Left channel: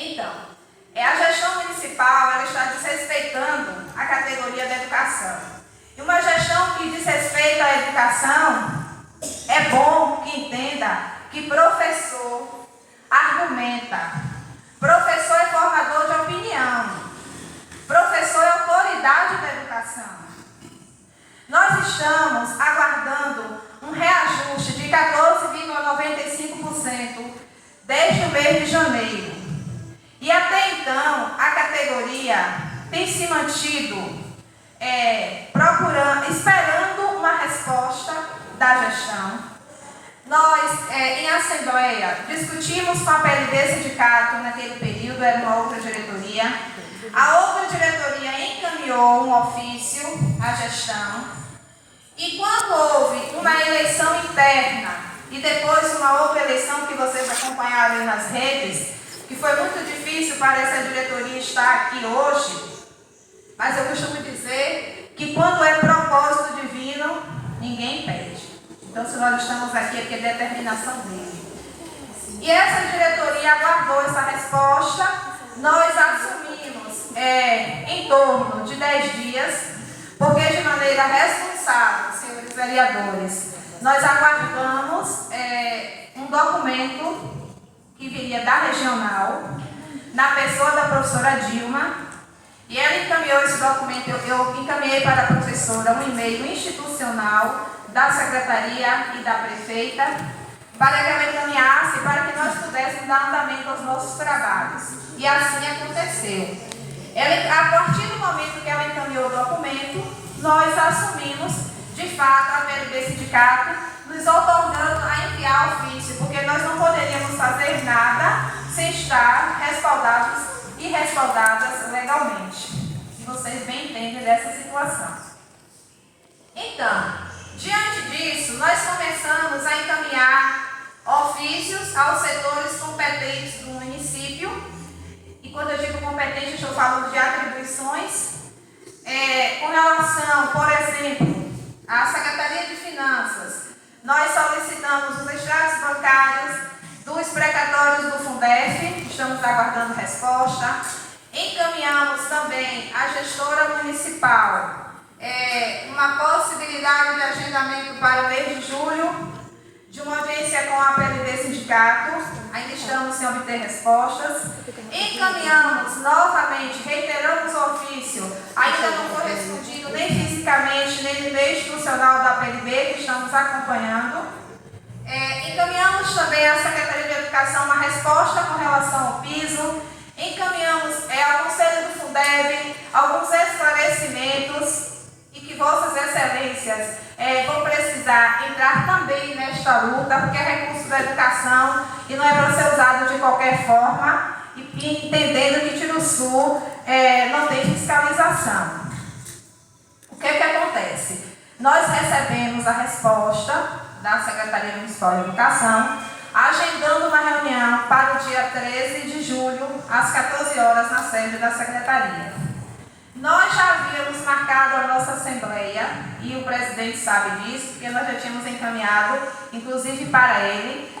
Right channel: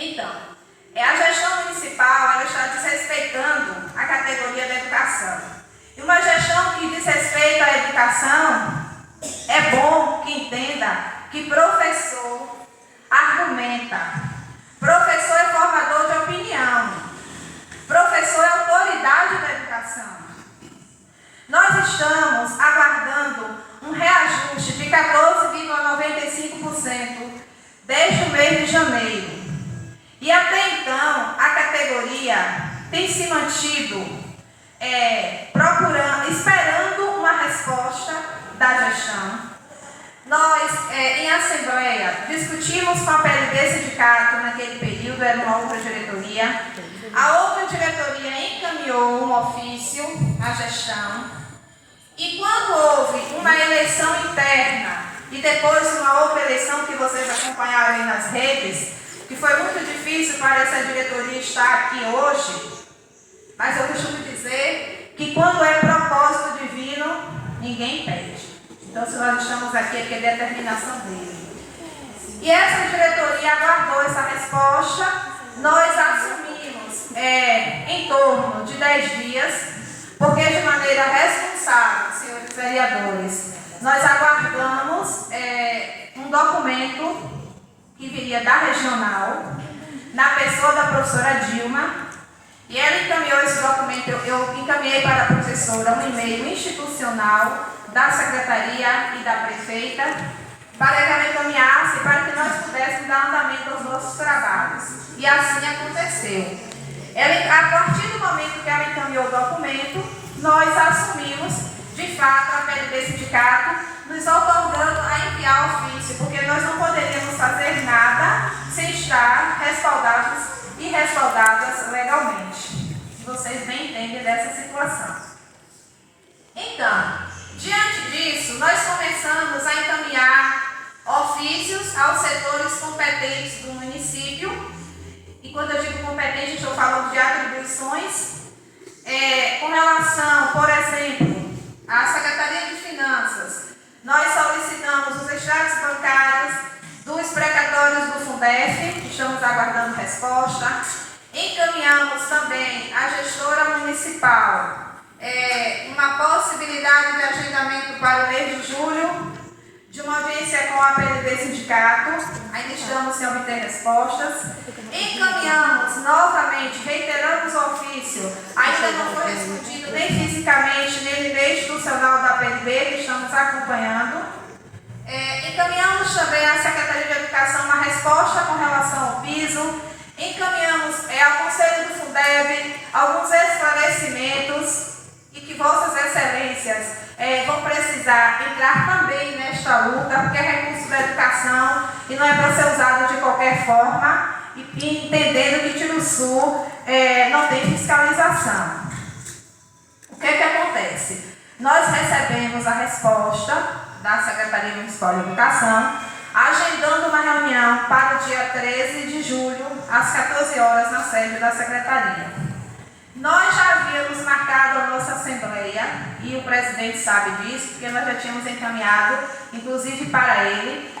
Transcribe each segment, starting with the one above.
Então, a gestão municipal ela está desrespeitando a categoria da educação. E uma gestão que desrespeita a educação, é bom que entenda que professor argumenta, professor é formador de opinião, professor é autoridade da educação. Nós estamos aguardando um reajuste de 14,95% desde o mês de janeiro. E até então, a categoria tem se mantido esperando uma resposta da gestão. Nós, em assembleia, discutimos com a PLB Sindicato naquele período, era uma outra diretoria. A outra diretoria encaminhou um ofício à gestão. E quando houve uma eleição interna e depois uma outra eleição que vocês acompanharam aí nas redes, que foi muito difícil para essa diretoria estar aqui hoje, mas eu costumo dizer que quando é propósito divino, ninguém pede. Então, se nós estamos aqui é porque é determinação dele. E essa diretoria aguardou essa resposta, nós assumimos em torno de 10 dias, porque de maneira responsável, senhores vereadores, nós aguardamos um documento que viria da regional, na pessoa da professora Dilma, e ela encaminhou esse documento, eu encaminhei para a professora um e-mail institucional da secretaria e da prefeita, para que ela encaminhasse, para que nós pudéssemos dar andamento aos nossos trabalhos. E assim aconteceu. A partir do momento que ela encaminhou o documento, nós assumimos, de fato, a PLB Sindicato, nos otorgando a enviar ofício, porque nós não poderíamos fazer nada sem estar respaldados e respaldadas legalmente. Vocês bem entendem dessa situação. Então, diante disso, nós começamos a encaminhar ofícios aos setores competentes do município. E quando eu digo competente, estou falando de atribuições. Com relação, por exemplo, à Secretaria de Finanças, nós solicitamos os extratos bancários dos precatórios do Fundef, estamos aguardando resposta. Encaminhamos também à gestora municipal uma possibilidade de agendamento para o mês de julho, de uma audiência com a PLB Sindicato, ainda estamos sem obter respostas. Encaminhamos novamente, reiteramos o ofício, ainda não foi respondido nem fisicamente, nem no e-mail institucional da PLB, que estamos acompanhando. Encaminhamos também à Secretaria de Educação uma resposta com relação ao piso. Encaminhamos ao Conselho do Fundeb alguns esclarecimentos e que Vossas Excelências vão precisar entrar também nesta luta, porque é recurso da educação e não é para ser usado de qualquer forma, e entendendo que Tiruçu não tem fiscalização. O que acontece? Nós recebemos a resposta da Secretaria Municipal de Educação, agendando uma reunião para o dia 13 de julho, às 14 horas, na sede da Secretaria. Nós já havíamos marcado a nossa assembleia, e o presidente sabe disso, porque nós já tínhamos encaminhado, inclusive para ele,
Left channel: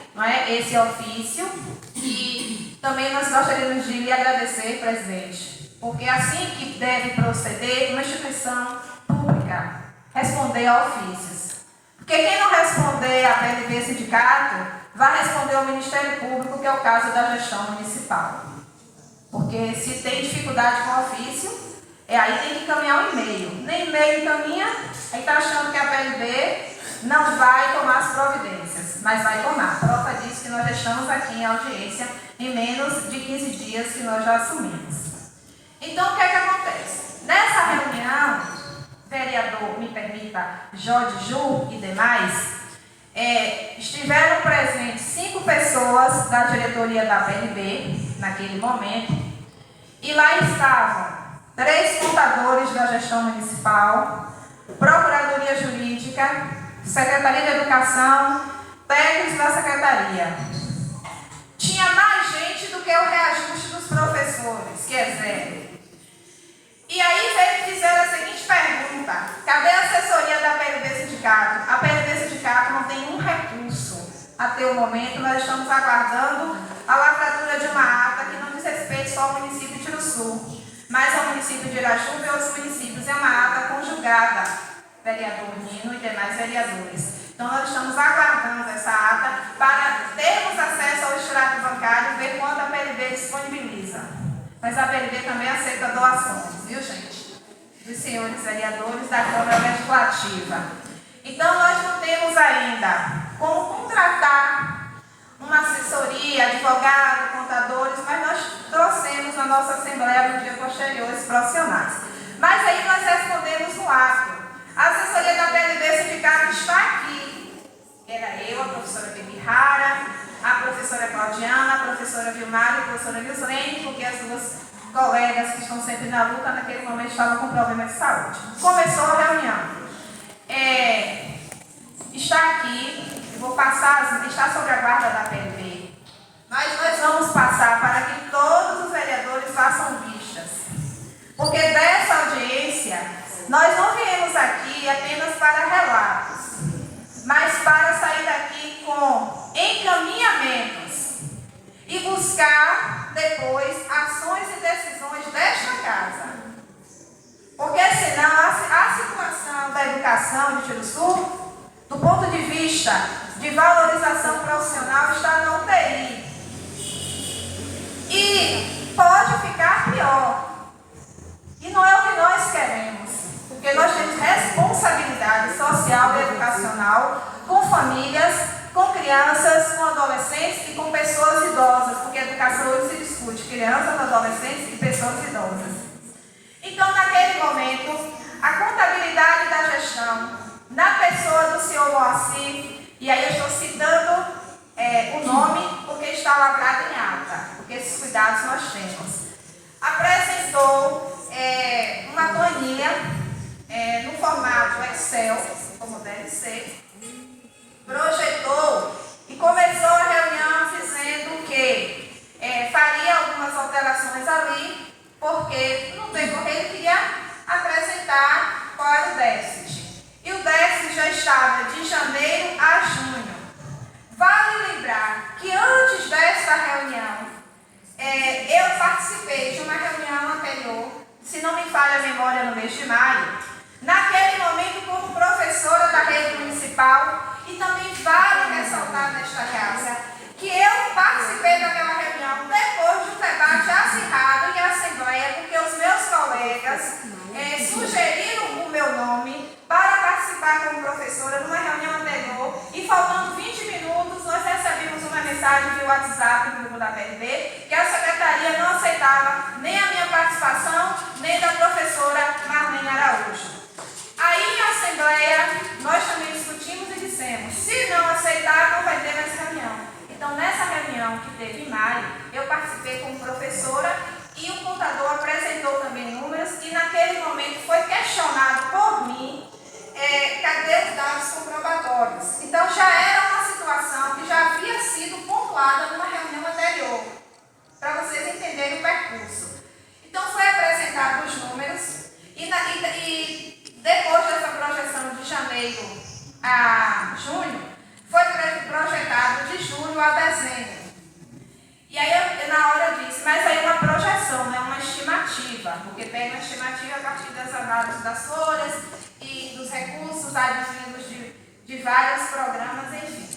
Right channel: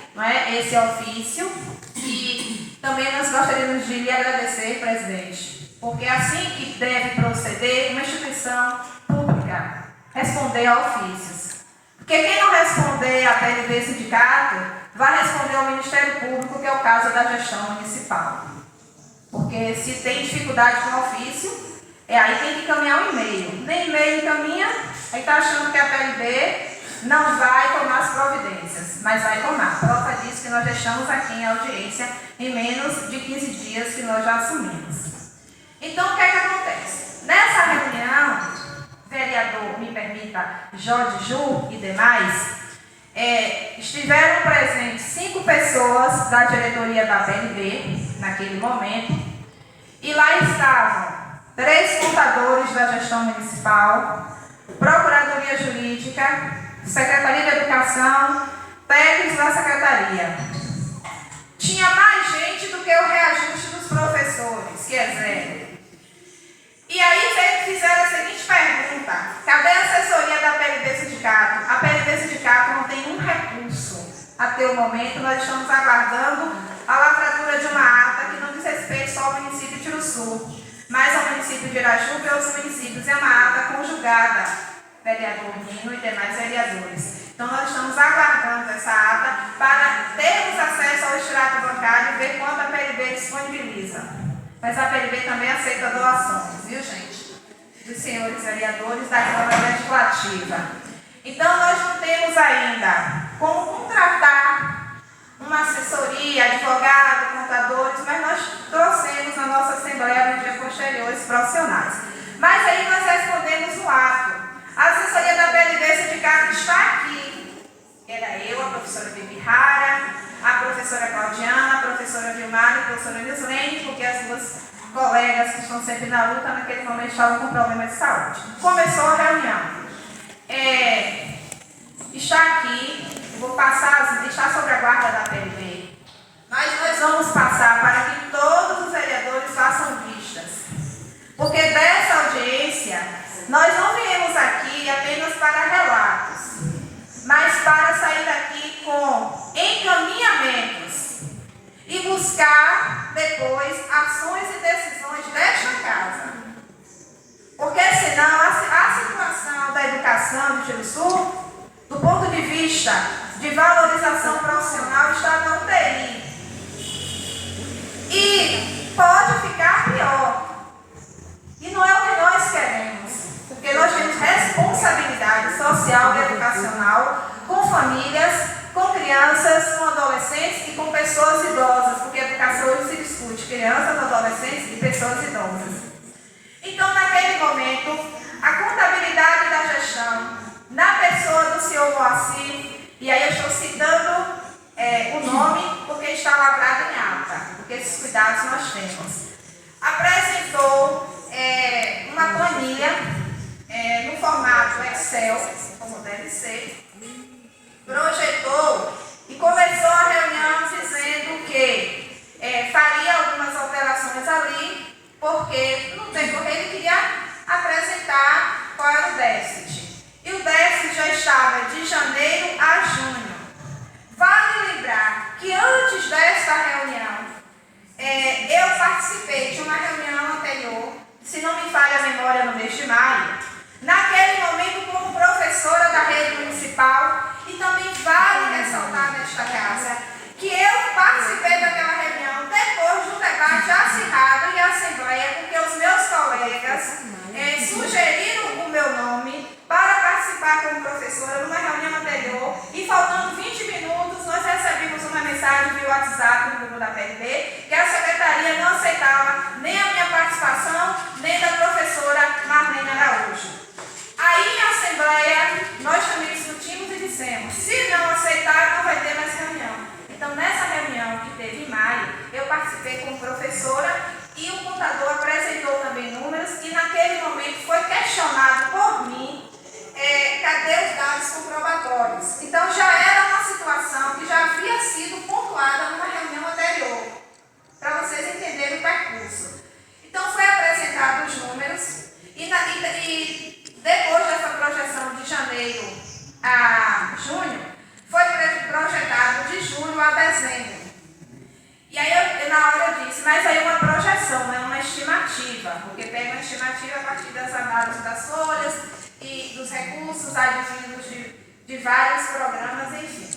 esse ofício, e também nós gostaríamos de lhe agradecer, presidente, porque assim que deve proceder uma instituição pública, responder a ofícios. Porque quem não responder à PLB Sindicato, vai responder ao Ministério Público, que é o caso da gestão municipal. Porque se tem dificuldade com o ofício, aí tem que encaminhar o e-mail. Nem e-mail encaminha, aí está achando que a PLB não vai tomar as providências, mas vai tomar. Prova disso que nós já estamos aqui em audiência em menos de 15 dias que nós já assumimos. Então, o que acontece? Nessa reunião, vereador, me permita, Jorge Ju e demais, estiveram presentes 5 pessoas da diretoria da PLB, naquele momento, e lá estavam 3 contadores da gestão municipal, Procuradoria Jurídica, Secretaria de Educação, técnicos da Secretaria. Tinha mais gente do que o reajuste dos professores, que é 0. E aí eles fizeram a seguinte pergunta: cadê a assessoria da PLB Sindicato? A PLB Sindicato não tem um recurso. Até o momento, nós estamos aguardando a lavratura de uma ata que não diz respeito município de Tiruçu, mais ao município de Irajuba e aos municípios. É uma ata conjugada, vereador Nino e demais vereadores. Então, nós estamos aguardando essa ata para termos acesso ao extrato bancário e ver quando a PLB disponibiliza. Mas a PLB também aceita doações, viu, gente? Dos senhores vereadores da Câmara Legislativa. Então, nós não temos ainda como contratar uma assessoria, advogado, contadores, mas nós trouxemos na nossa Assembleia no dia posterior os profissionais. Mas aí nós respondemos no ato. A assessoria da PLB Sindicato está aqui. Era eu, a professora Bibi Rara, a professora Claudiana, a professora Vilmar e a professora Nilslene, porque as duas colegas que estão sempre na luta, naquele momento estavam com problema de saúde. Começou a reunião. Está aqui, eu vou passar, está sobre a guarda da PLB, mas nós vamos passar para que todos os vereadores façam vistas. Porque dessa audiência, nós não viemos aqui apenas para relatos, mas para sair daqui com encaminhamentos e buscar depois ações e decisões desta casa. Porque senão a situação da educação de Tiruçu, do ponto de vista de valorização profissional, está na UTI. E pode ficar pior. E não é o que nós queremos. Porque nós temos responsabilidade social e educacional com famílias, com crianças, com adolescentes e com pessoas idosas. Porque educação hoje se discute crianças, adolescentes e pessoas idosas. Então, naquele momento, a contabilidade da gestão, na pessoa do senhor Moacir, e aí eu estou citando o nome porque está lavrado em ata, porque esses cuidados nós temos, apresentou uma planilha no formato Excel, como deve ser, projetou e começou a reunião dizendo que faria algumas alterações ali, porque no decorrer ele queria apresentar qual era o déficit. E o déficit já estava de janeiro a junho. Vale lembrar que antes desta reunião, eu participei de uma reunião anterior, se não me falha a memória, no mês de maio, naquele momento como professora da rede municipal, e também vale ressaltar nesta casa, que eu participei daquela reunião depois de um debate acirrado em assembleia, porque os meus colegas sugeriram o meu nome para participar como professora numa reunião anterior, e faltando 20 minutos nós recebemos uma mensagem via WhatsApp no grupo da PLB que a secretaria não aceitava nem a minha participação, nem da professora Marlene Araújo. Aí em assembleia nós também discutimos e dissemos, se não aceitar não vai ter mais reunião. Então, nessa reunião que teve em maio, eu participei como professora e o contador apresentou também números e naquele momento foi questionado por mim, cadê os dados comprobatórios? Então, já era uma situação que já havia sido pontuada numa reunião anterior, para vocês entenderem o percurso. Então, foi apresentado os números e depois dessa projeção de janeiro a junho, foi projetado de julho a dezembro. E aí, na hora eu disse, mas aí é uma projeção, não é uma estimativa, porque pega uma estimativa a partir das análises das folhas e dos recursos advindos de vários programas, enfim.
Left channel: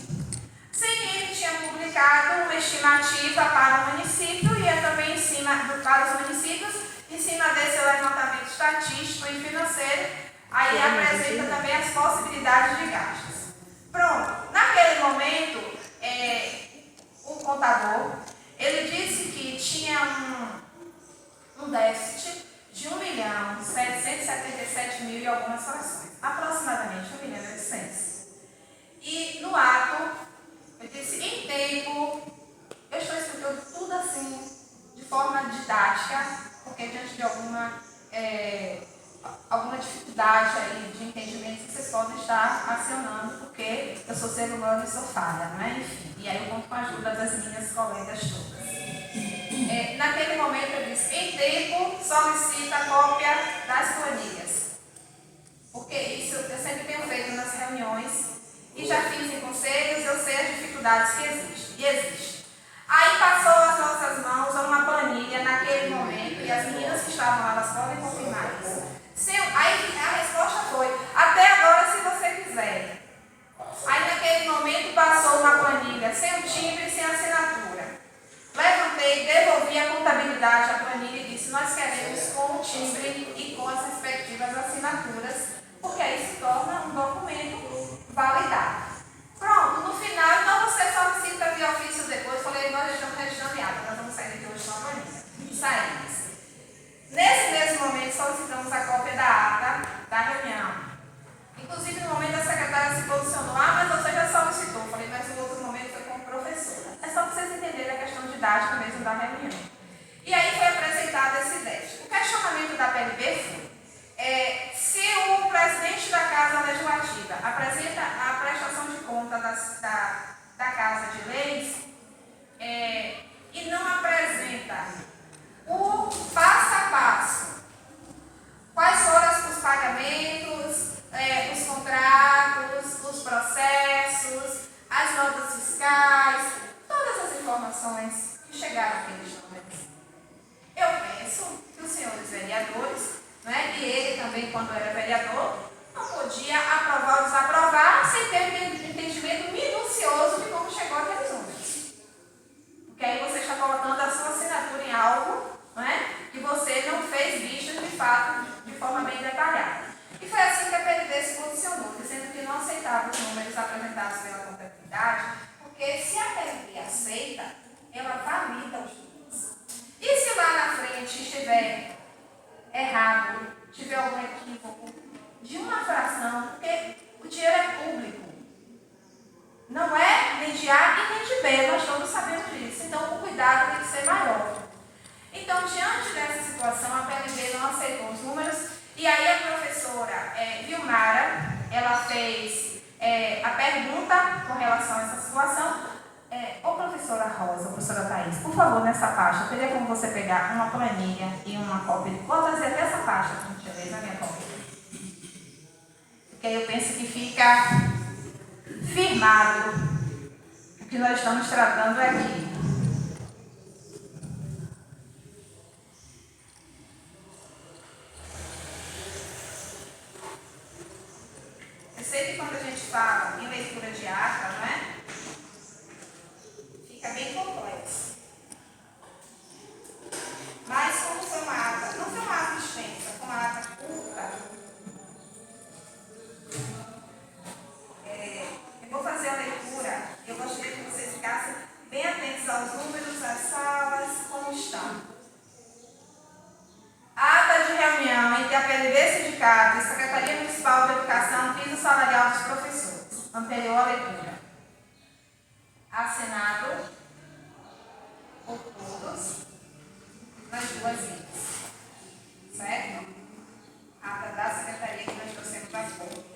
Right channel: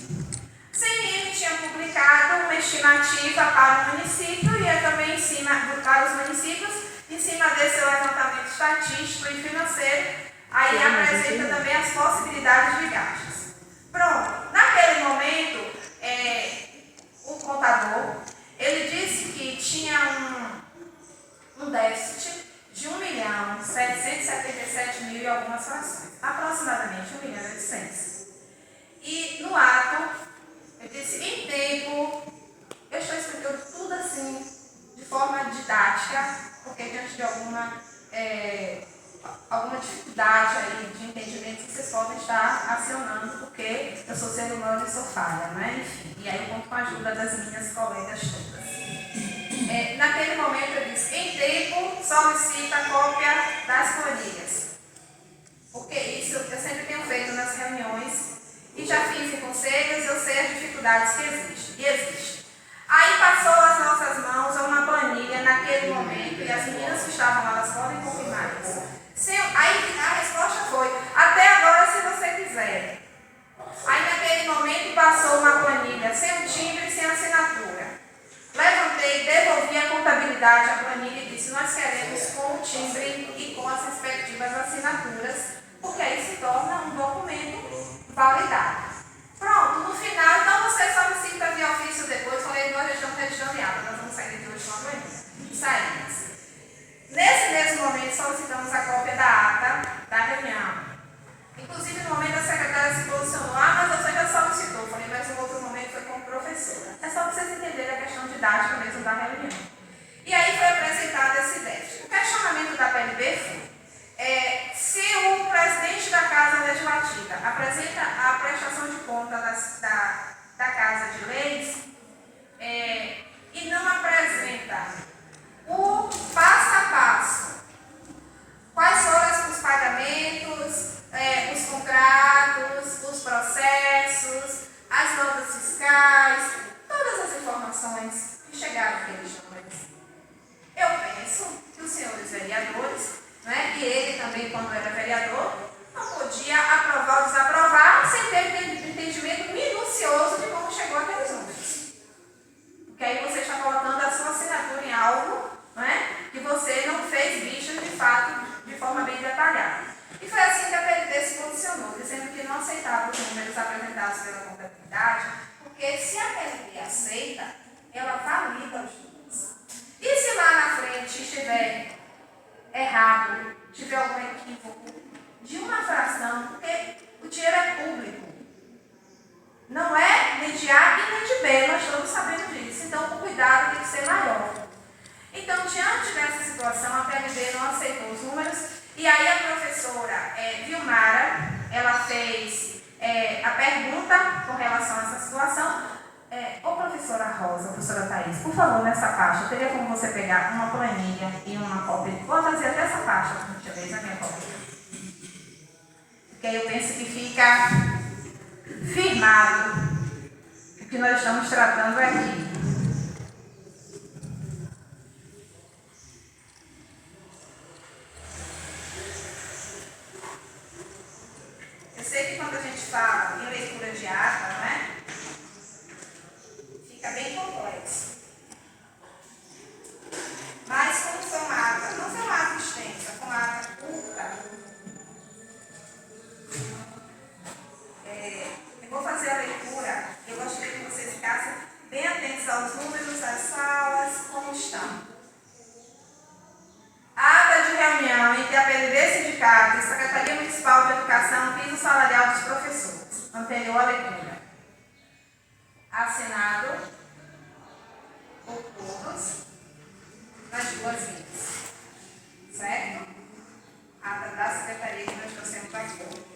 Sim, ele tinha publicado uma estimativa para o município e eu também para os municípios, em cima desse levantamento estatístico e financeiro, aí apresenta também as possibilidades de gastos. Pronto, naquele momento, o contador, ele disse que tinha um déficit de 1.777.000 e algumas frações, aproximadamente 1.800.000. E no ato, eu disse, em tempo, eu estou explicando tudo assim, de forma didática, porque diante de alguma dificuldade aí de entendimento, vocês podem estar acionando, porque eu sou ser humano e sou falha, não é? Enfim, e aí eu conto com a ajuda das minhas colegas todas. Naquele momento eu disse, em tempo, solicita a cópia das planilhas. Porque isso eu sempre tenho feito nas reuniões, e já fiz em conselhos, eu sei as dificuldades que existem. Aí passou às nossas mãos uma planilha naquele momento. contabilidade a planilha e disse: nós queremos com o timbre e com as respectivas assinaturas, porque aí se torna um documento validado. Pronto, no final, então você solicita via ofício depois. Falei, nós estamos registrando, nós vamos sair de hoje com a planilha. Saímos. Nesse mesmo momento, solicitamos a cópia da ata da reunião. Inclusive, no momento, a secretária se posicionou: mas você já solicitou. Falei, mas no outro momento foi como professora. É só para vocês entenderem a questão didática mesmo da reunião. E aí foi apresentado esse déficit. O questionamento da PLB foi: se o presidente da Casa Legislativa apresenta a prestação de conta da Casa de Leis e não apresenta o passo a passo, quais foram os pagamentos, os contratos, os processos, as notas fiscais, todas as informações que chegaram àqueles números. Eu penso que os senhores vereadores, né, e ele também, quando era vereador, não podia aprovar ou desaprovar sem ter um entendimento minucioso de como chegou aqueles números. Porque aí você está colocando a sua assinatura em algo, né, que você não fez vistas de fato de forma bem detalhada. E foi assim que a PLB se posicionou, dizendo que não aceitava os números apresentados pela contabilidade, porque se a PLB aceita, ela valida os números. E se lá na frente estiver errado, tiver algum equívoco de uma fração, porque o dinheiro é público, não é nem de A e nem de B, nós todos sabemos disso, então o cuidado tem que ser maior. Então, diante dessa situação, a PLB não aceitou os números, e aí a professora Vilmara, ela fez a pergunta com relação a essa situação. Ô professora Rosa, professora Thaís, por favor, nessa pasta, teria como você pegar uma planilha e uma cópia? Vou trazer até essa pasta, por gentileza, a minha cópia. Porque aí eu penso que fica firmado o que nós estamos tratando aqui. Eu sei que quando a gente fala em leitura de ata, não é? Fica bem complexo. Mas como foi uma ata, não foi uma ata extensa, foi uma ata curta, eu vou fazer a leitura. Eu gostaria que vocês ficassem bem atentos aos números, às salas, como estão. Ata de reunião entre a PLB Sindicato e Secretaria Municipal de Educação, piso salarial dos professores. Anterior à leitura. Assinado por todos nas duas vias. Certo? Ata da Secretaria que nós trouxemos aqui.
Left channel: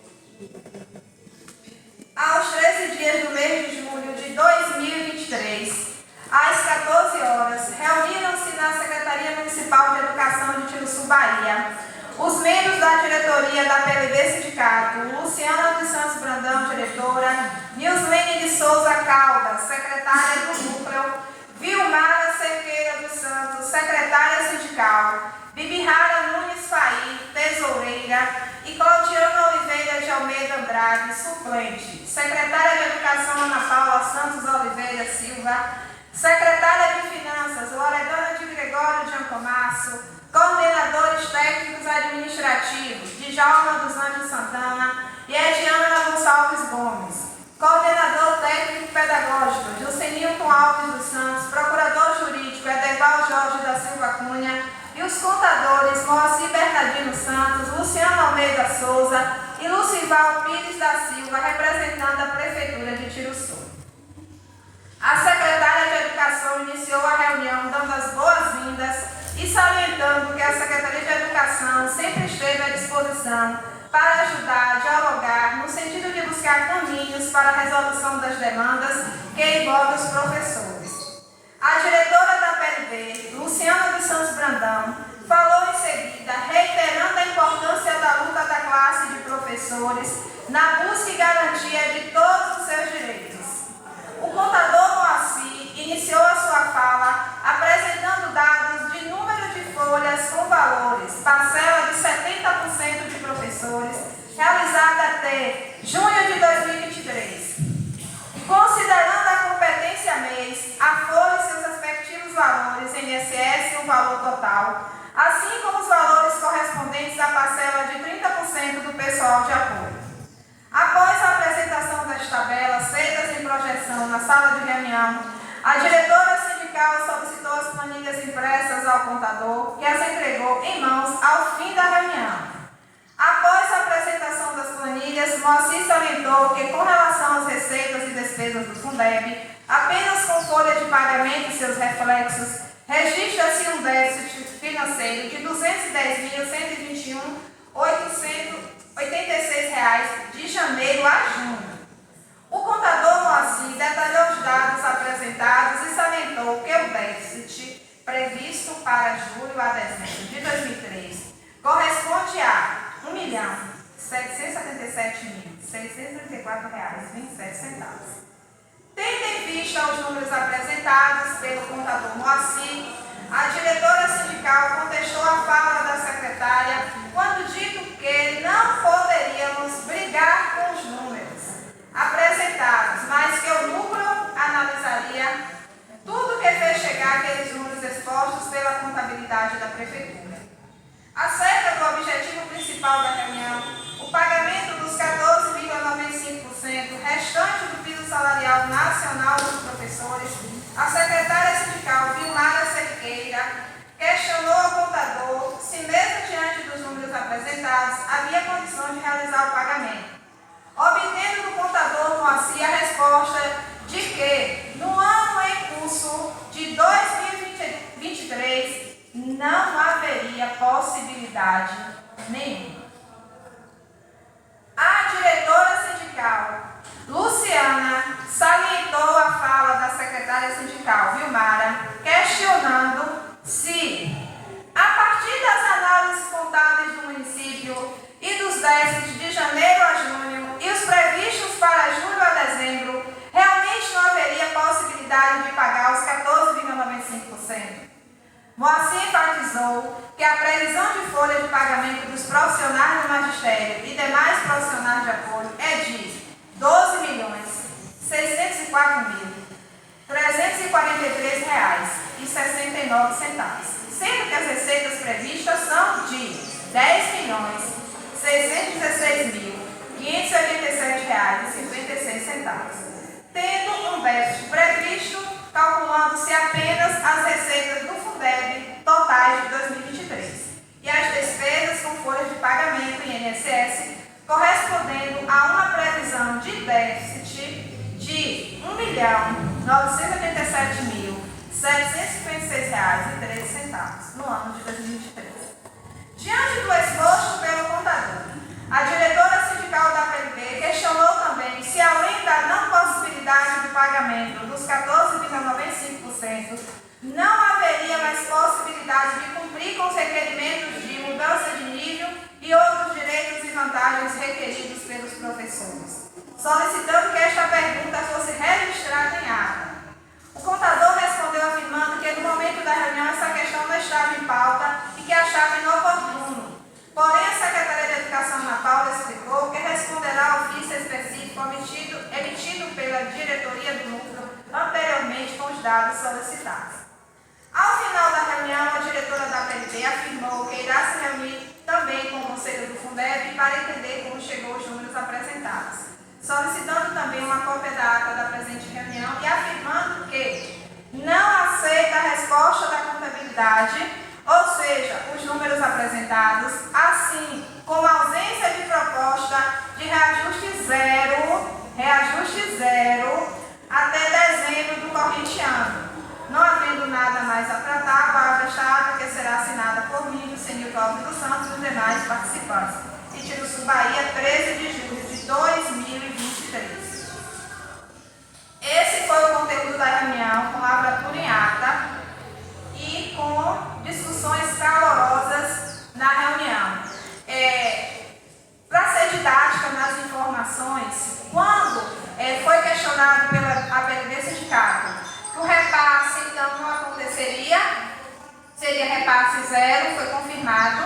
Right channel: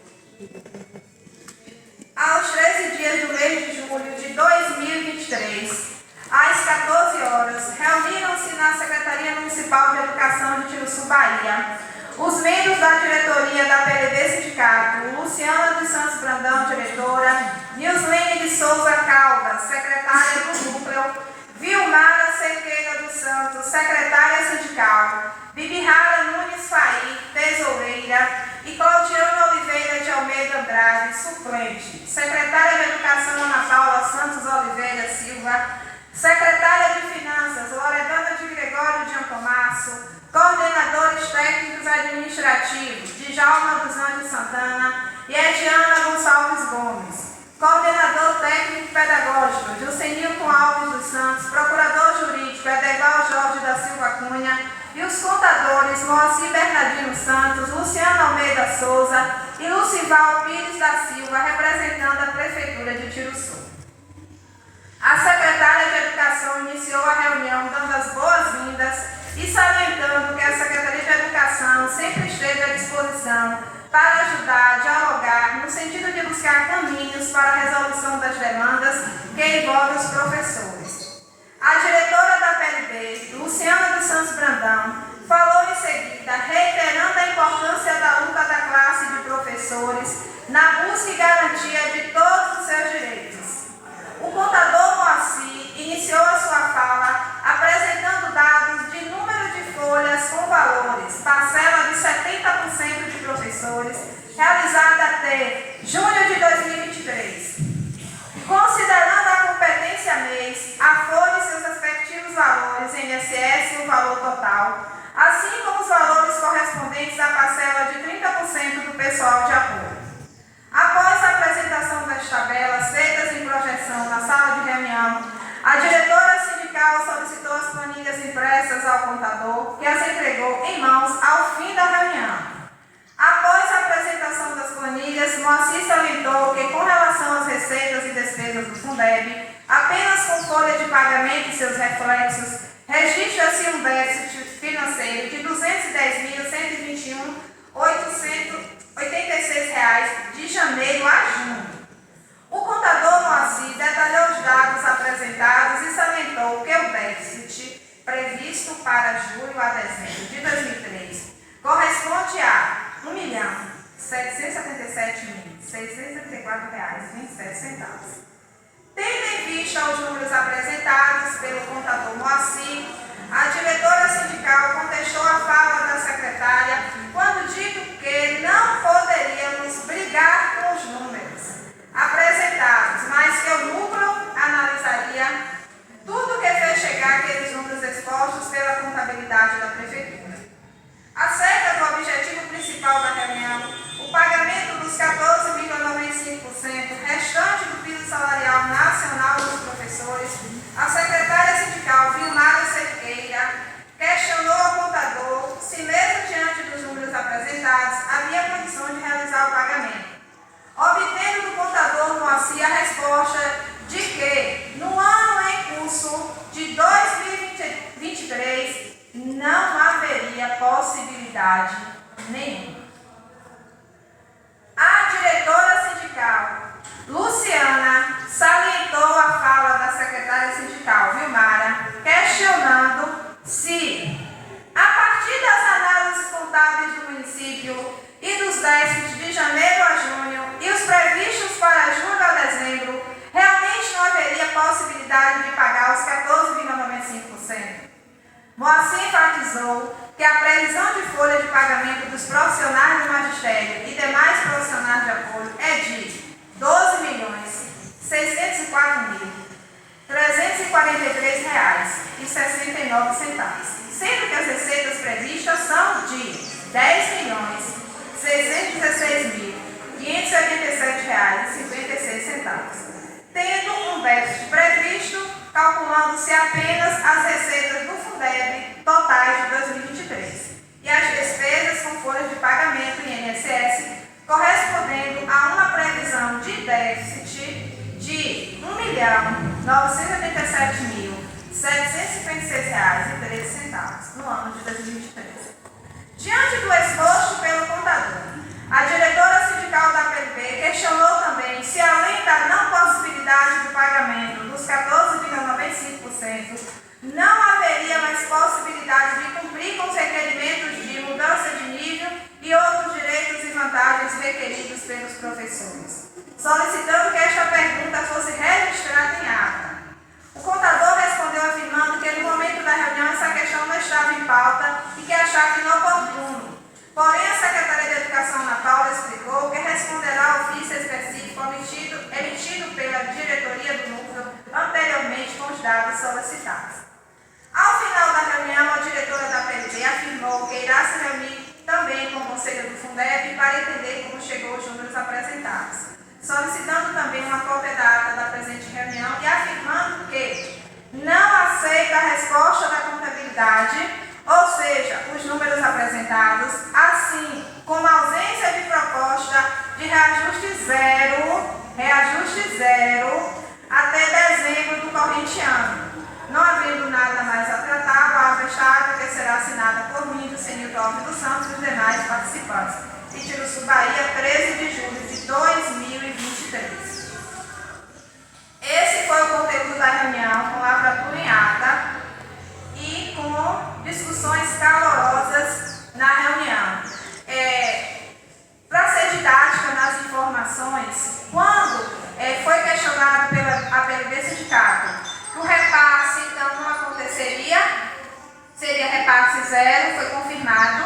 Aos 13 dias do mês de julho de 2023, às 14 horas, reuniram-se na Secretaria Municipal de Educação de Tiruçu, Bahia, os membros da diretoria da PLB Sindicato: Luciana dos Santos Brandão, diretora; Nilslene de Souza Caldas, secretária do núcleo; Vilmara Cerqueira dos Santos, secretária sindical; Bibirrara Nunes Faí, tesoureira; e Claudiana Oliveira de Almeida Andrade, suplente; secretária de Educação Ana Paula Santos Oliveira Silva; secretária de Finanças Loredana de Gregório de Antomasso; coordenadores técnicos administrativos Djalma dos Anjos Santana e Ediana Gonçalves Gomes; coordenador técnico pedagógico Jucenilton Alves dos Santos; procurador jurídico Edeval Jorge da Silva Cunha; e os contadores Moacir Bernardino Santos, Luciano Almeida Souza e Lucival Pires da Silva, representando a Prefeitura de Tiruçu. A secretária de Educação iniciou a reunião dando as boas-vindas e salientando que a Secretaria de Educação sempre esteve à disposição para ajudar, dialogar, no sentido de buscar caminhos para a resolução das demandas que envolvem os professores. A diretora da PLB, Luciana dos Santos Brandão, falou em seguida, reiterando a importância da luta da classe de professores na busca e garantia de todos os seus direitos. O contador Moacir iniciou a sua fala apresentando dados de número de folhas com valores, parcela de 70% de professores, realizada até junho de 2023. Considerando a competência mês, a folha e seus respectivos valores, INSS, mesmo valor total, assim como os valores correspondentes à parcela de 30% do pessoal de apoio. Após a apresentação das tabelas feitas em projeção na sala de reunião, a diretora sindical solicitou as planilhas impressas ao contador, que as entregou em mãos ao fim da reunião. Após a apresentação das planilhas, Moacir salientou que, com relação às receitas e despesas do Fundeb, apenas com folha de pagamento e seus reflexos, registra-se um déficit financeiro de R$ 210.121.886 de janeiro a junho. O contador Moacir detalhou os dados apresentados e salientou que o déficit previsto para julho a dezembro de 2003 corresponde a R$ 1.777.634,27. Tendo em vista os números apresentados pelo contador Moacir, a diretora sindical contestou a fala da secretária quando dito que não poderíamos brigar com os números apresentados, mas que o núcleo analisaria tudo que fez chegar aqueles números expostos pela contabilidade da prefeitura. Acerca do objetivo principal da reunião, o pagamento dos 14,95% restante do piso salarial nacional dos professores, a secretária sindical Vilmara Cerqueira questionou ao contador se, mesmo diante dos números apresentados, havia condição de realizar o pagamento, obtendo do contador Moacir a resposta de que, no ano em curso de 2023, não haveria possibilidade nenhuma. A diretora sindical, Luciana, salientou a fala da secretária sindical, Vilmara, questionando se, a partir das análises contábeis do município e dos déficits de janeiro a junho e os previstos para julho a dezembro, realmente não haveria possibilidade de pagar os 14,95%. Moacir enfatizou que a previsão de folha de pagamento dos profissionais do magistério e demais profissionais de apoio é de R$ 12.604.343,69, sendo que as receitas previstas são de R$ 10.616.587,56, tendo um déficit previsto, calculando-se apenas as receitas do Fundeb totais de 2023 e as despesas com folhas de pagamento em INSS, correspondendo a uma previsão de déficit de R$ 1.987.756,13 no ano de 2023. Diante do exposto pelo contador, a diretora sindical da PLB questionou também se, além da não possibilidade de pagamento dos 14,95%, não haveria mais possibilidade de cumprir com os requerimentos de mudança de nível e outros direitos e vantagens requeridos pelos professores, solicitando que esta pergunta fosse registrada em ata. O contador respondeu afirmando que, no momento da reunião, essa questão não estava em pauta e que achava inoportuno. Porém, a secretária de Educação, Ana Paula, explicou que responderá ao ofício específico emitido pela diretoria do núcleo anteriormente com os dados solicitados. Ao final da reunião, a diretora da PLB afirmou que irá se reunir também com o Conselho do Fundeb para entender como chegou os números apresentados, solicitando também uma cópia da ata da presente reunião e afirmando que não aceita a resposta da contabilidade, ou seja, os números apresentados, assim como a ausência de proposta de reajuste zero até dezembro do corrente ano. Não havendo nada mais a tratar, a palavra estável que será assinada por mim, do Senilton Alves dos Santos e os demais participantes. Itiruçu, Bahia, 13 de julho de 2023. Esse foi o conteúdo da reunião, com lavratura em ata e com discussões calorosas na reunião. Para ser didática nas informações, quando foi questionado pela PLB Sindicato que o repasse, então, não aconteceria, seria repasse zero, foi confirmado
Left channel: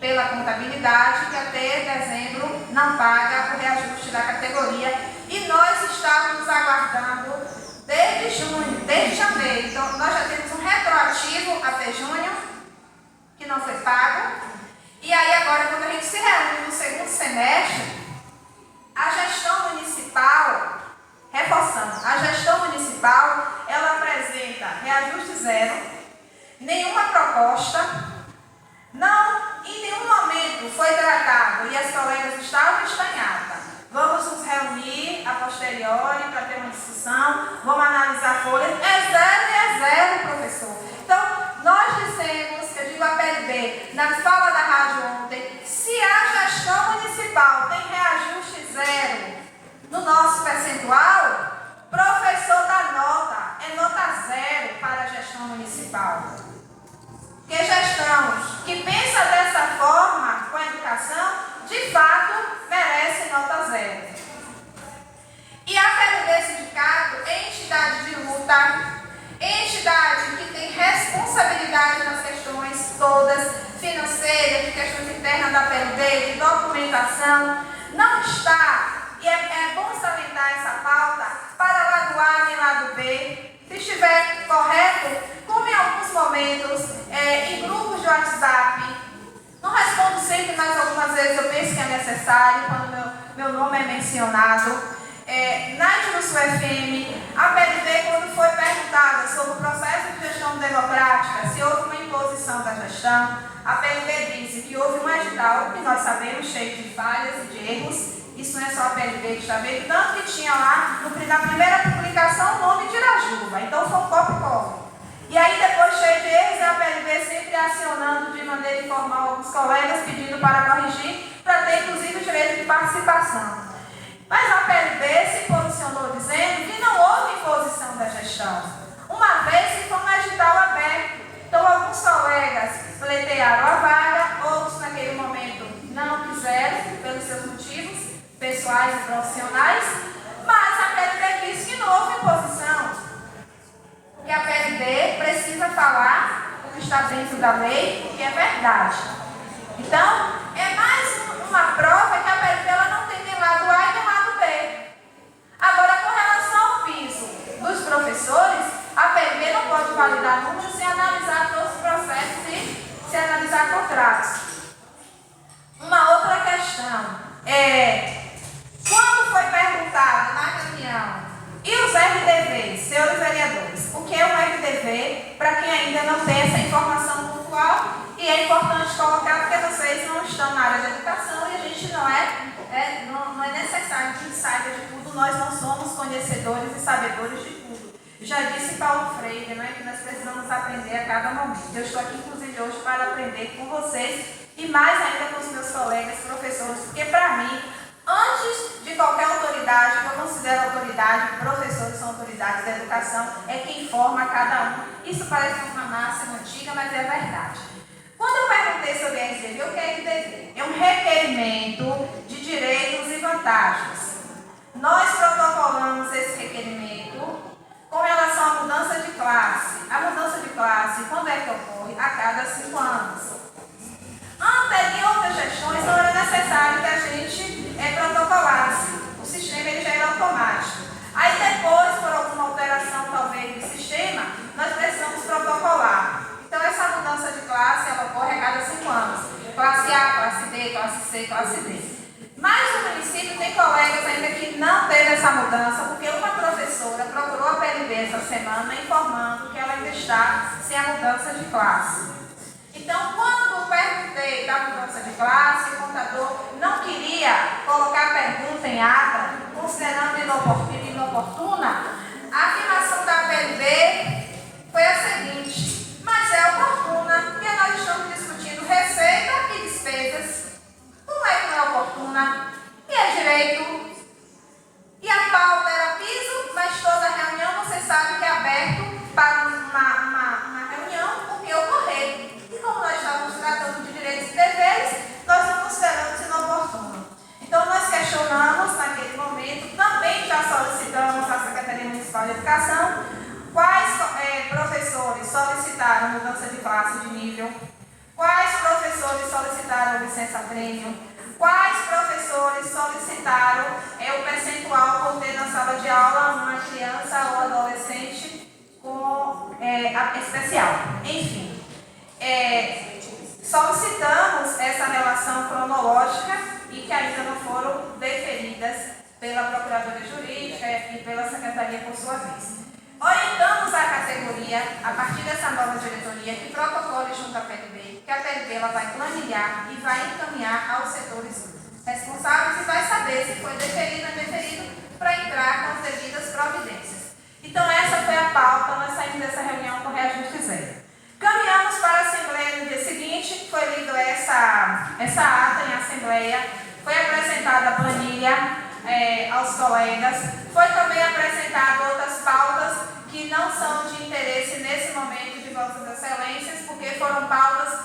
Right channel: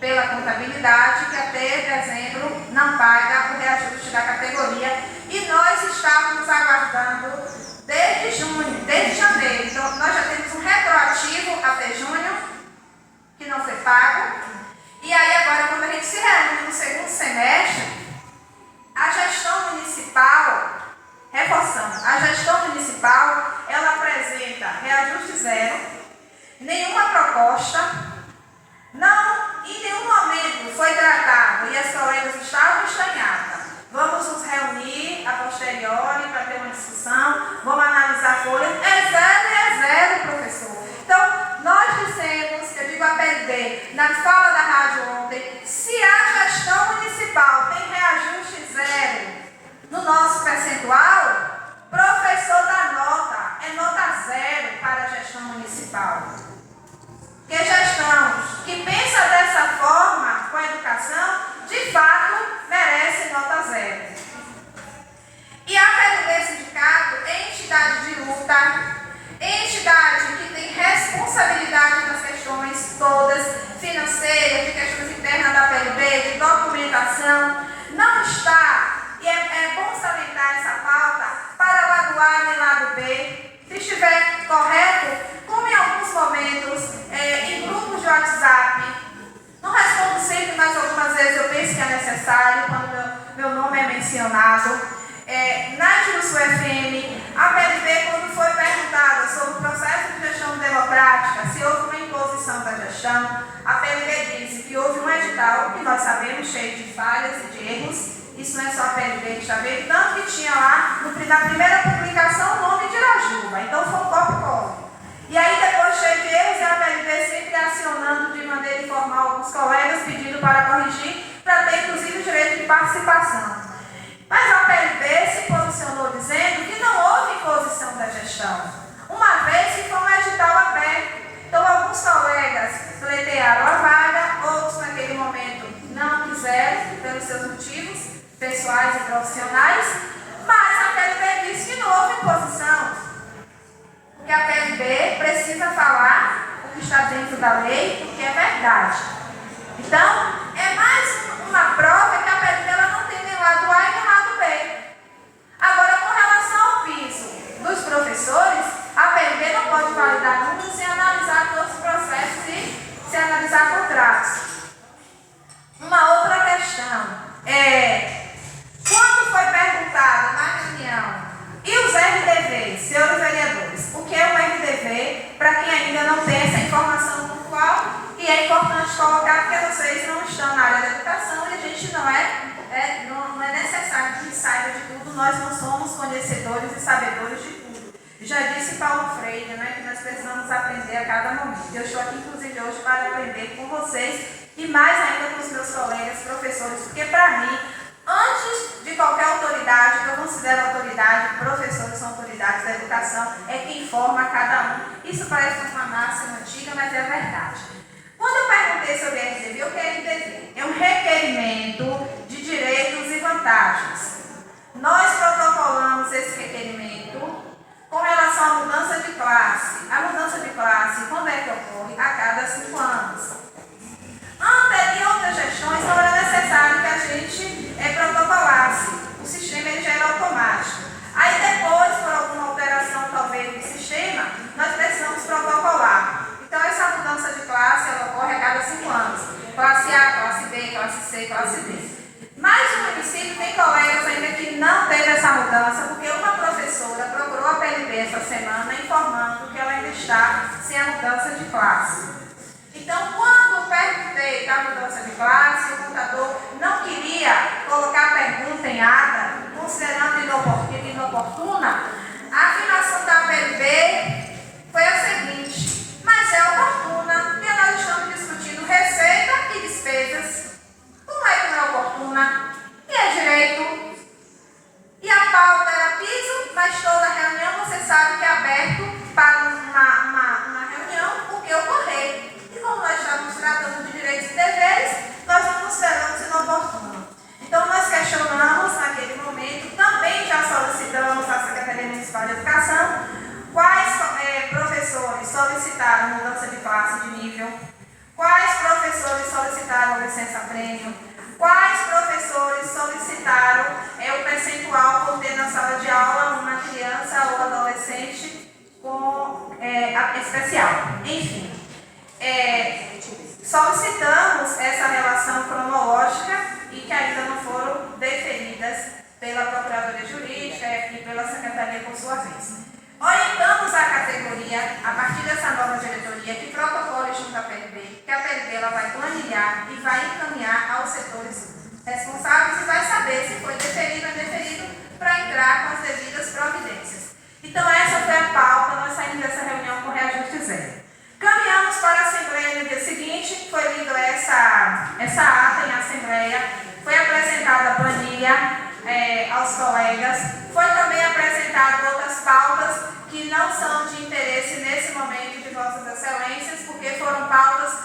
pela contabilidade que até dezembro não paga o reajuste da categoria e nós estávamos aguardando desde janeiro, então nós já temos um retroativo até junho semestre, a gestão municipal, reforçando, a gestão municipal, ela apresenta reajuste zero, nenhuma proposta, em nenhum momento foi tratado, e as colegas estavam estranhadas. Vamos nos reunir a posteriori para ter uma discussão, vamos analisar folhas. É zero, professor. Então, nós dissemos, eu digo a PLB, na fala da rádio ontem, se a gestão municipal tem reajuste zero no nosso percentual, professor dá nota, é nota zero para a gestão municipal. Porque gestão que pensa dessa forma com a educação, de fato, merece nota zero. E a PLB Sindicato é entidade de luta, é entidade que tem responsabilidade nas questões todas, financeiras, de questões internas da PLB, de documentação, não está, e é bom salientar essa pauta, para lado A nem lado B. Se estiver correto, como em alguns momentos, em grupos de WhatsApp, não respondo sempre, mas algumas vezes eu penso que é necessário, quando meu nome é mencionado. Na Juruçu FM, a PLB, quando foi perguntada sobre o processo de gestão democrática, se houve uma imposição da gestão, a PLB disse que houve um edital, que nós sabemos, cheio de falhas e de erros. Isso não é só a PLB que está vendo, tanto que tinha lá, na primeira publicação, o nome de Irajuba. Então foi um copy-cola. E aí depois, cheio de erros, a PLB sempre acionando de maneira informal alguns colegas, pedindo para corrigir, para ter inclusive o direito de participação. Mas a PLB se posicionou dizendo que não houve imposição da gestão, uma vez que foi um edital aberto. Então alguns colegas pleitearam a vaga, outros naquele momento não quiseram, pelos seus motivos pessoais e profissionais, mas a PLB disse que não houve imposição. Porque a PLB precisa falar o que está dentro da lei, porque é verdade. Então, é mais uma prova que a PLB ela não tem nem lado A e nem lado B. Agora, com relação ao piso dos professores, a PLB não pode validar números sem analisar todos os processos e se analisar contratos. Uma outra questão quando foi perguntado na reunião, e os RDVs, senhores vereadores, o que é um RDV, para quem ainda não tem essa informação pontual, e é importante colocar porque vocês não estão na área da educação e a gente não é necessário que saiba de tudo, nós não somos conhecedores e sabedores de tudo. Já disse Paulo Freire, que nós precisamos aprender a cada momento. Eu estou aqui, inclusive, hoje para aprender com vocês e mais ainda com os meus colegas, professores, porque para mim, antes de qualquer autoridade, que eu considero autoridade, professores são autoridades da educação, é quem forma cada um. Isso parece uma máxima antiga, mas é verdade. Quando eu perguntei sobre RDV, o que é RDV? É um requerimento de direitos e vantagens. Nós protocolamos esse requerimento com relação à mudança de classe. A mudança de classe, quando é que ocorre? A cada 5 anos. Em outras gestões não era necessário que a gente protocolasse. O sistema ele já era automático. Aí depois, por alguma alteração talvez do sistema, nós precisamos protocolar. Então essa mudança de classe ela ocorre a cada 5 anos. Classe A, classe B, classe C, classe D. Mas no município tem colegas ainda que não teve essa mudança, porque uma professora procurou a PLB essa semana informando que ela ainda está sem a mudança de classe. Então, quando perguntei da mudança de classe, o contador não queria colocar a pergunta em ata, considerando inoportuna, a afirmação da PLB foi a seguinte: mas é oportuna, porque nós estamos discutindo receita e despesas. Como é que não é oportuna? E é direito. E a pauta era piso, mas toda reunião você sabe que é aberto para uma reunião o que ocorrer. E como nós estávamos tratando de direitos e deveres, nós não consideramos inoportuno. Então nós questionamos naquele momento, também já solicitamos à Secretaria Municipal de Educação quais professores solicitaram mudança de classe de nível, quais professores solicitaram licença-prêmio, quais professores solicitaram o percentual por ter na sala de aula uma criança ou adolescente com especial. Enfim, solicitamos essa relação cronológica e que ainda não foram deferidas pela Procuradoria Jurídica e pela Secretaria por sua vez. Orientamos a categoria, a partir dessa nova diretoria, que protocole junto à PLB, que a PLB ela vai planilhar e vai encaminhar aos setores responsáveis e vai saber se foi deferido ou indeferido para entrar com as devidas providências. Então essa foi a pauta, nós saímos dessa reunião com reajuste zero. Caminhamos para a Assembleia no dia seguinte, foi lida essa ata em Assembleia, foi apresentada a planilha aos colegas, foi também apresentado outras pautas que não são de interesse nesse momento de Vossas Excelências, porque foram pautas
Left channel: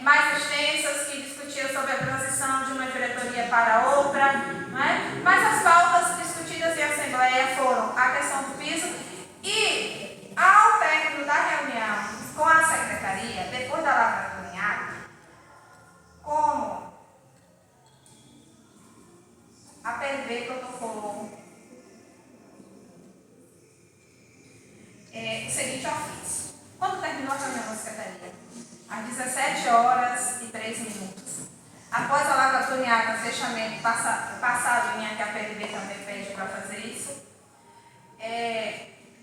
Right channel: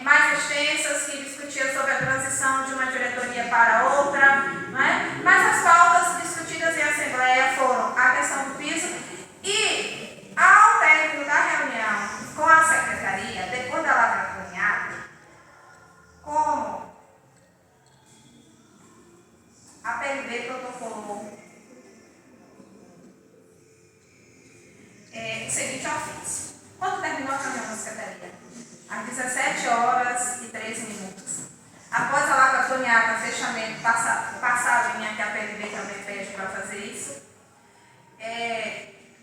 mais extensas que discutiam sobre a transição de uma diretoria para outra, não é? Mas as pautas discutidas em Assembleia foram a questão do piso e, ao término da reunião com a Secretaria, depois da lavra planeada, como a PLB protocolou o seguinte ofício. Quando terminou a reunião da Secretaria? Às 17h13. Após a lavra planeada, fechamento passado em que a PLB também pede para fazer isso,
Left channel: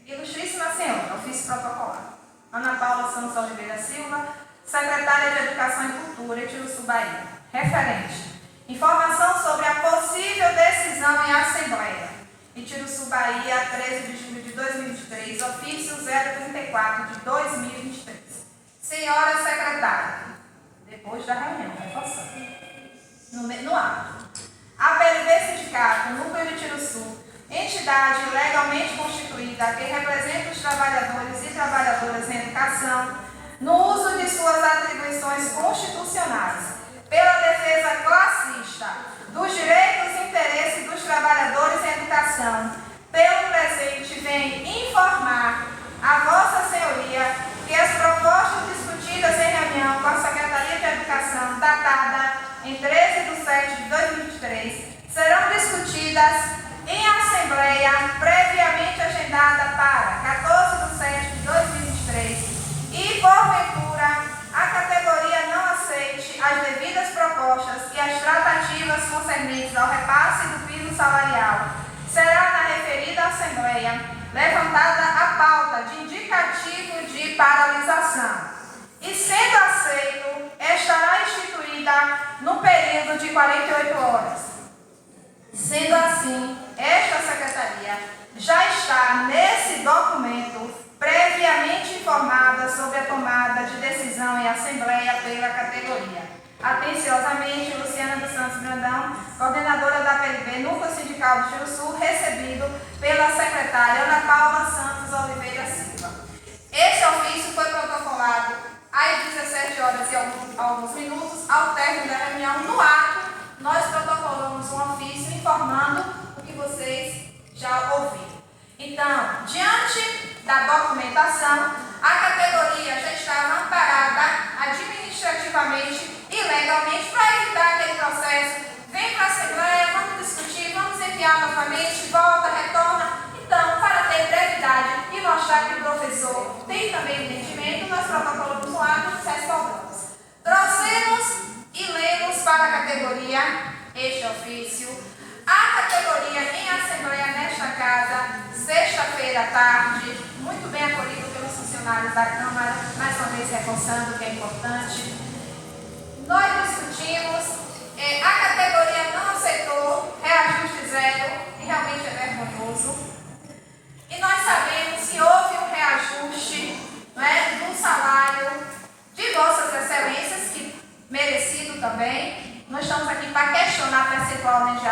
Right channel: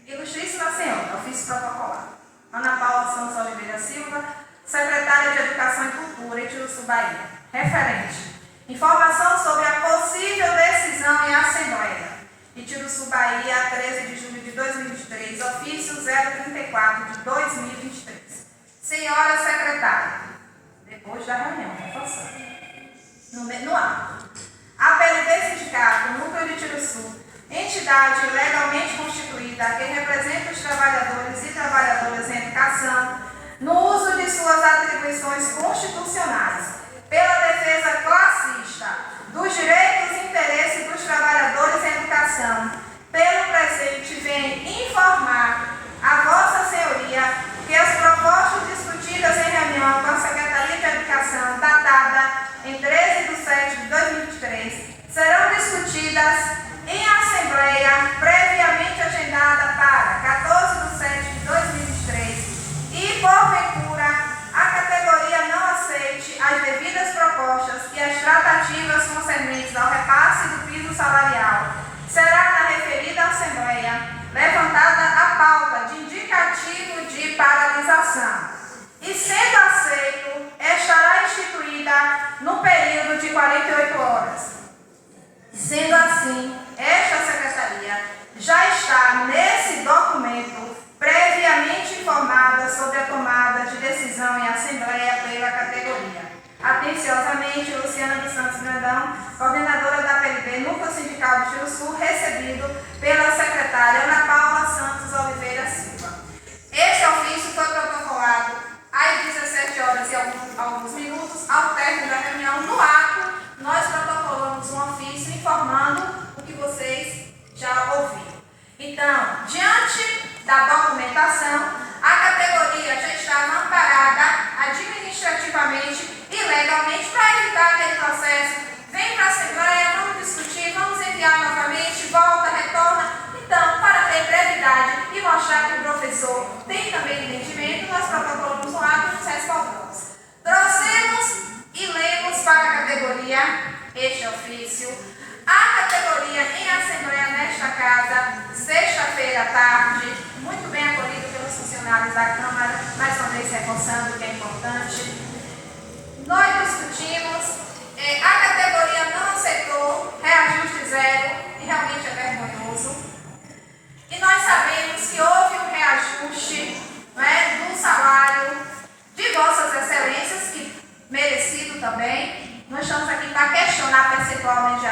Ilustríssima Senhora, ofício protocolar. Ana Paula Santos Oliveira Silva, secretária de Educação e Cultura, Itiruçu, Bahia. Referente. Informação sobre a possível decisão em Assembleia. Itiruçu, Bahia, 13 de julho de 2023, ofício 034 de 2023. Senhora secretária, depois da reunião, reforçando, no ato. A PLB Sindicato, Núcleo de Itiruçu, entidade legalmente constituída que representa os trabalhadores e trabalhadoras em educação, no uso de suas atribuições constitucionais, pela defesa classista dos direitos e interesses dos trabalhadores em educação, pelo presente vem informar a Vossa Senhoria que as propostas discutidas em reunião com a Secretaria de Educação, datada em 13 de setembro de 2023, serão discutidas em Assembleia previamente agendada para 14 de setembro de 2023 e, porventura, a categoria não aceite as devidas propostas e as tratativas concernentes ao repasse do piso salarial, será na referida Assembleia levantada a pauta de indicativo de paralisação e, sendo aceito, estará instituída no período de 48 horas. Sendo assim, esta Secretaria já está nesse documento previamente informada sobre a tomada de decisão em Assembleia pela categoria. Atenciosamente, Luciana dos Santos Brandão, coordenadora da PLB, Núcleo Sindical de Itiruçu, recebido pela secretária Ana Paula Santos Oliveira Silva. Este ofício foi protocolado às 17h e alguns minutos, ao término da reunião. No ato, nós protocolamos um ofício informando o que vocês já ouviram. Então, diante da documentação, a categoria já estava amparada administrativamente e legalmente para evitar aquele processo. Vem para a Assembleia, vamos discutir, vamos enviar novamente, volta, retorna. Então, para ter brevidade e mostrar que o professor tem também entendimento, nós protocolamos um ato e nos respondemos. Trouxemos e lemos para a categoria este ofício. A categoria em Assembleia nesta casa, sexta-feira à tarde, muito bem acolhido pelos funcionários da Câmara, mais uma vez reforçando que é importante. Nós discutimos, a categoria não aceitou reajuste zero, e realmente é vergonhoso. E nós sabemos que houve um reajuste, do salário de Vossas Excelências, que merecido também. Não estamos aqui para questionar percentual nem de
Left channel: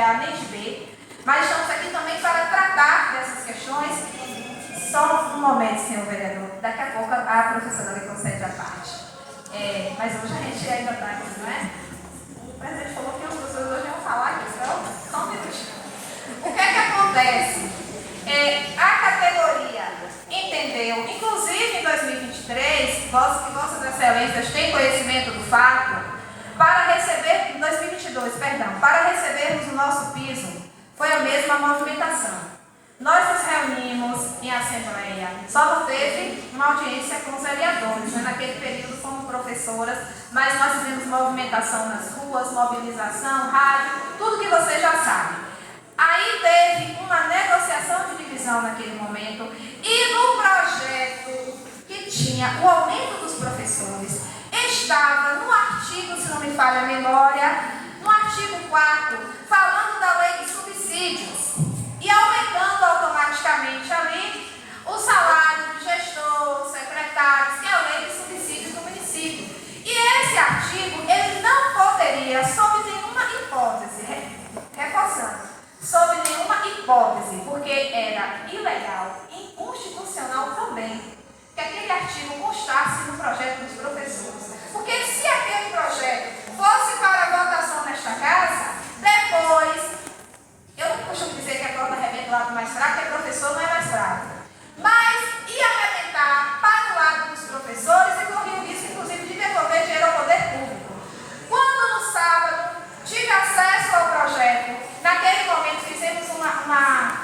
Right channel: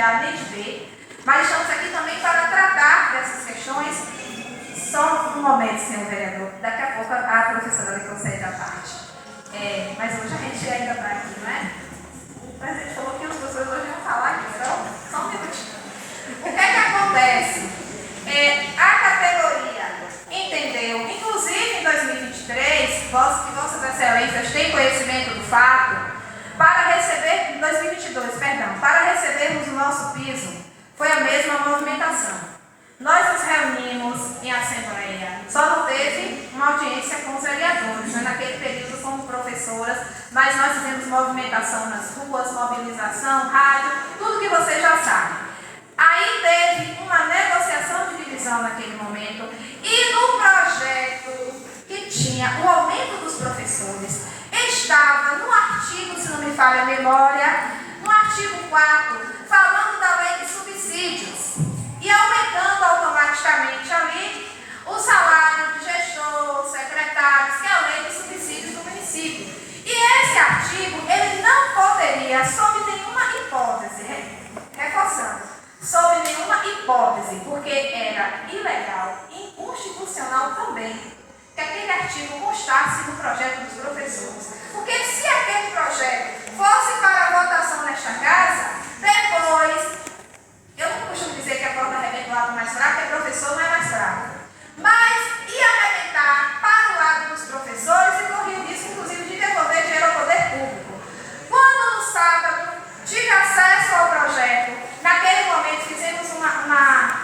A nem de B, mas estamos aqui também para tratar dessas questões. Só um momento, senhor vereador. Daqui a pouco a professora lhe concede a parte. Mas hoje a gente ainda está aqui, não é? O presidente falou que as pessoas hoje vão falar aqui, então, só um minutinho. O que é que acontece? A categoria entendeu, inclusive em 2023, que Vossas Excelências têm conhecimento do fato, para recebermos o nosso piso, foi a mesma movimentação. Nós nos reunimos em assembleia. Só não teve uma audiência com os vereadores, né? Naquele período como professoras, mas nós fizemos movimentação nas ruas, mobilização, rádio, tudo que vocês já sabem. Aí teve uma negociação de divisão naquele momento e no projeto que tinha o aumento dos professores, estava no artigo, se não me falha a memória, no artigo 4, falando da lei de subsídios. E aumentando automaticamente ali o salário de gestor, secretários, que é a lei de subsídios do município. E esse artigo, ele não poderia, sob nenhuma hipótese, reforçando, sob nenhuma hipótese, porque era ilegal e inconstitucional também, que aquele artigo constasse no projeto dos professores. Porque se aquele projeto fosse para a votação nesta casa, depois... Eu não costumo dizer que a corda arrebenta do lado mais fraco, porque o professor não é mais fraco. Mas ia arrebentar para o lado dos professores e corria o risco, inclusive, de devolver dinheiro ao poder público. Quando no sábado tive acesso ao projeto, naquele momento fizemos uma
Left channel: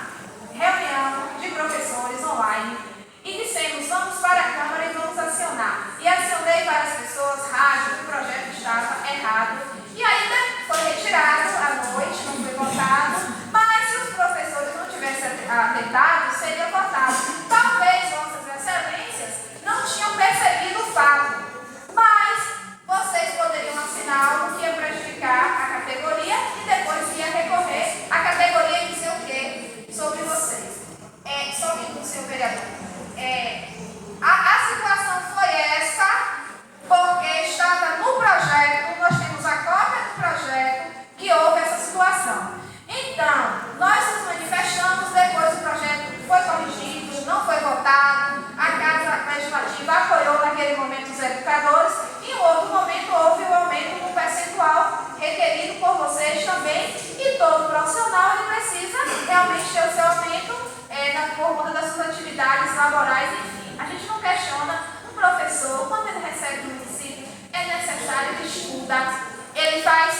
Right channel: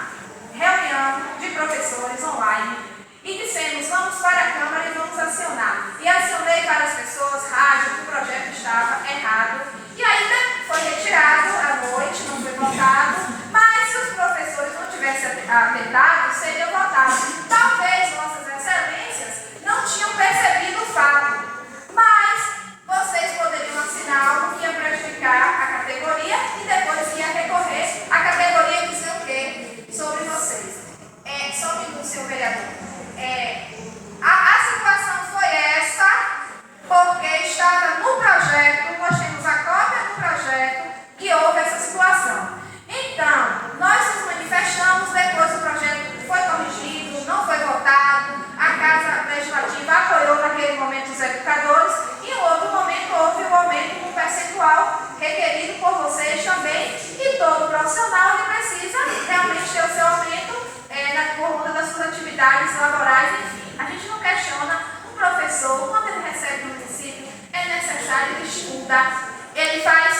reunião de professores online e dissemos, vamos para a Câmara e vamos acionar. E acionei várias pessoas, rádio, o projeto estava errado. E ainda foi retirado à noite, não foi votado. Mas se os professores não tivessem atentado, seria votado. Talvez vossas excelências não tinham percebido o fato, mas vocês poderiam assinar algo que ia prejudicar a categoria e depois ia recorrer à categoria e dizer o quê sobre vocês? Sobre o seu vereador. A situação foi essa, porque estava no projeto, nós temos a cópia do projeto que houve essa situação. Então, nós nos manifestamos, depois o projeto foi corrigido, não foi votado, a Casa Legislativa apoiou naquele momento os educadores e em outro momento houve o aumento do percentual requerido por vocês também e todo profissional ele precisa realmente ter o seu aumento por conta das suas atividades laborais, enfim. A gente não questiona um professor, quando ele recebe no município, é necessário que estuda. Ele faz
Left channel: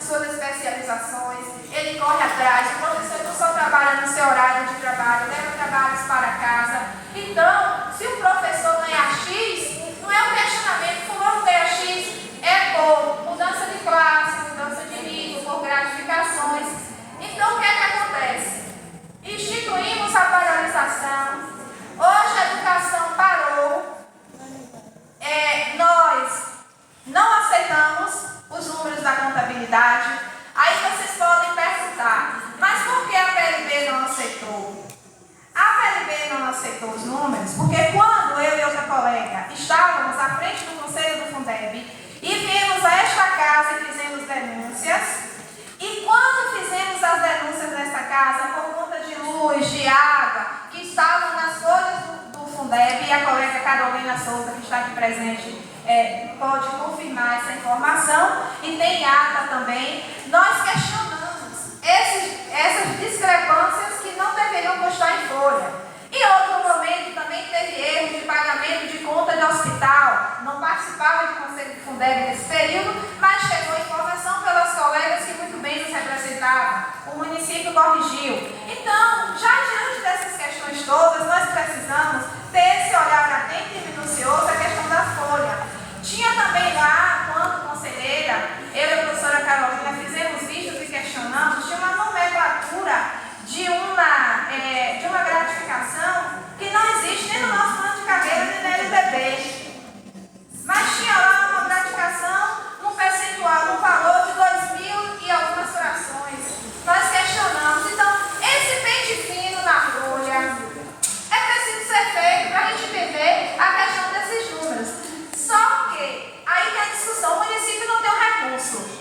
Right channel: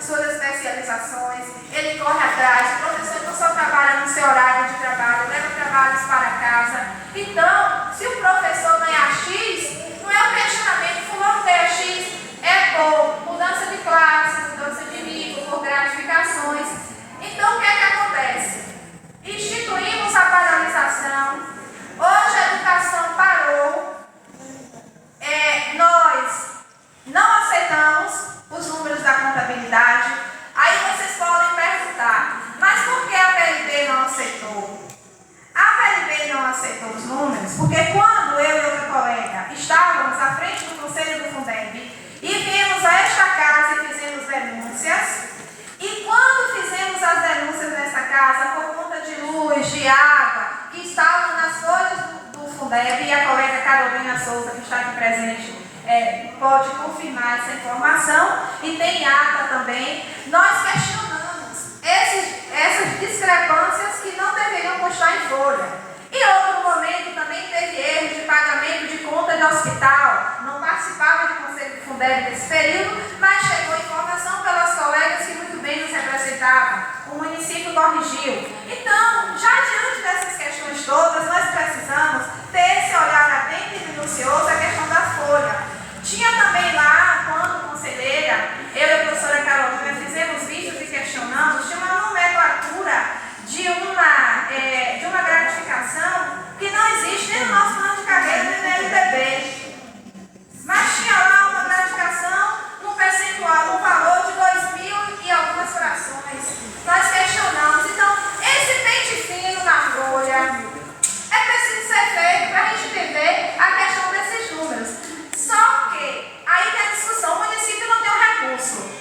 suas especializações, ele corre atrás, o professor não só trabalha no seu horário de trabalho, leva trabalhos para casa. Então, se o professor ganhar X, não é um questionamento, fulano ganha X, é por mudança de classe, mudança de nível, por gratificações. Então, o que é que acontece? Instituímos a paralisação, hoje a educação parou, nós não aceitamos os números da contabilidade. Aí vocês podem perguntar, mas por que a PLB não aceitou? A PLB não aceitou os números porque quando eu e outra colega estávamos à frente do Conselho do Fundeb e viemos a esta casa e fizemos denúncias, e quando fizemos as denúncias nesta casa por conta de luz, de água, que estavam nas folhas do Fundeb, e a colega Carolina Souza, que está aqui presente, pode confirmar essa informação, e tem ata também, nós questionamos essas discrepâncias que não deveriam constar em folha. Em outro momento também teve erro de pagamento de conta de hospital, não participava do Conselho do Fundeb nesse período, mas chegou informação pelas colegas que muito bem nos representavam, o município corrigiu. Então, já diante dessas questões todas, nós precisamos ter esse olhar atento e minucioso à questão da folha. Tinha também lá, quando conselheira, eu e a professora Carolina fizemos vistas e questionamos, tinha uma nomenclatura de uma gratificação que não existe nem no nosso plano de carreira, nem na LDB. Mas tinha lá uma gratificação num percentual, num valor de 2.000 e algumas frações. Nós questionamos. Então, esse pente fino na folha é preciso ser feito para a gente entender a questão desses números. Só que, aí tem a discussão, o município não tem um recurso.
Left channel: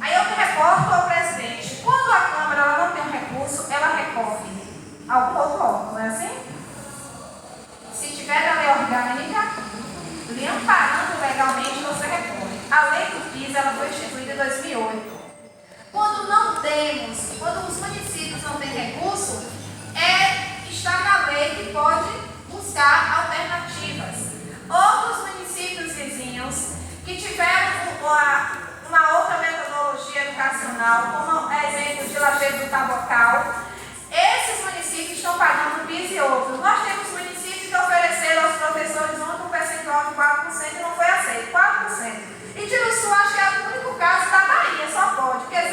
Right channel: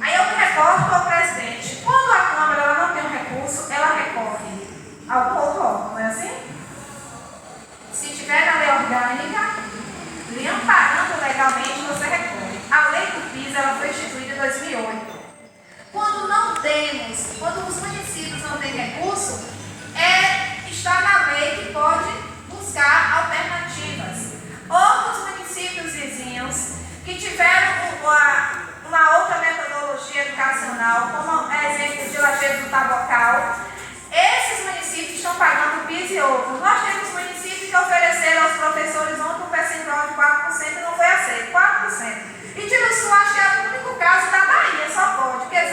Aí eu me reporto ao presidente. Quando a Câmara ela não tem um recurso, ela recorre a algum outro órgão, não é assim? Se tiver a lei orgânica, lhe amparando legalmente, você recorre. A lei do PIS ela foi instituída em 2008. Quando os municípios não têm recurso, está na lei que pode buscar alternativas. Outros municípios vizinhos que tiveram uma outra metodologia educacional, como exemplo de Lajeado do Tabocal, estão pagando PIS e outros. Nós temos municípios que ofereceram aos professores ontem um percentual de 4% e não foi aceito, 4%. E Tiruçu, acho que é o único caso da Bahia, só pode, porque 0%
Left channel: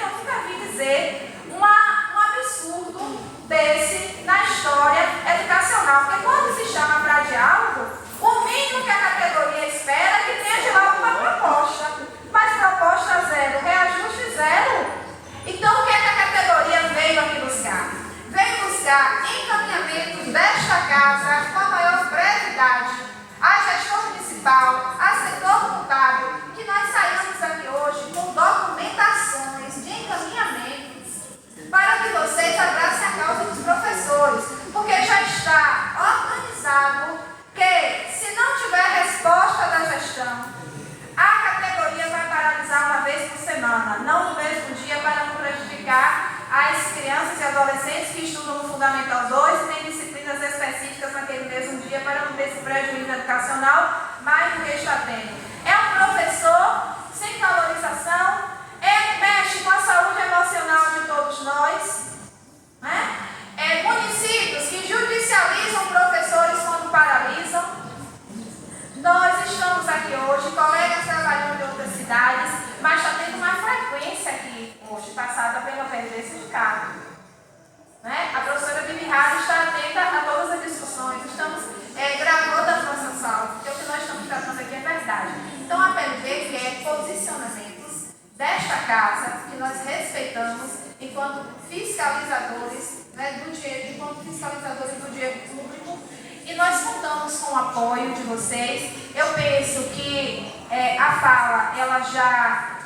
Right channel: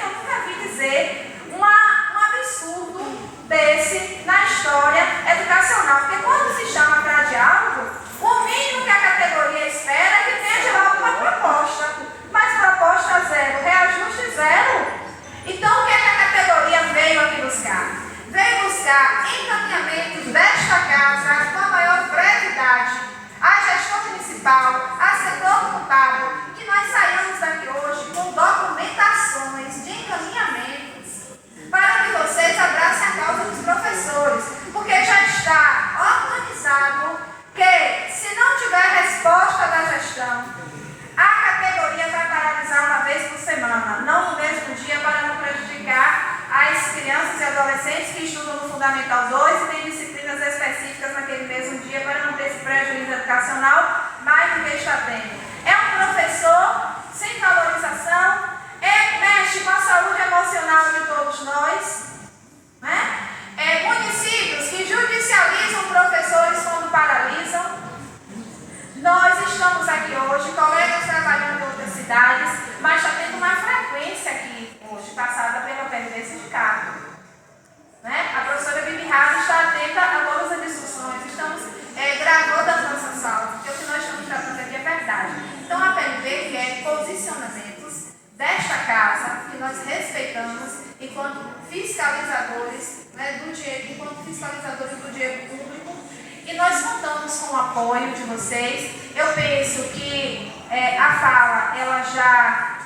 eu nunca vi dizer um absurdo desse na história educacional. Porque quando se chama para diálogo, o mínimo que a categoria espera é que tenha de lá alguma proposta. Mas proposta zero, reajuste zero. Então, o que é que a categoria veio aqui buscar? Veio buscar encaminhamentos desta casa com a maior brevidade à gestão municipal, a setor contábil, que nós saímos daqui hoje com documentações de encaminhamentos para que vocês abracem a causa dos professores, porque já está organizado que, se não tiver resposta da gestão, a categoria vai paralisar uma vez por semana, não no mesmo dia, para não prejudicar as crianças e adolescentes que estudam no Fundamental 2 e têm disciplinas específicas naquele mesmo dia, para não ter esse prejuízo educacional mais do que está tendo. É um professor sem valorização, mexe com a saúde emocional de todos nós, né? Municípios que judicializam professores quando paralisam. Nós estamos aqui hoje, colegas trabalhando em outras cidades, mas está tendo uma frequência aqui hoje, passada pela PLD Sindicato. Né? A professora Bibi Rara está atenta a todas as discussões, estamos gravando as nossas aulas, porque o que nós estamos tratando aqui é verdade. Então a PLD quer posicionamentos desta casa, que nós respeitamos enquanto fiscalizadores, né, do dinheiro, enquanto fiscalizadores do dinheiro público, e nós contamos com o apoio de vocês. Eu penso que a fala, ela já,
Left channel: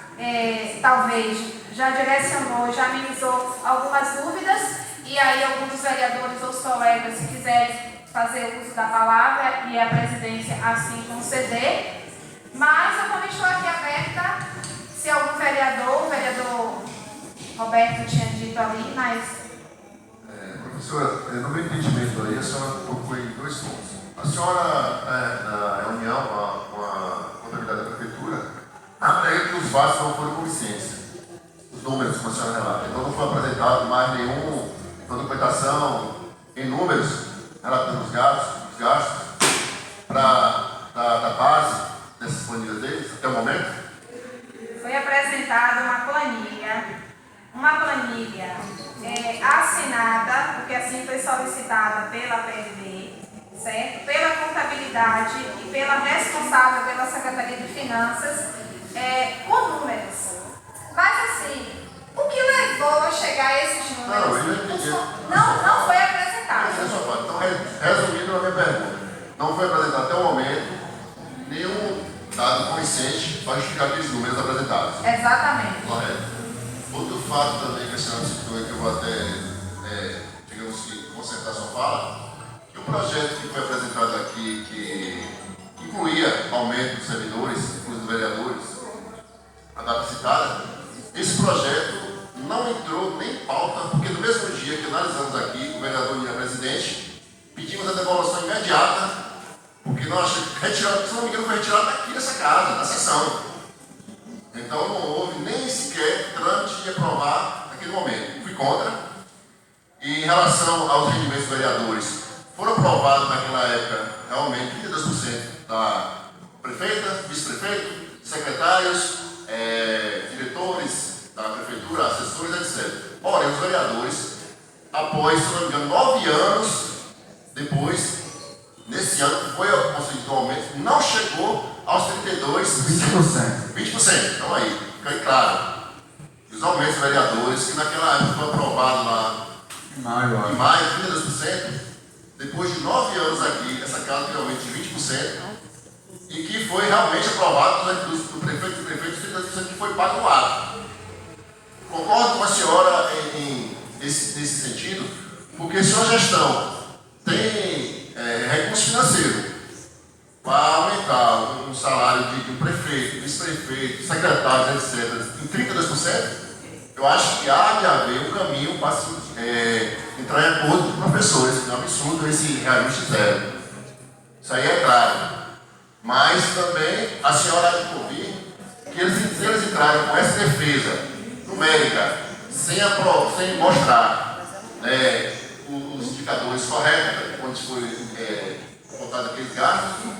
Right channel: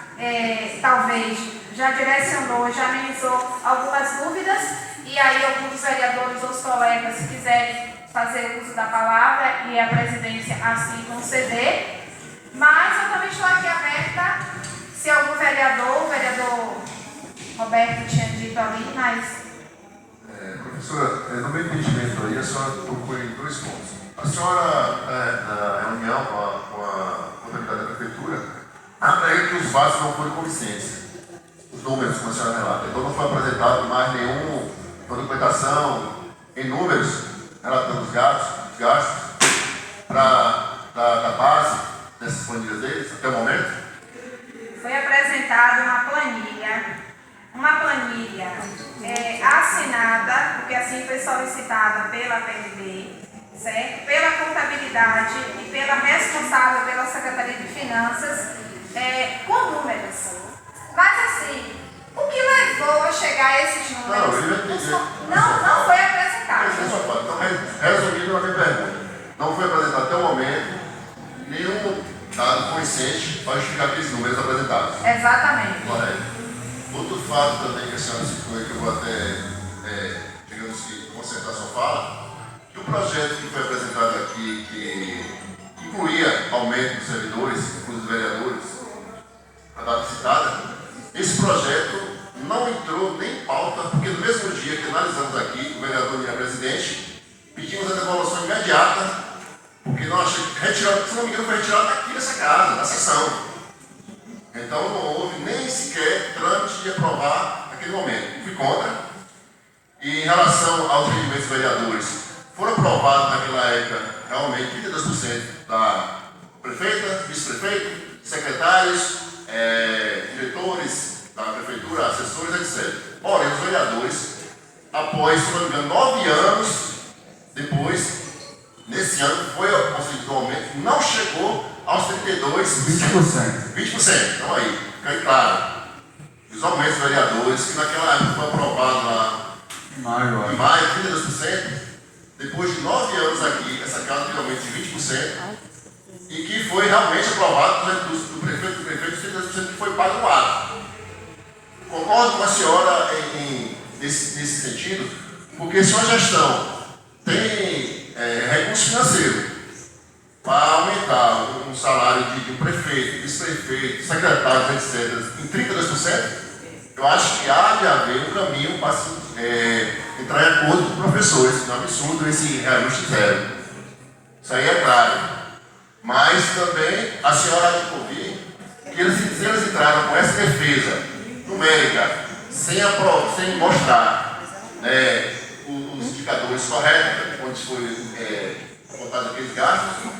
talvez, já direcionou, já amenizou algumas dúvidas, e aí alguns dos vereadores ou os colegas, se quiserem fazer uso da palavra e a presidência assim conceder, mas eu também estou aqui aberta, se algum vereador, o vereador Roberto tinha dito ali, mas... Professora, no meu entendimento aí, a senhora tocou em dois pontos. A senhora, na reunião com a contabilidade da prefeitura, alega que os fatos não foram convincentes, os números, como a senhora relata. Então não foi apresentado mais nenhuma documentação em números relatando os gastos da base dessas planilhas deles até o momento? Foi apresentada uma planilha assinada, porque assim foi solicitada pela PLD, certo? Pela contabilidade e pela responsável pela Secretaria de Finanças, com números. Mas assim, o que levou a chegar a esses números? Não, eu entendi. Não foi apresentado. Então, resumindo a minha pergunta, não foi apresentado até o momento nenhum dado convincente para justificar aqueles números apresentados. Exatamente. Correto. Outro fato também que a senhora citou e que eu vou até, digamos que, concentrar sua fala, que o projeto que foi apresentado aqui, que incluía aumento dos servidores, inclusive dos vereadores, a data citada, esse projeto não entrou nem em pauta, porque no mesmo dia que analisamos aqui, o vereador e a presidente, pedimos a devolução imediata, porque nós retiramos, se não me engano, foi retirado daqui dessa casa, da sessão. Então não houve nem sequer trâmite de aprovar naquele momento. Fui contra. E em relação aos rendimentos dos vereadores, foram aprovados naquela época realmente 32% da prefeita, vice-prefeito, secretários, diretores da prefeitura, assessores, etc. Porém, os vereadores, após, se não me engano, 9 anos depois, nesse ano foi concedido um aumento, não chegou aos 32%. 20%. Então aí, fica aí claro. Os aumentos dos vereadores, que naquela época foi aprovado lá em maio, 32%, depois de 9 anos aqui, essa casa teve aumento de 20%, e que foi realmente aprovado do prefeito, 32% que foi pago no ato. Concordo com a senhora nesse sentido, porque se uma gestão tem recurso financeiro para aumentar um salário de um prefeito, vice-prefeito, secretários, etc., em 32%, eu acho que há de haver um caminho para entrar em acordo com os professores, que é um absurdo esse reajuste zero. Isso aí é claro. Mas também a senhora há de ouvir que eles entraram com essa defesa numérica, sem mostrar os indicadores corretos, onde foi contado aqueles gastos,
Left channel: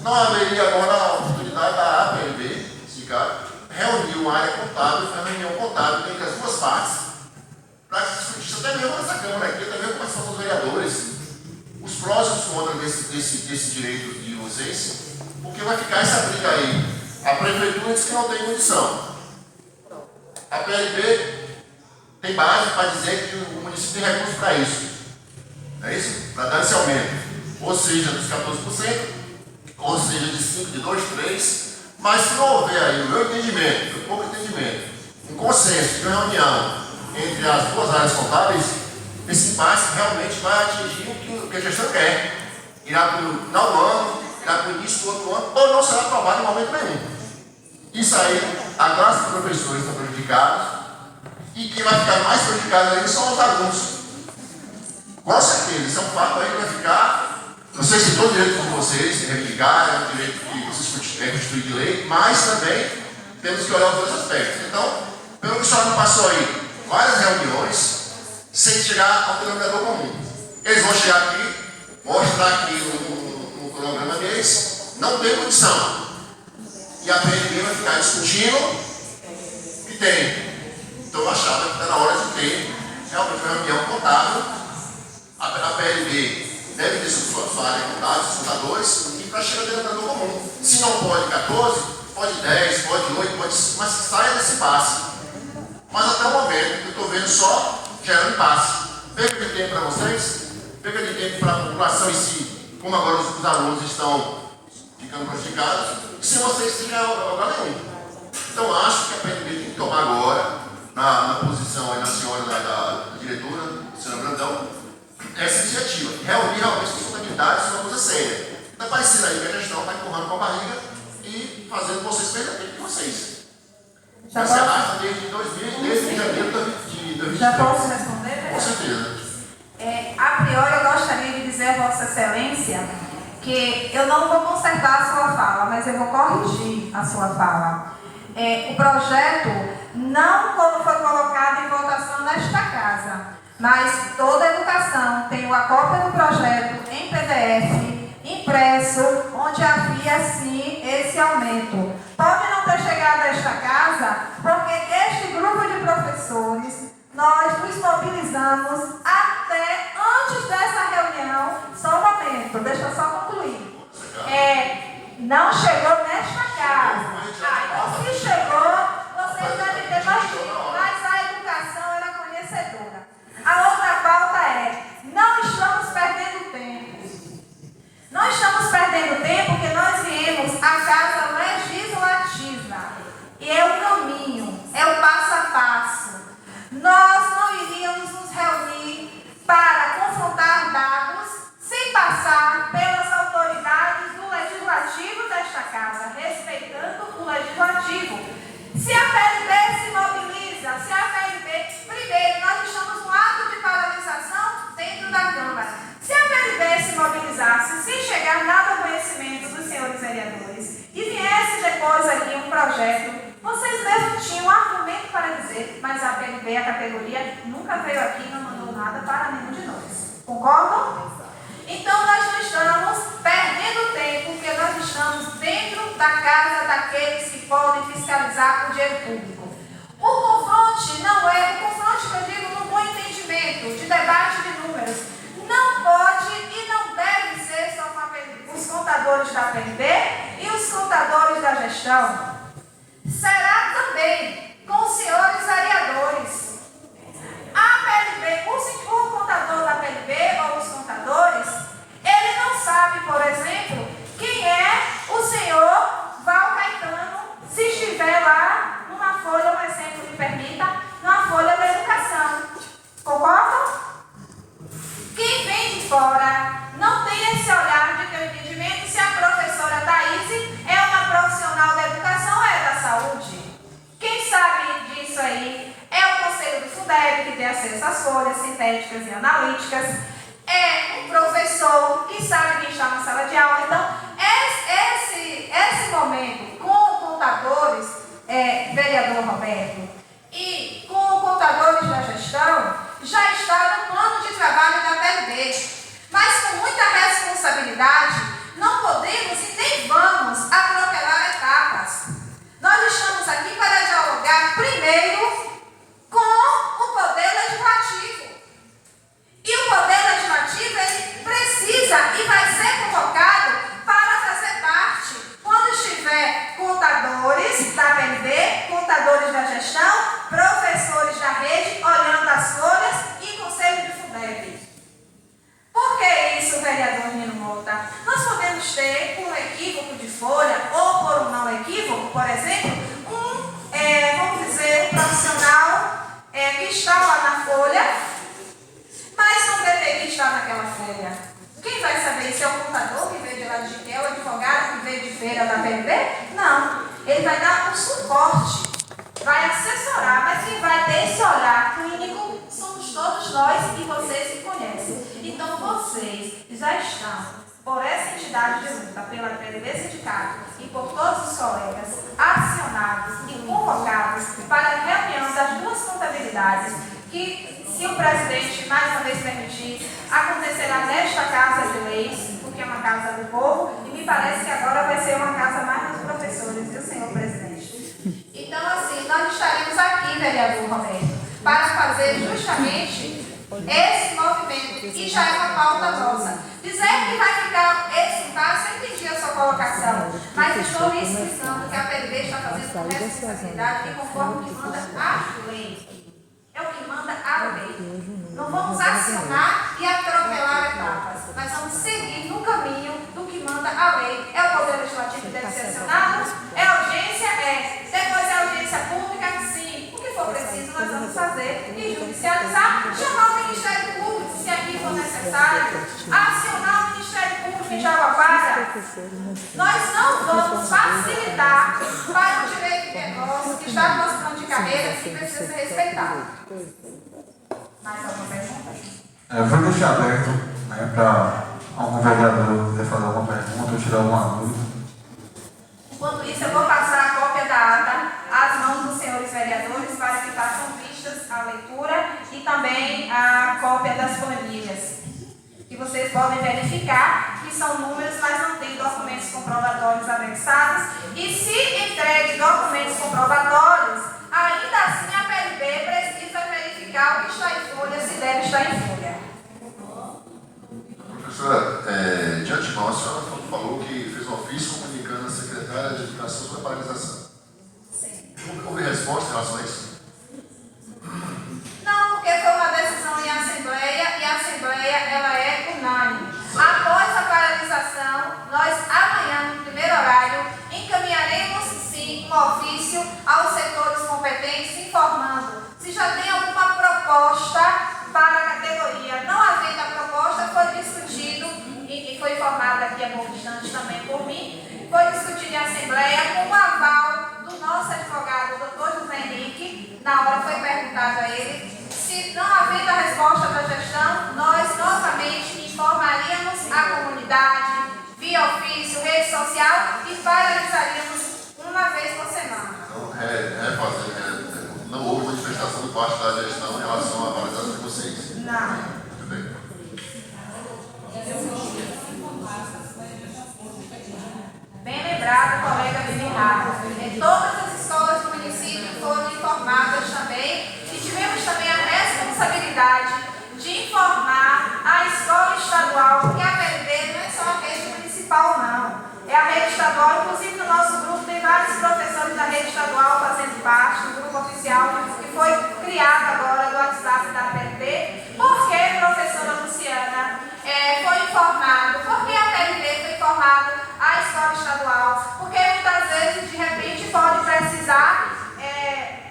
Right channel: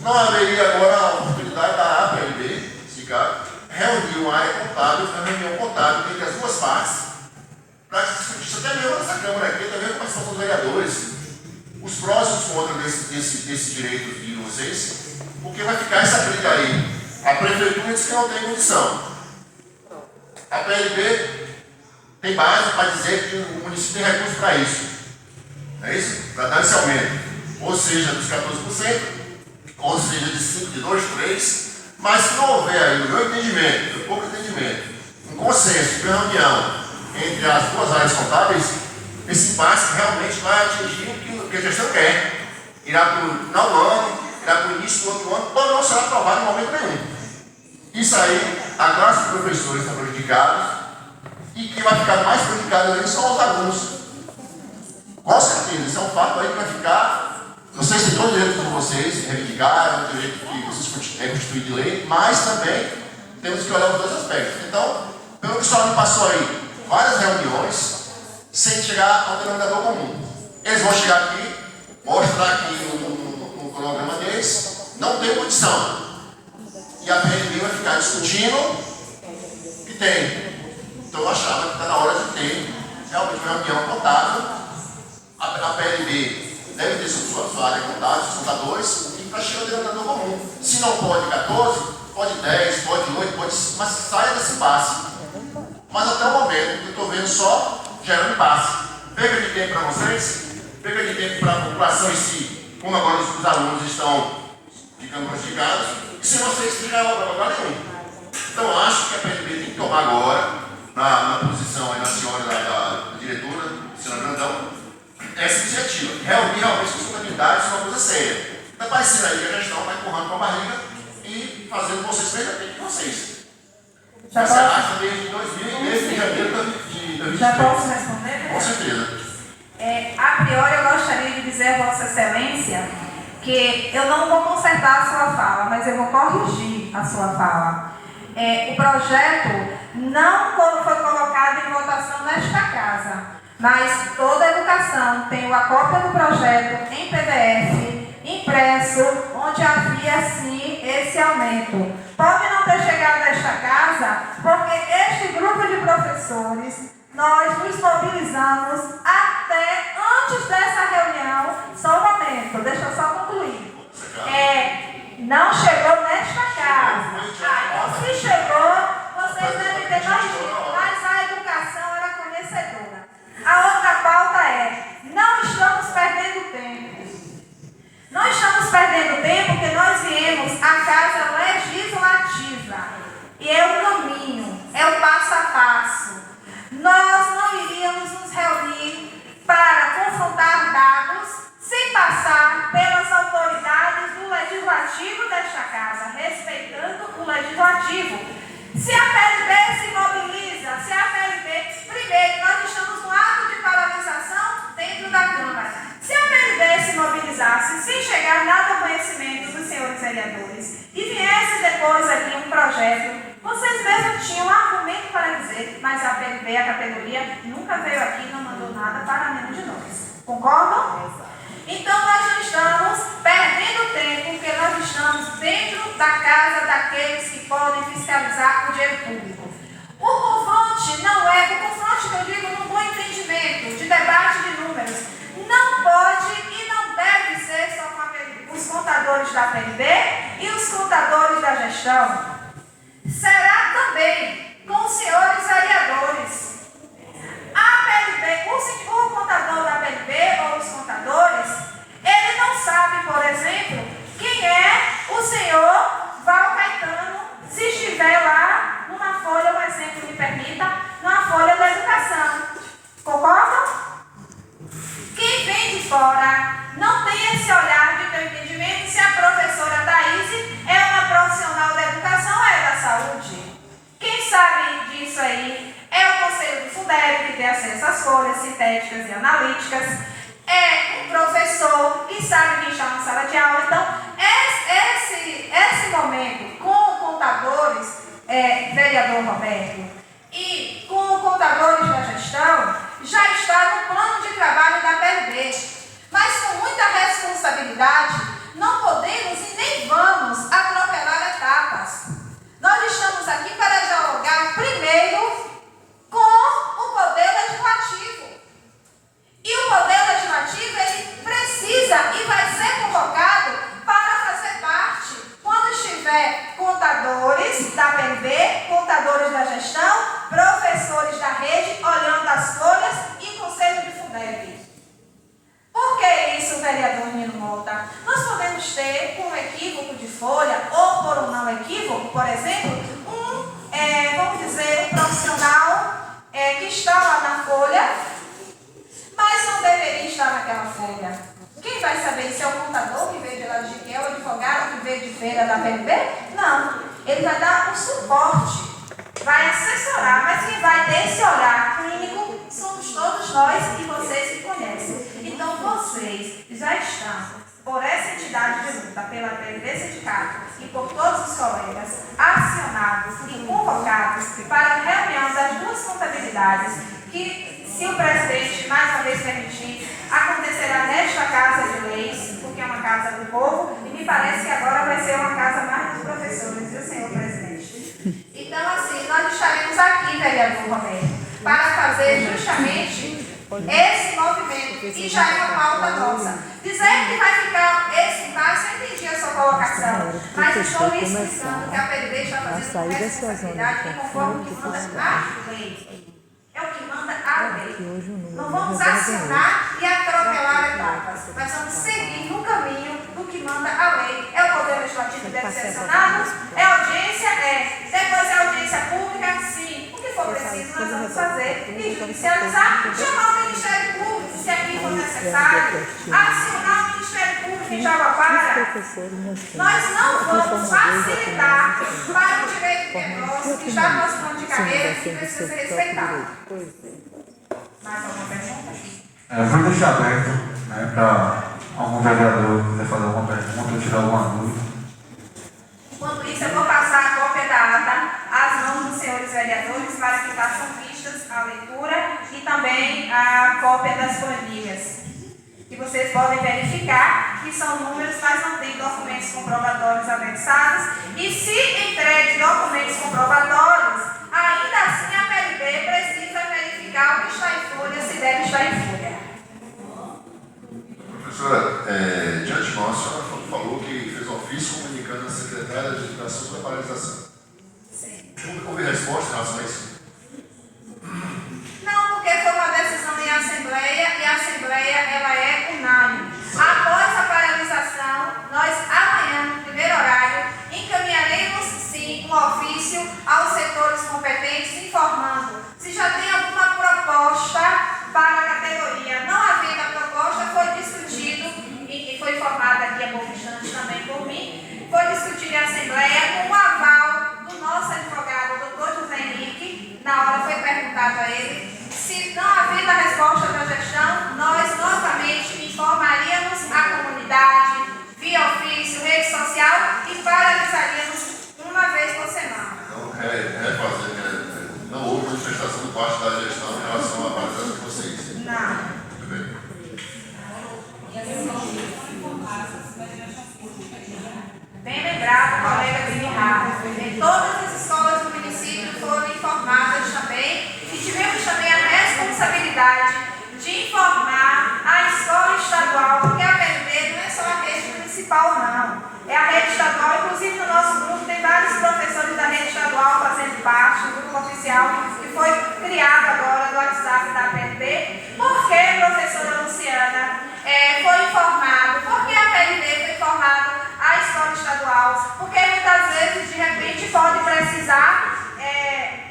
não haveria agora a oportunidade da APLB, sindicato, reunir uma área contábil, uma reunião contábil entre as duas partes, para que se discutisse até mesmo nessa Câmara aqui, também com a participação dos vereadores, os prós e os contras desse direito de vocês, porque vai ficar essa briga aí. A prefeitura diz que não tem condição. A PLB tem base para dizer que o município tem recursos para isso. Não é isso? Para dar esse aumento. Ou seja, dos 14%, ou seja, de 5%, de 2%, 3%. Mas se não houver aí, no meu entendimento, no pouco entendimento, um consenso, uma reunião entre as duas áreas contábeis, esse impasse realmente vai atingir o que a gestão quer. Irá para o final do ano, irá para o início do outro ano, ou não será aprovado em momento nenhum. Isso aí, a classe de professores estão prejudicados, e quem vai ficar mais prejudicado ainda são os alunos. Com certeza, isso é um fato aí que vai ficar. Não sei se todo o direito de vocês reivindicar, é um direito que vocês é constituído de lei, mas também temos que olhar os dois aspectos. Então, pelo que o senhor me passou aí, várias reuniões, sem chegar ao denominador comum. Eles vão chegar aqui, mostrar aqui no cronograma deles, não tem condição. E a PLB vai ficar discutindo que tem. Então eu achava que está na hora de ter realmente uma reunião contábil. A PLB deve ter sua área contábil, seus contadores, e para chegar ao denominador comum. Se não pode 14, pode 10, pode 8, pode, mas que saia desse impasse. Mas até o momento, eu estou vendo só gerando impasse. Perca de tempo para vocês, perca de tempo para a população em si, como agora os alunos estão ficando prejudicados, e se vocês ficarem a lugar nenhum. Então acho que a PLB tem que tomar agora, na posição aí na senhora da diretora, senhora Brandão, essa iniciativa, reunir realmente sustentabilidade, isso é uma coisa séria. Está parecendo aí que a gestão está empurrando com a barriga e fazendo vocês perder tempo de vocês. Já se arrasta desde 2010, de janeiro de 2020. Já posso responder? Com certeza. A priori, eu gostaria de dizer a Vossa Excelência que eu não vou consertar a sua fala, mas eu vou corrigir a sua fala. O projeto não foi colocado em votação nesta casa, mas toda a educação tem a cópia do projeto em PDF, impresso, onde havia sim esse aumento. Pode não ter chegado a esta casa, porque este grupo de professores, nós nos mobilizamos até antes dessa reunião. Só um momento, deixa eu só concluir. Não chegou nesta casa. Se chegou, vocês devem ter mais dito, mas a educação era conhecedora. A outra pauta não estamos perdendo tempo. Não estamos perdendo tempo porque nós viemos à casa legislativa. E é o caminho, é o passo a passo. Nós não iríamos nos reunir para confrontar dados sem passar pelas autoridades do legislativo desta casa, respeitando o legislativo. Se a PLB se mobiliza, se a PLB... Primeiro, nós estamos no ato de paralisação dentro da Câmara. Se a PLB se mobilizasse, sem chegar nada ao conhecimento dos senhores vereadores, e viesse depois aqui um projeto, vocês mesmos tinham um argumento para dizer, mas a PLB, a categoria, nunca veio aqui e não mandou nada para nenhum de nós. Concordam? Então, nós não estamos perdendo tempo, porque nós estamos dentro da casa daqueles que podem fiscalizar o dinheiro público. O confronte não é, o confronte que eu digo num bom entendimento, de debate de números, não pode e não deve ser só com a PLB, os contadores da PLB e os contadores da gestão. Será também com os senhores vereadores. A PLB, o contador da PLB ou os contadores, ele não sabe, por exemplo, quem é o senhor Val Caetano, se estiver lá numa folha, um exemplo me permita, numa folha da educação. Concordam? Quem vem de fora não tem esse olhar de ter entendimento se a professora Thaís é uma profissional da educação ou é da saúde. Quem sabe disso aí é o Conselho do FUDEB, que tem acesso às folhas sintéticas e analíticas. É um professor que sabe quem está na sala de aula. Então, esse momento com contadores, vereador Roberto, e com contadores da gestão, já está no plano de trabalho trabalho da PLB. Mas com muita responsabilidade, não podemos e nem vamos atropelar etapas. Nós estamos aqui para dialogar primeiro com o Poder Legislativo. E o Poder Legislativo, ele precisa e vai ser convocado para fazer parte, quando estiver contadores da PLB, contadores da gestão, professores da rede, olhando as folhas e Conselho de Fundeb. Por que isso, vereador Nino Mota? Nós podemos ter, por um equívoco de folha, ou por um não equívoco, por exemplo, vamos dizer, um profissional que está lá na folha, mas não deveria estar naquela folha. Quem vai saber se é o contador que veio de lá de Jiquel, o advogado que veio de feira da PLB? Não. Ele vai dar o suporte, vai assessorar, mas quem vai ter esse olhar clínico somos todos nós e vocês que conhecem. Então vocês já estão, por essa entidade de luta, pela PLB Sindicato e por todos os colegas, acionados e convocados para a reunião das duas contabilidades, que, se o presidente mais uma vez permitir, acontecerá nesta Casa de Leis, porque é uma casa do povo, e me parece que agora vai ser uma casa mais dos professores, viu, senhor presidente? Então, assim, nós estaremos aqui, vereador Romero, para fazer justamente esse movimento, e já é uma pauta nossa. Dizer que vai ficar esse impasse, eu entendi a sua colocação, mas estou lhe explicando que a PLB está fazendo com responsabilidade e conforme o que manda a lei. É o que manda a lei. Não vamos acionar e atropelar etapas, mas vamos seguir no caminho do que manda a lei. É o Poder Legislativo que deve ser acionado? É audiência? É. Depois é audiência pública? Sim. O que for preciso, nós vamos fazer. E judicializar, chamar o Ministério Público, se aqui for necessário, acionar o Ministério Público em Jaguapara. Nós não vamos facilitar para o direito que é nosso, que está no nosso plano de carreira, que precisa ser respeitado. Mais alguma pergunta? Vou deixar aberto, né, para algum vereador quiser fazer alguma pergunta ou tirar alguma dúvida. Enquanto isso, eu vou passar a cópia da ata às mãos dos senhores vereadores para que façam vistas à leitura e também a cópia das planilhas, que vocês podem verificar que são números, mas não tem documentos comprobatórios anexados. E se entregue documentos comprobatórios, ainda assim a PLB precisa verificar o que está em folha, se deve estar em folha. Professora, de antemão, a senhora falou que fez um ofício comunicando à secretária de Educação sobre a paralisação. Sim. Houve resposta em relação a isso? Não, porque foi uma decisão em assembleia e a assembleia ela é unânime. Após a paralisação, nós amanhã, no primeiro horário, encaminharemos sim um ofício aos setores competentes informando se já tem alguma proposta para a categoria. Não havendo a proposta, foi discutido e foi informado aqui há pouco instante também por mim, foi discutido em assembleia com o aval do nosso advogado, doutor José Henrique. Na hora foi perguntado a ele se não havendo a resposta da gestão, nós novamente informaríamos a comunidade via ofício, rede social e paralisaríamos uma vez por semana. Então, não houve manifestação do parte da gestão em relação à paralisação de vocês? Não. Muito bem. Bem lembrado, colega Guilherme. Todas as escolas do município foram informadas também e tivemos também a responsabilidade de informar a escola estadual, porque a PLB não é só a rede municipal, não. É a rede estadual, inclusive no nosso grupo tem vários professores da rede estadual fazendo parte do grupo oficial que foi criado agora no WhatsApp da PLB. Por que, professora Luciana, foi informado? Por que a PLB foi informada à escola estadual? Porque muitas vezes, de repente, pode precisar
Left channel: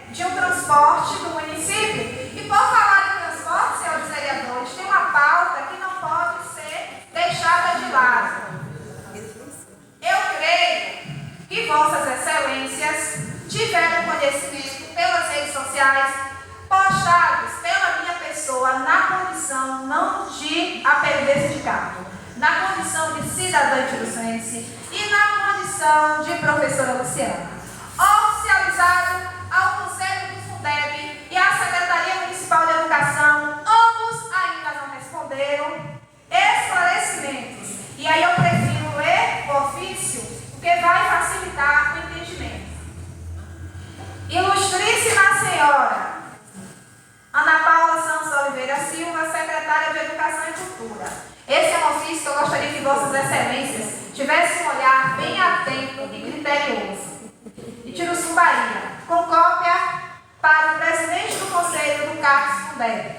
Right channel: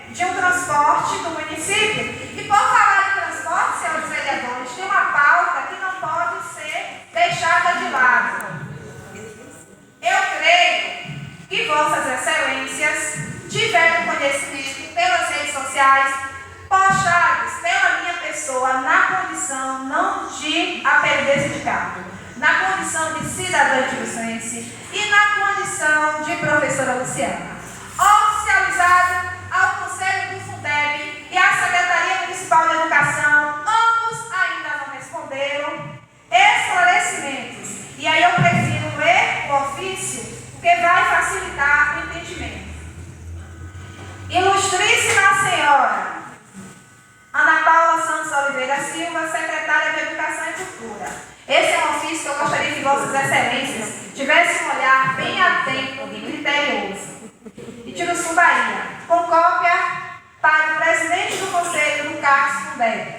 de um transporte do município. E por falar em transporte, senhores vereadores, tem uma pauta que não pode ser deixada de lado. Eu creio que vossas excelências tiveram conhecimento pelas redes sociais, postados pela minha pessoa na condição não de APLB sindicato, na condição de cidadã tiruçense e na condição de professora Luciana, oficializado ao Conselho do Fundeb e à Secretaria Municipal de Educação. Ambos ainda não responderam. que vai facilitar o entendimento. Ilustríssima Senhora Ana Paula Santos Oliveira Silva, secretária de Educação e Cultura. Esse é um ofício que eu gostaria que Vossas Excelências tivessem um olhar bem atento e criterioso. Itiruçu, Bahia, com cópia para o presidente do Conselho do CACS Fundeb.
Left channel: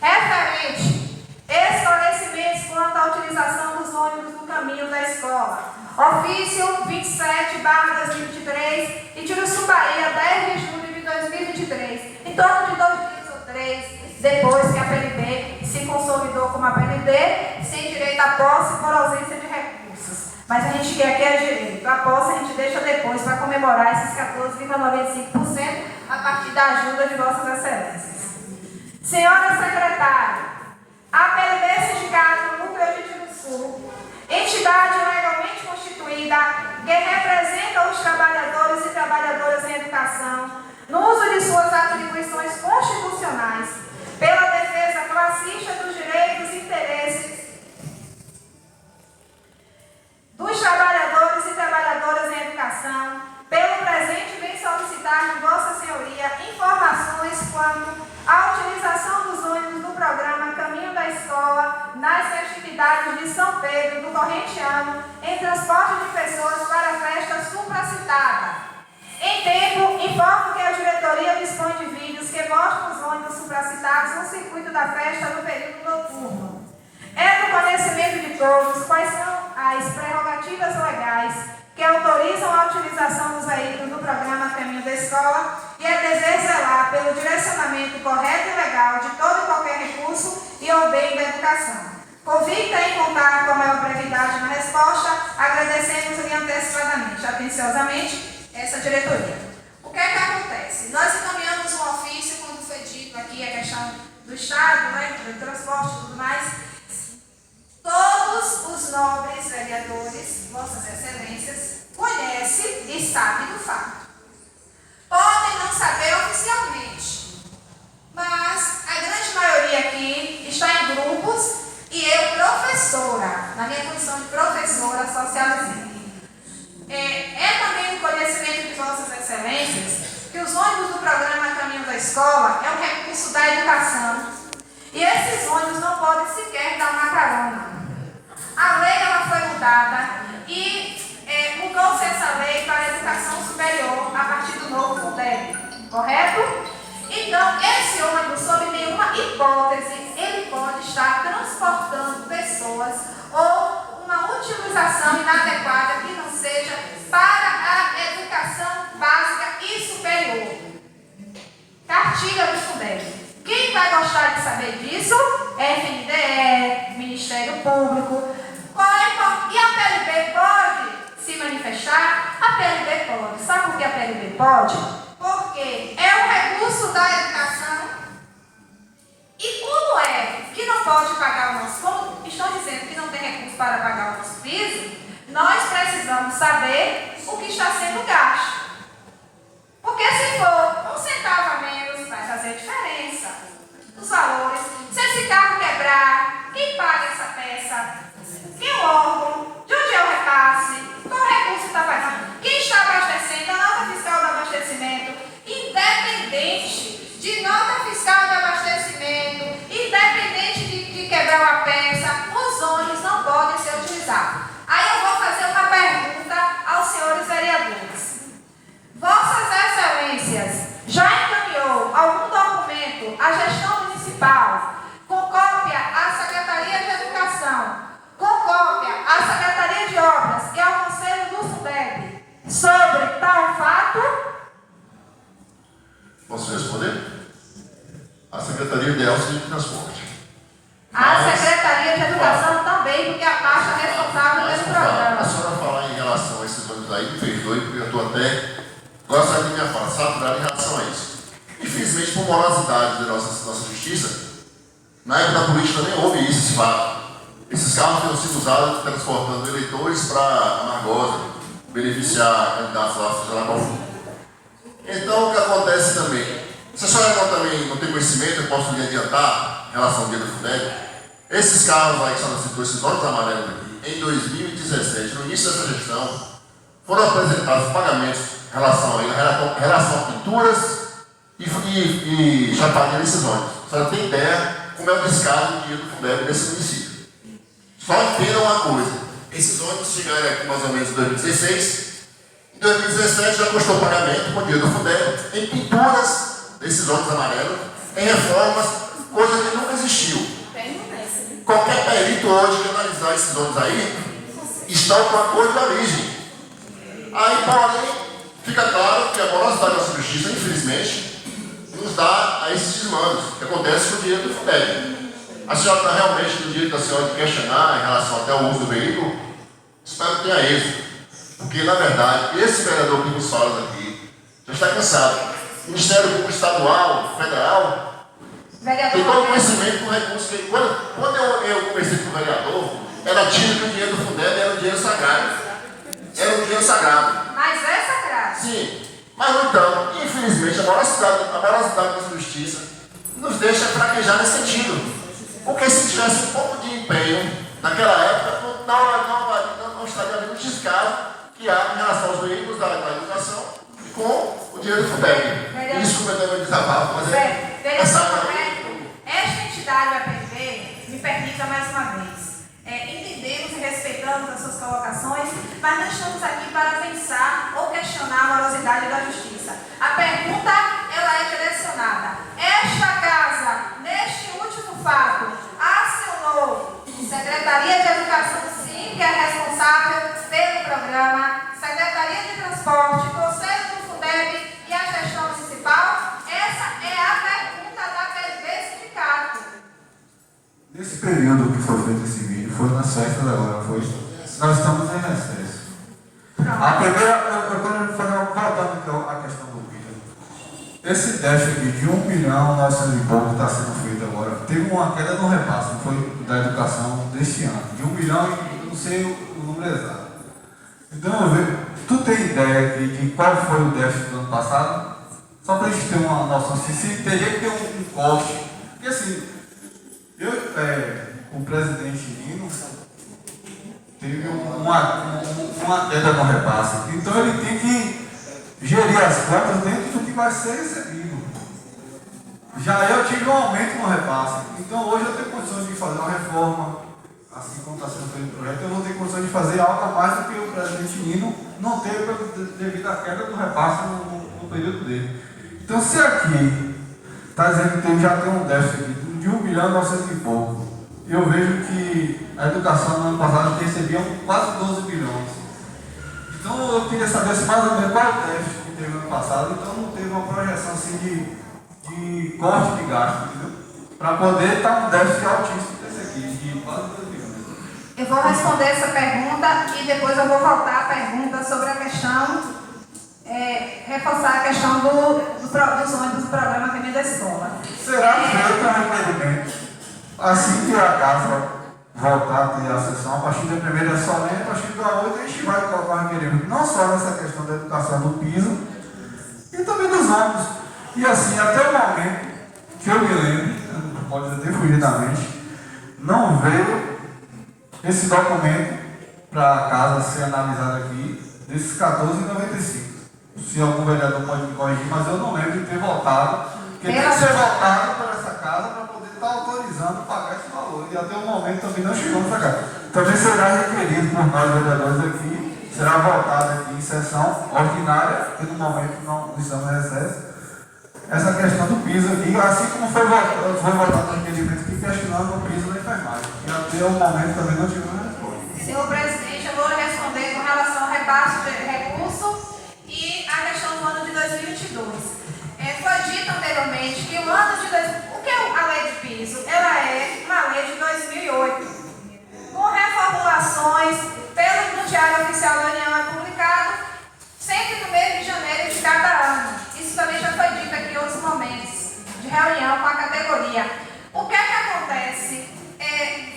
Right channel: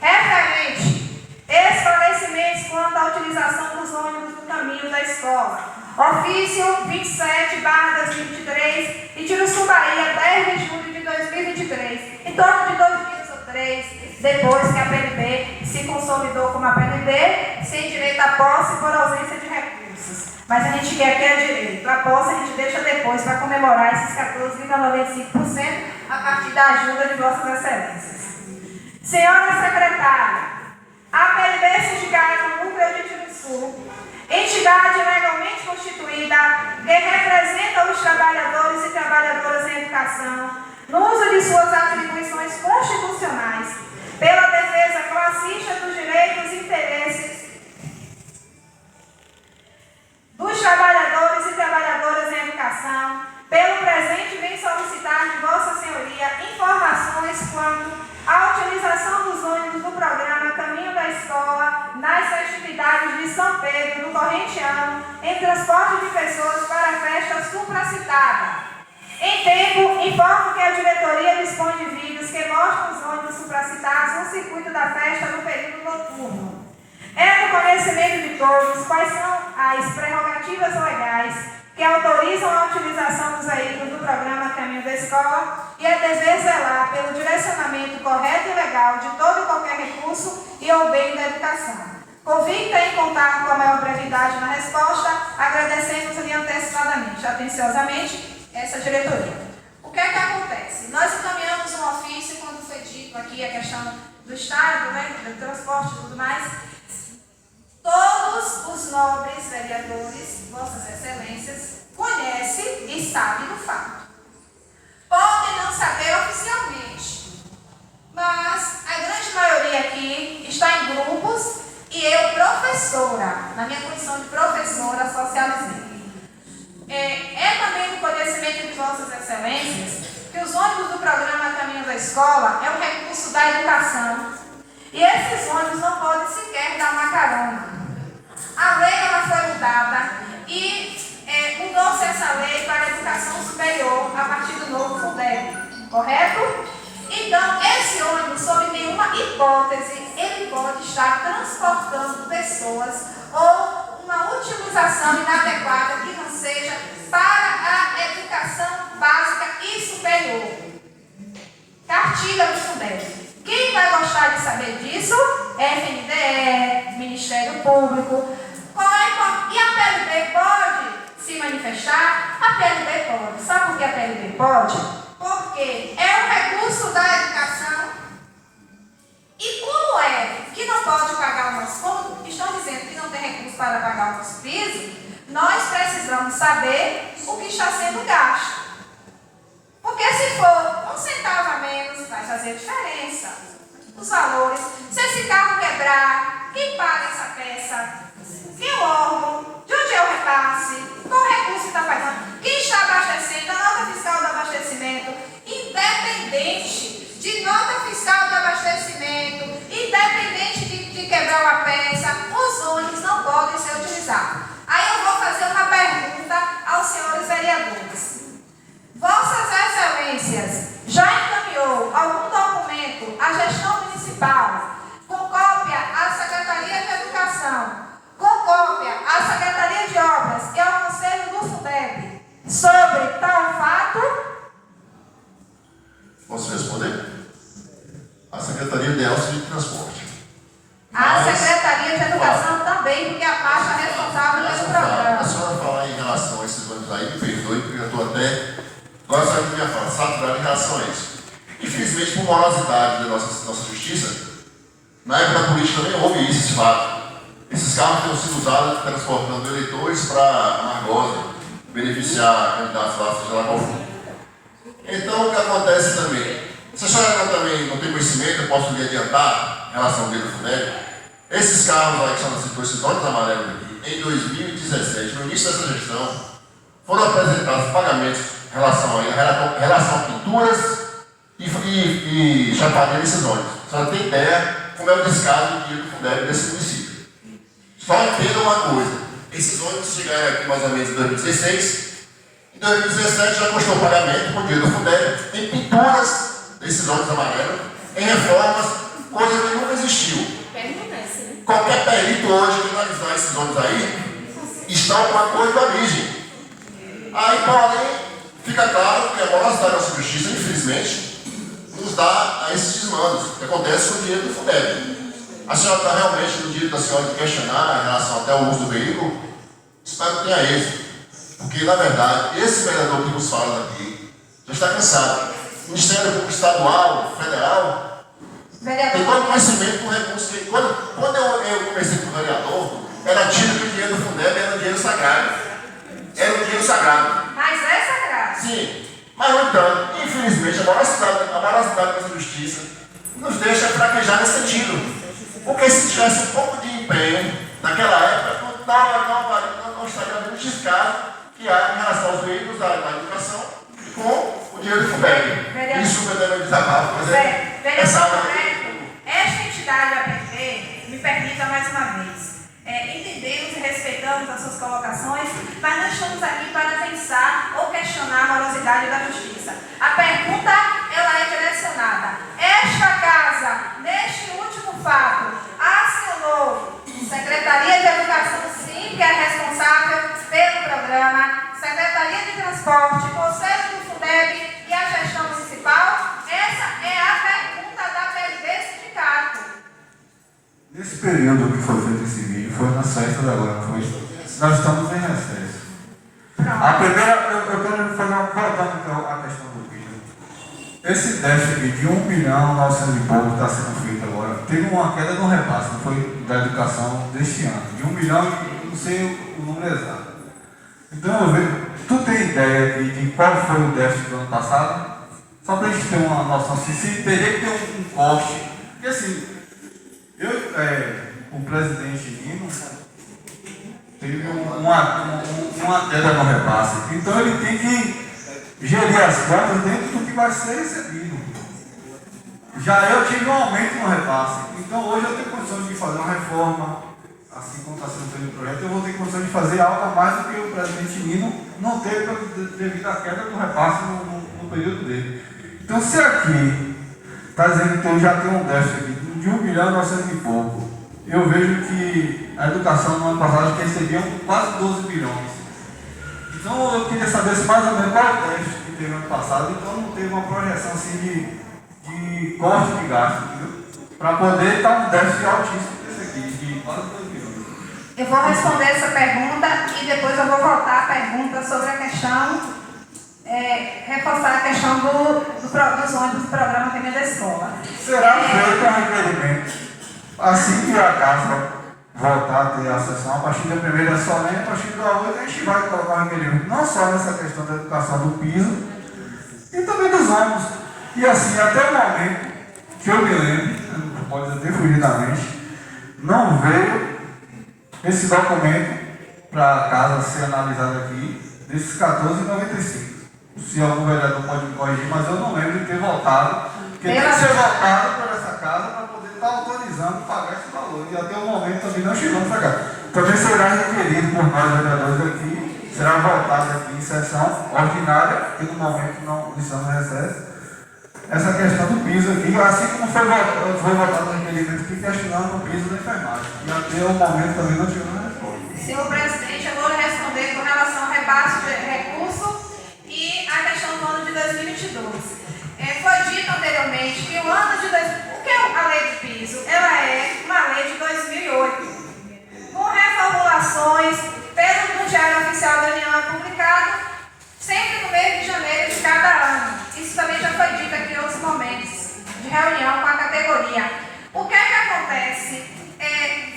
Referente, esclarecimentos quanto à utilização dos ônibus no caminho da escola. Ofício 27/2023, Itiruçu, Bahia, 10 de julho de 2023. Em torno de 2 dias ou 3, depois que a PLB se consolidou como a PLB, sem direito à posse por ausência de recursos. Mas a gente quer que é direito. A posse a gente deixa depois para comemorar esses 14,95% a partir da ajuda de Vossas Excelências. Senhora Secretária, a PLB Sindicato Núcleo de Itiruçu, entidade legalmente constituída que representa os trabalhadores e trabalhadoras em educação, no uso de suas atribuições constitucionais, pela defesa classista dos direitos e interesses dos trabalhadores e trabalhadoras em educação, pelo presente vem solicitar de Vossa Senhoria informações quanto à utilização dos ônibus do programa Caminho da Escola nas festividades de São Pedro do corrente ano em transporte de pessoas para a festa supracitada. Em tempo, informo que a diretoria dispõe de vídeos que mostram os ônibus supracitados no circuito da festa no período noturno. É do conhecimento de todos quais são as prerrogativas legais que autorizam a utilização dos veículos do programa Caminho da Escola e é dever zelar pelo direcionamento correto e legal de todo e qualquer recurso e ao bem da educação. Convicta em contar com a maior brevidade na resposta, agradecemos-lhe antecipadamente, atenciosamente, essa diretoria. O que é que acontece? Nós encaminhamos um ofício, quando foi dito aqui a questão do Estado, né, do transporte e tudo mais. Todos os nobres vereadores, Vossas Excelências, conhecem e sabem do fato. Podem não saber oficialmente, mas a grande maioria aqui está em grupos e eu, professora, na minha condição de professora, socializei. É também do conhecimento de Vossas Excelências que os ônibus do programa Caminho da Escola é um recurso da educação e esses ônibus não podem sequer dar uma carona. A lei ela foi mudada e mudou-se essa lei para a educação superior a partir do novo Fundeb, correto? Então, esse ônibus, sob nenhuma hipótese, ele pode estar transportando pessoas ou uma utilização inadequada que não seja para a educação básica e superior. Cartilha do Fundeb. Quem vai gostar de saber disso? FNDE, Ministério Público. E a PLB pode se manifestar? A PLB pode. Sabe por que a PLB pode? Porque é um recurso da educação. E como é que não pode pagar o nosso, como estão dizendo que não tem recurso para pagar o nosso piso, nós precisamos saber o que está sendo gasto. Porque se for 1 centavo a menos, vai fazer diferença. Os valores, se esse carro quebrar, quem paga essa peça? Quem o órgão? De onde é o repasse? Qual recurso está pagando? Quem está abastecendo? A nota fiscal do abastecimento, independente de nota fiscal de abastecimento, independente de quebrar uma peça, os ônibus não podem ser utilizados. Aí eu vou fazer uma pergunta aos senhores vereadores. Vossas Excelências já encaminhou algum documento à gestão municipal com cópia à Secretaria de Educação, com cópia à Secretaria de Obras e ao Conselho do Fundeb sobre tal fato? Posso responder? A Secretaria de Elcio de Transporte. A Secretaria de Educação também, porque a pasta é responsável pelo programa. A senhora falar em relação a esses ônibus aí, me perdoe, porque eu estou até, agora saindo da minha fala, saturado em relação a isso. Infelizmente, por morosidade da nossa justiça, na época da política também houve isso, esse fato. Esses carros tenham sido usados transportando eleitores para Margosa, beneficiar candidatos lá, seja lá qual for. Então, o que acontece também? Se a senhora também não tem conhecimento, eu posso lhe adiantar em relação ao dia do Fundeb. Esses carros aí que são citou, esses ônibus amarelos aqui, em 2017, no início dessa gestão, foram apresentados pagamentos em relação a pinturas e chaparias desses ônibus. A senhora tem ideia como é o descaso do dinheiro do Fundeb desse município. Só entendam uma coisa, esses ônibus chegaram aqui mais ou menos em 2016, em 2017 já custou pagamento com o dinheiro do Fundeb em pinturas desses ônibus amarelos, em reformas, coisa que nunca existiu. Qualquer perito hoje que analisar esses ônibus aí, estão com a cor de origem. Aí, porém, fica claro que a morosidade da nossa justiça, infelizmente, nos dá a esses desmandos que acontece com o dinheiro do Fundeb. A senhora está realmente no direito da senhora de questionar em relação até ao uso do veículo? Espero que tenha êxito. Porque, na verdade, esse vereador que nos fala daqui já está cansado. O Ministério Público Estadual, Federal, tem todo conhecimento do recurso que... Quando eu comecei com o vereador, era tido que o dinheiro do Fundeb era um dinheiro sagrado. Era um dinheiro sagrado. Mas é sagrado. Sim. Mas, no entanto, infelizmente, a morosidade da justiça nos deixa fraquejar nesse sentido. Porque se tivesse um pouco de empenho naquela época, não estaria havendo descaso que há em relação aos veículos da educação com o dinheiro do Fundeb. Isso que eu também desabafo, mas esta entidade, a PV, me permita mais uma vez. Entendemos e respeitamos as suas colocações, mas não estamos aqui para pensar ou questionar a morosidade da justiça. A pergunta, ela é direcionada. Esta casa, neste último fato, acionou Secretaria de Educação, sim, que é responsável pelo programa, Secretaria de Transporte, Conselho do Fundeb e a gestão municipal? Essa é a pergunta da PV Sindicato. Nesse período que foi feito esse vídeo, foi nas festas agora, não foi? Nós estamos em recesso. A primeira, eu quero fazer voltando à questão do vídeo. Esse déficit de 1 milhão 900 e pouco está sendo feito agora. Teve uma queda no repasse, não foi, da educação deste ano. De 1 milhão, eu não sei o número exato. Então eu vejo, tu tem ideia de qual foi o déficit do ano passado? Só para a gente ter uma noção, se teria que ter um corte. Porque assim, o presidente Nino teve uma queda no repasse. Então ele tem que gerir as contas dentro do que vai ser recebido. Já eu tive um aumento no repasse. Então hoje eu tenho condições de fazer uma reforma, assim como está sendo feito o projeto, eu vou ter condições de fazer algo a mais do que o presidente Nino não teve devido à queda do repasse no período dele. Então se aqui está dizendo que já tem um déficit de 1 milhão 900 e pouco, eu vejo que a educação no ano passado recebia quase 12 bilhões. Então eu queria saber se mais ou menos qual é o déficit que teve no ano passado, então não teve uma projeção assim de corte de gasto, entendeu? Para poder estar um déficit altíssimo desse aqui, de quase 2 bilhões. Eu vou responder essa pergunta e depois eu vou voltar à pergunta sobre a questão, reforçar a questão dos ônibus do programa Caminho da Escola. Será feito um requerimento assim que a casa voltar a ter a sessão, a partir da primeira solene, a partir da outra a gente vai colocar um requerimento, não só nessa questão da educação do piso, e também dos ônibus. E assim, até o momento que eu me lembro, pode ter fugido da mente, não veio esse documento para a casa ser analisado aqui, desses 14,95. Se algum vereador pode me corrigir, mas eu não lembro de ter votado, porque tem que ser votado por essa casa para poder estar autorizando pagar esse valor. E até o momento também não chegou nessa casa. Também será requerido por nós vereadores aqui, será votado aqui em sessão ordinária, que no momento não estamos em recesso, essa questão do piso aqui, assim como foi votado no requerimento aqui, questionando o piso da enfermagem. E até o momento também não chegou na resposta. Senhor presidente, eu vou responder com relação ao repasse de recurso e a questão do ano de 2022. Foi dito anteriormente que o ano de... O que é a lei de piso? Ela é uma lei de 2008, com reformulações no Diário Oficial da União é publicado sempre no mês de janeiro de cada ano. Isso também já foi dito aqui em outros momentos de reunião com a categoria. O que é que acontece?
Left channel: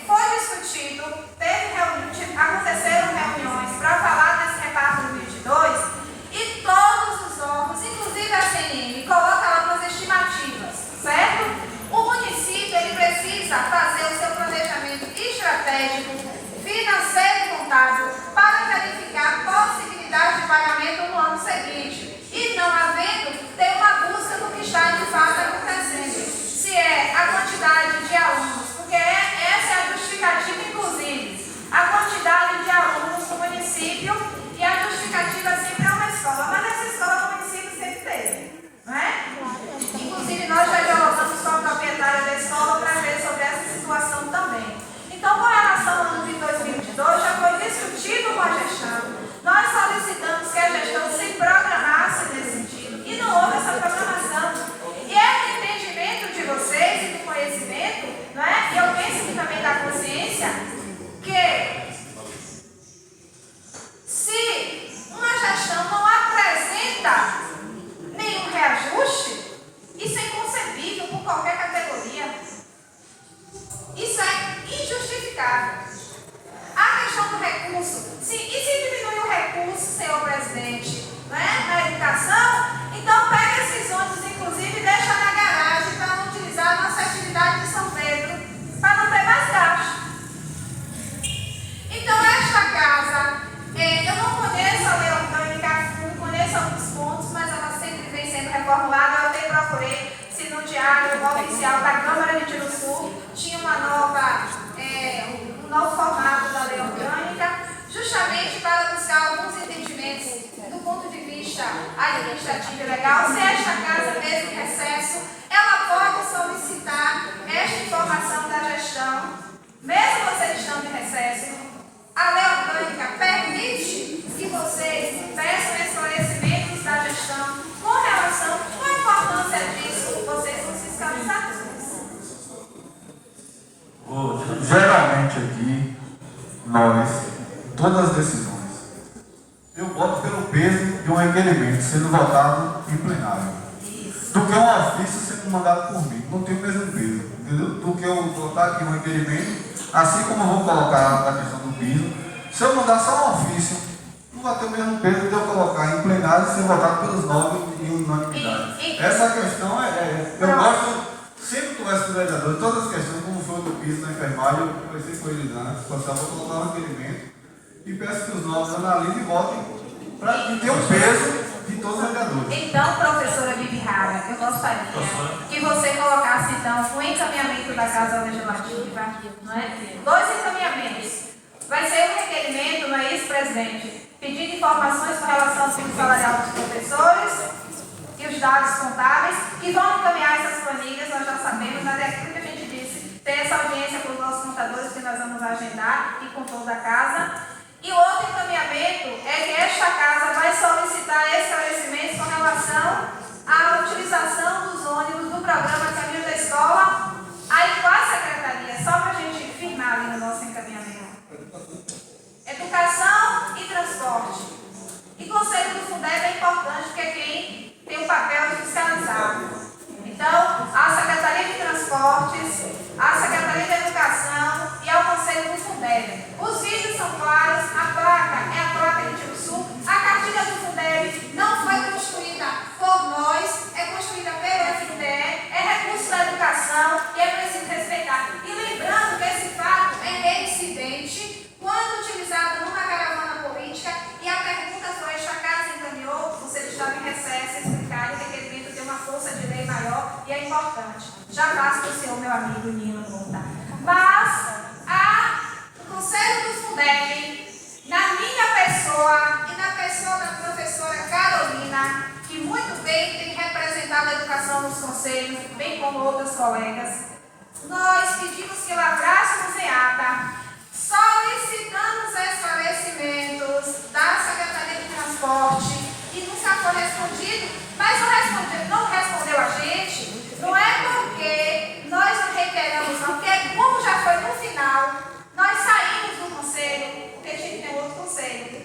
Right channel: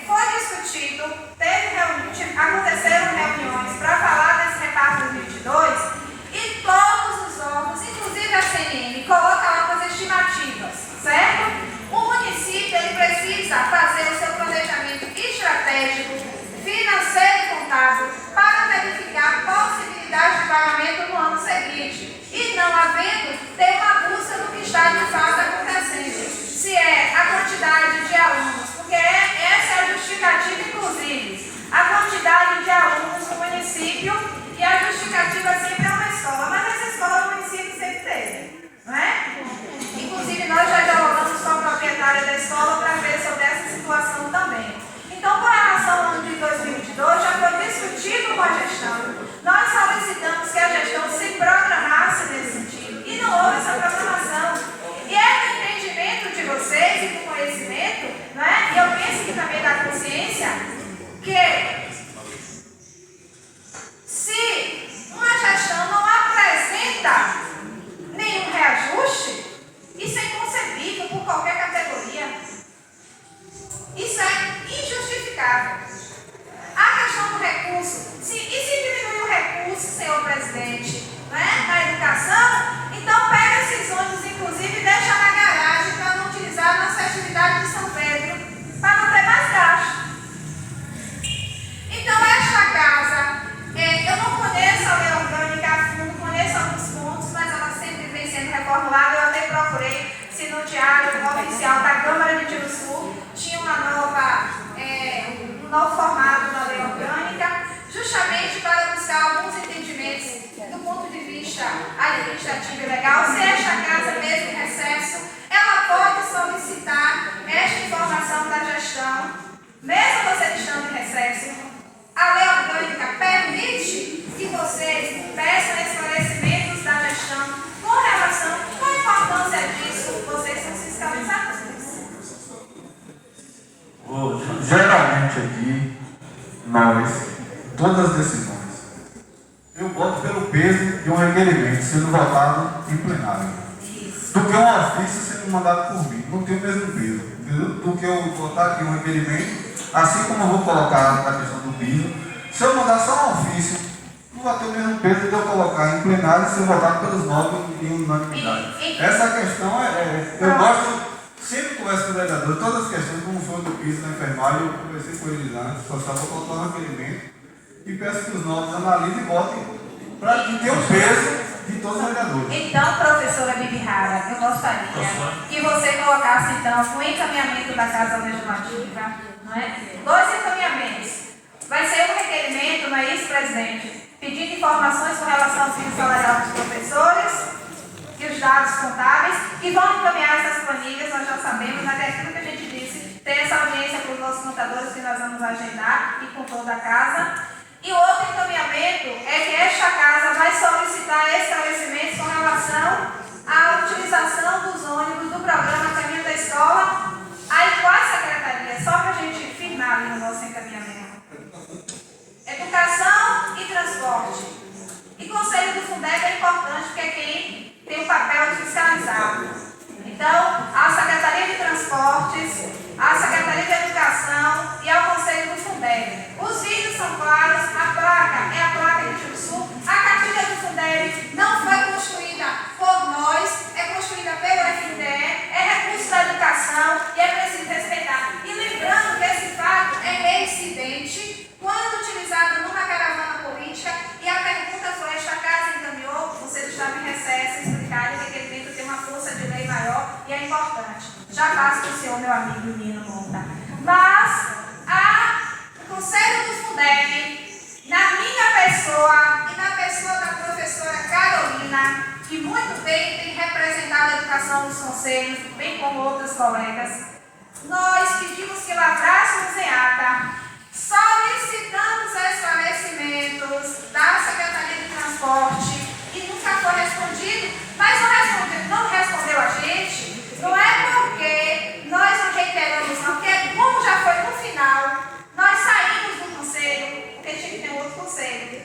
Foi discutido, aconteceram reuniões para falar desse repasse 2022 e todos os órgãos, inclusive a CNM, coloca lá as estimativas, certo? O município ele precisa fazer o seu planejamento estratégico, financeiro e contábil para verificar a possibilidade de presidente, não é? Na educação, então pega esses ônibus, inclusive, e deixa na garagem para não utilizar nas festividades de São Pedro, para não ter mais gasto. Então, esta casa, eu não conheço a lei orgânica a fundo, conheço alguns pontos, mas ela sempre vem sendo reformulada. Eu até procurei se no diário oficial da Câmara de Tiruçu tinha um novo formato da lei orgânica, justamente para buscar alguns entendimentos do ponto de vista administrativo e legal. Se esta casa, mesmo em recesso, ela pode solicitar esta informação da gestão, mesmo vocês estando em recesso. A lei orgânica permite que vocês peçam esclarecimentos da gestão com relação à importância disso. Vocês são fiscalizados. Geralmente aqui, nós, todas as decisões, eu voto pelo peso de um requerimento sendo votado em plenário, do que um ofício sendo mandado por mim. Não tem o mesmo peso, entendeu? Do que eu votar aqui um requerimento, assim como eu vou colocar a questão do piso. Se eu mandar só um ofício, não vai ter o mesmo peso de eu colocar em plenário e ser votado pelos 9 em unanimidade. Essa questão eu gosto. Sempre converso com o vereador, todas as questões, como foi do piso da enfermagem, eu conversei com eles antes, só vou colocar um requerimento e peço que os novos analisem e votem para que tenha o peso de todos os vereadores. Então, professora Bibi Rara, eu gostaria que você colocasse, então, o encaminhamento da Casa Legislativa, não é? 2 encaminhamentos. Vai ser um requerimento, não é isso, presidente? Pedindo informações com relação ao piso salarial dos professores e os dados contábeis, e vão encaminhar essas planilhas, nós já sabemos, mas é aquilo que a gente disse, ter essa audiência com os nossos contadores que nós vamos agendar e com toda a casa. E o outro encaminhamento é que esta casa vai solicitar esclarecimentos com relação à utilização dos ônibus do programa Caminho da Escola, aí qual secretaria, só para a gente firmar ali no nosso encaminhamento. Educação e transporte. E Conselho do Fundeb é importante, porque é quem tem o papel de fiscalizar. Então, a Secretaria de Transportes, a Secretaria de Educação e ao Conselho do Fundeb. Os vídeos são claros, a placa é a placa de Tiruçu, a cartilha do Fundeb não foi construída por nós, é construída pelo FNDE, é recurso da educação e é preciso respeitar. E lembrando que esse fato é reincidente quando utilizado numa caravana política, e a pergunta foi, esta casa encaminhou, você estava em recesso, explicar e o requerimento tem uma força de lei maior e é importante. Já passo para o senhor, meu amigo Nino Monta. Mas o Conselho do Fundeb, na minha pessoa e na pessoa da professora Carolina, que muito bem tem representado a educação nos conselhos, bem como outros colegas, nós pedimos que lavrássemos em ata, solicitamos esclarecimentos da Secretaria de Transporte e nunca foi respondido, mas não respondeu a gente, não é porque nós não reiteramos não, porque como já foi no final, nós saímos do conselho, porque tinha que ter outro conselho,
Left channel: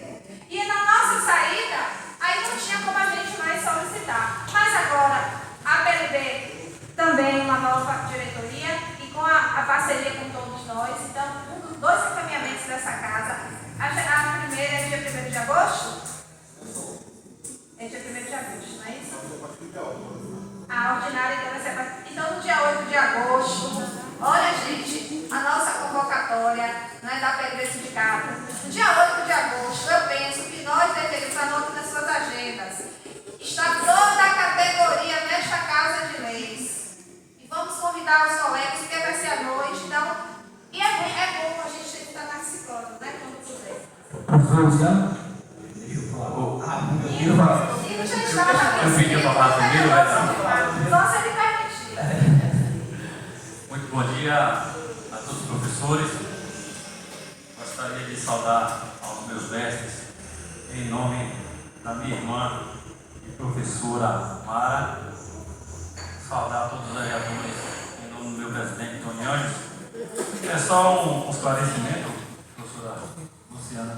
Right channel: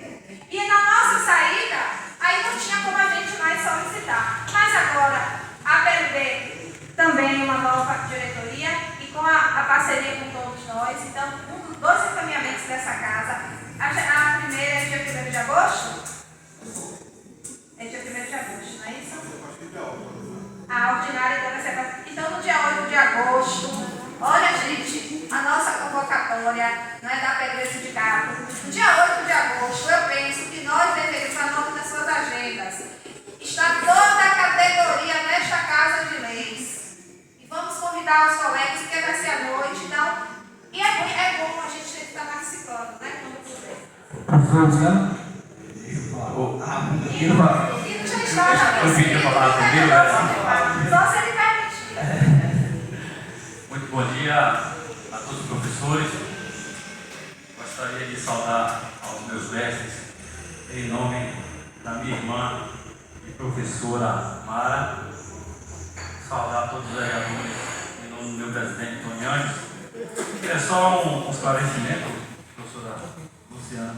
e na nossa saída, aí não tinha como a gente mais solicitar, mas agora a PLB também uma nova diretoria e com a parceria com todos nós, então 2 encaminhamentos dessa casa. A primeira é dia 1º de agosto? É dia 1º de agosto, não é isso? A ordinária então vai ser... Então, no dia 8 de agosto, olha, gente, a nossa convocatória, não é da PLB Sindicato. No dia 8 de agosto, eu penso que nós deveríamos, anotar nas suas agendas, está toda a categoria nesta Casa de Leis. E vamos convidar os colegas, porque vai ser à noite, então... E é bom a gente estar participando, né? Quando puder. Professor Luciano? Deixa eu falar. Nino já estava. Eu pedi para falar primeiro, Só se ele permitir. Muito bom dia a todos os professores. Gostaria de saudar aos meus mestres, em nome da minha irmã e professora Mara. Saudar todos os vereadores, em nome do meu presidente Toniani. É só um esclarecimento, professora Luciana,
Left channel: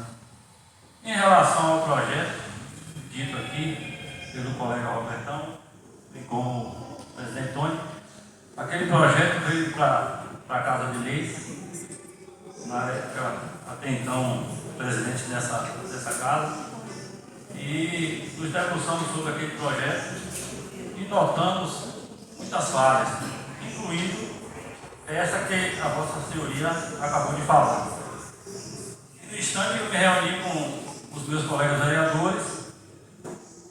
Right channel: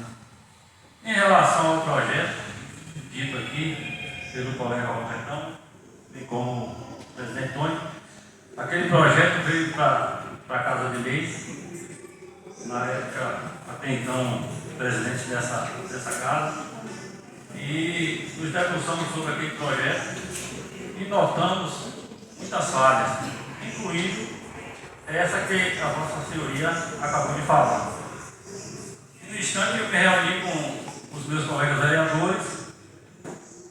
em relação ao projeto dito aqui pelo colega Robertão, bem como o presidente Tony. Aquele projeto veio para a Casa de Leis, na época, até então, presidente dessa casa, e nos debruçamos sobre aquele projeto e notamos muitas falhas, incluindo essa que a Vossa Senhoria acabou de falar. No instante eu me reuni com os meus colegas vereadores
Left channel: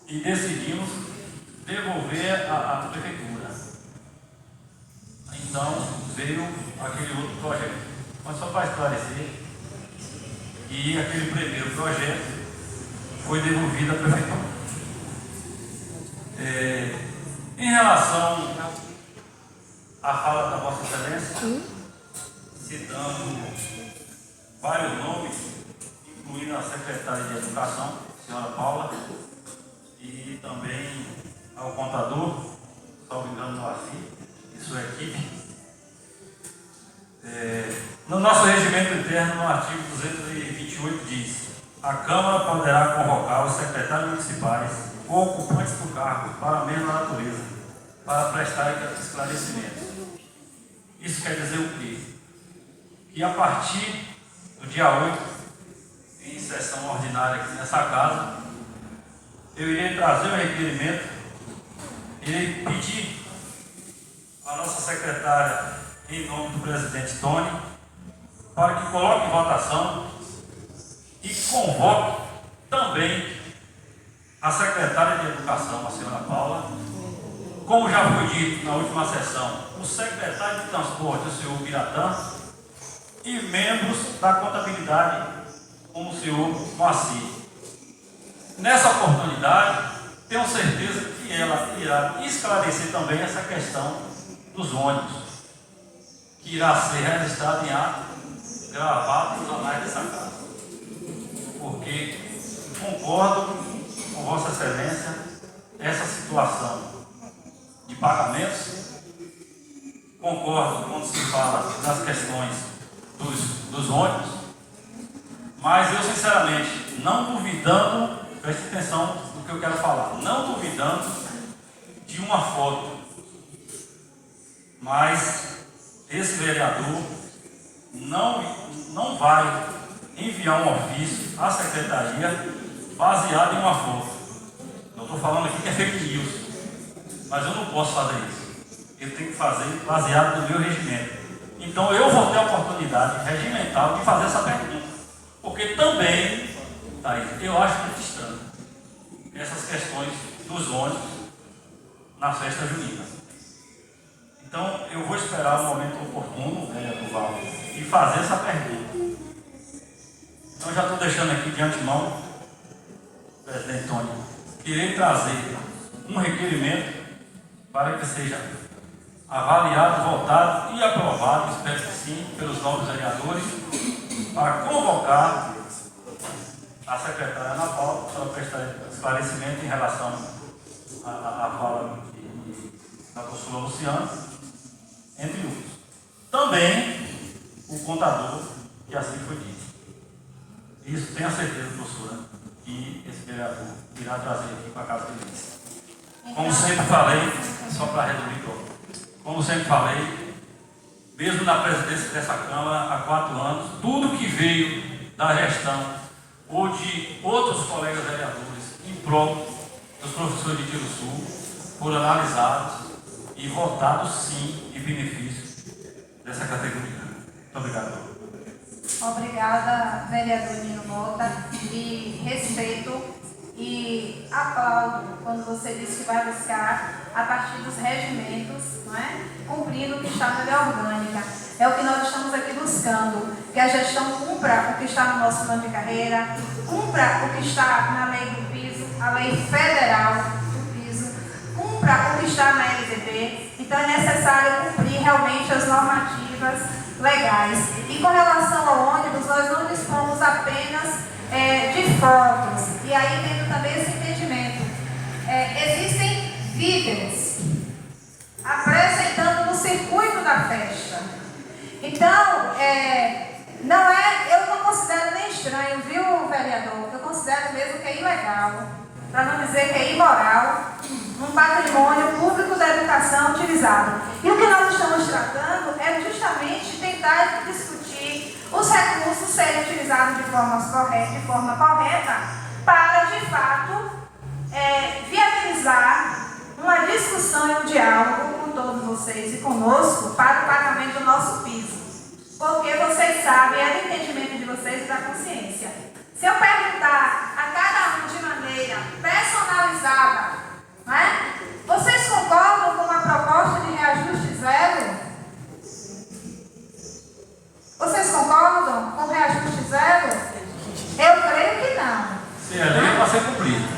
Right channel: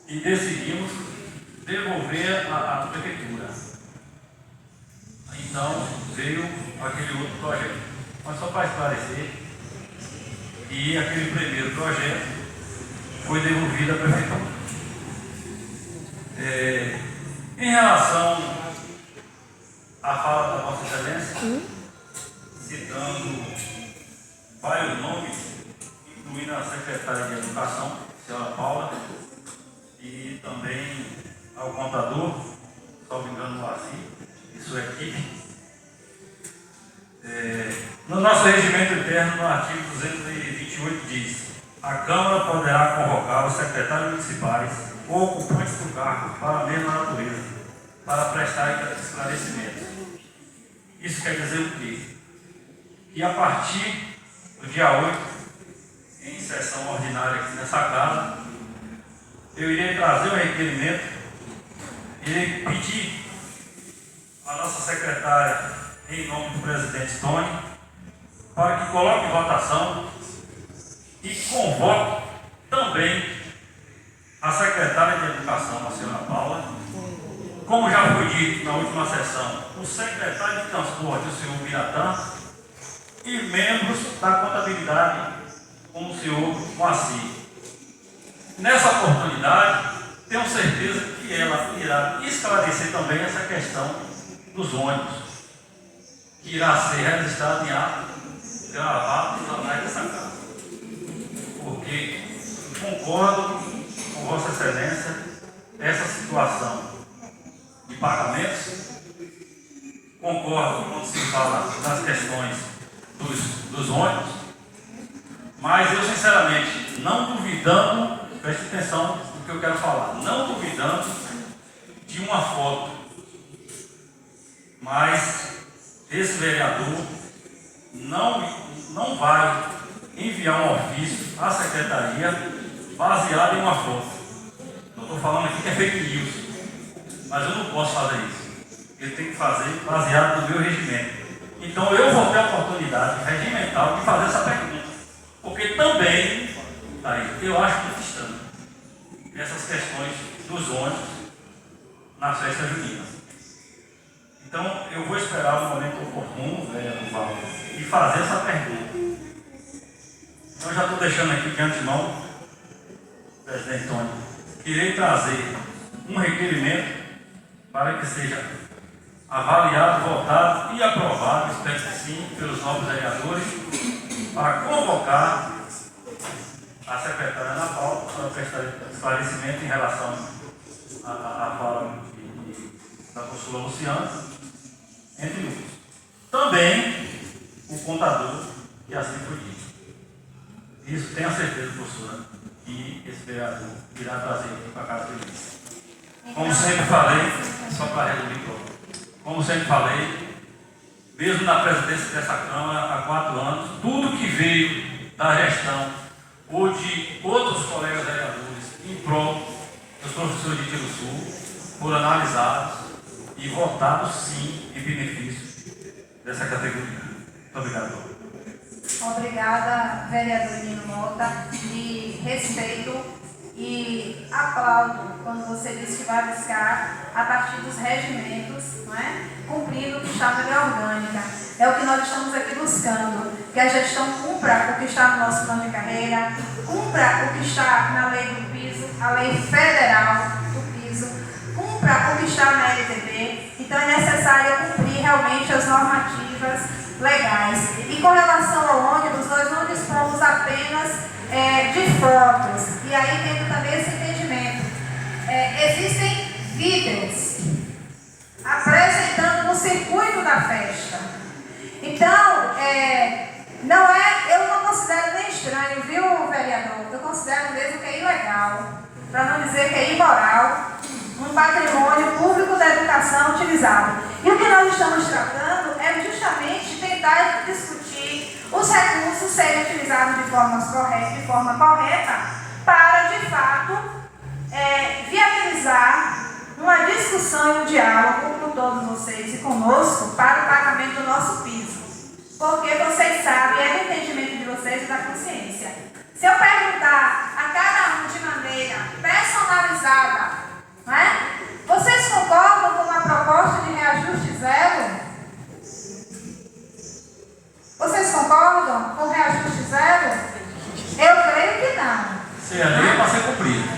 e decidimos devolver a prefeitura. Então veio aquele outro projeto. Mas só para esclarecer, que aquele primeiro projeto foi devolvido à prefeitura. Em relação à fala da Vossa Excelência, citando vários nomes, incluindo a secretária de Educação, a senhora Paula, e também ao contador, salvo engano, Moacir, e sua equipe. No nosso regimento interno, no artigo 228, diz: a Câmara poderá convocar os secretários municipais ou ocupantes do cargo para a mesma natureza, para prestar esclarecimentos. Isso quer dizer o quê? Que a partir do dia 8, em sessão ordinária aqui nessa casa, eu irei trazer um requerimento, irei pedir à nossa secretária, em nome do presidente Tony, para que coloque em votação e convoque também a secretária de Educação, a senhora Paula, como já foi dito na última sessão, o secretário de Transporte, o senhor Biratã, e membros da contabilidade, como o senhor Moacir. Nessa oportunidade, tenho certeza que ela irá esclarecer também essa questão dos ônibus, que irá ser registrado em ato, gravado nos anais dessa casa. Porque concordo com Vossa Excelência, essa situação de pagamentos, concordo quando se fala das questões dos ônibus, mas eu sinceramente, não duvidando, preste atenção no que eu quero falar, não duvidando de uma foto, mas esse vereador não vai enviar um ofício à secretaria baseado em uma foto. Eu estou falando aqui que é fake news, mas eu não posso fazer isso. Eu tenho que fazer baseado no meu regimento. Então eu vou ter a oportunidade regimental de fazer essa pergunta, porque também, eu acho muito estranho essas questões dos ônibus na festa junina. Então, eu vou esperar o momento oportuno, vereador Valdo, e fazer essa pergunta. Então, já estou deixando aqui de antemão, presidente Tony, que irei trazer um requerimento para que seja avaliado, votado e aprovado, espero que sim, pelos novos vereadores, para convocar a secretária Ana Paula para prestar esclarecimento em relação à fala da professora Luciana, entre outros. Também o contador, que assim foi dito. Isso tenho a certeza, professora, que esse vereador irá trazer aqui para a casa deles. Como sempre falei, só para resumir todo, como sempre falei, mesmo na presidência dessa Câmara há 4 anos, tudo que veio da gestão ou de outros colegas vereadores em prol dos professores de Tiro Sul foram analisados e votados sim em benefício dessa categoria. Muito obrigado. Obrigada, vereador Nino Mota, e respeito e aplaudo quando você disse que vai buscar a partir dos regimentos, não é? Cumprindo o que está na lei orgânica. É o que nós estamos aqui buscando, que a gestão cumpra o que está no nosso plano de carreira, cumpra o que está na lei do piso, a lei federal do piso, cumpra o que está na LDB. Então é necessário cumprir realmente as normativas legais. E com relação ao ônibus, nós não dispomos apenas de fotos, e aí tendo também esse entendimento. Existem vídeos apresentando no circuito da festa. Então, eu não considero nem estranho, viu, vereador? Eu considero mesmo que é ilegal, para não dizer que é imoral, um patrimônio público da educação utilizado. E o que nós estamos tratando é justamente tentar discutir os recursos serem utilizados de forma correta para, de de fato, viabilizar uma discussão e um diálogo com todos vocês e conosco para o pagamento do nosso piso. Porque vocês sabem, é do entendimento de vocês e da consciência. Se eu perguntar a cada um de maneira personalizada, não é? Vocês concordam com uma proposta de reajuste zero? Vocês concordam com reajuste zero? Eu creio que não. Se a lei é para ser cumprida.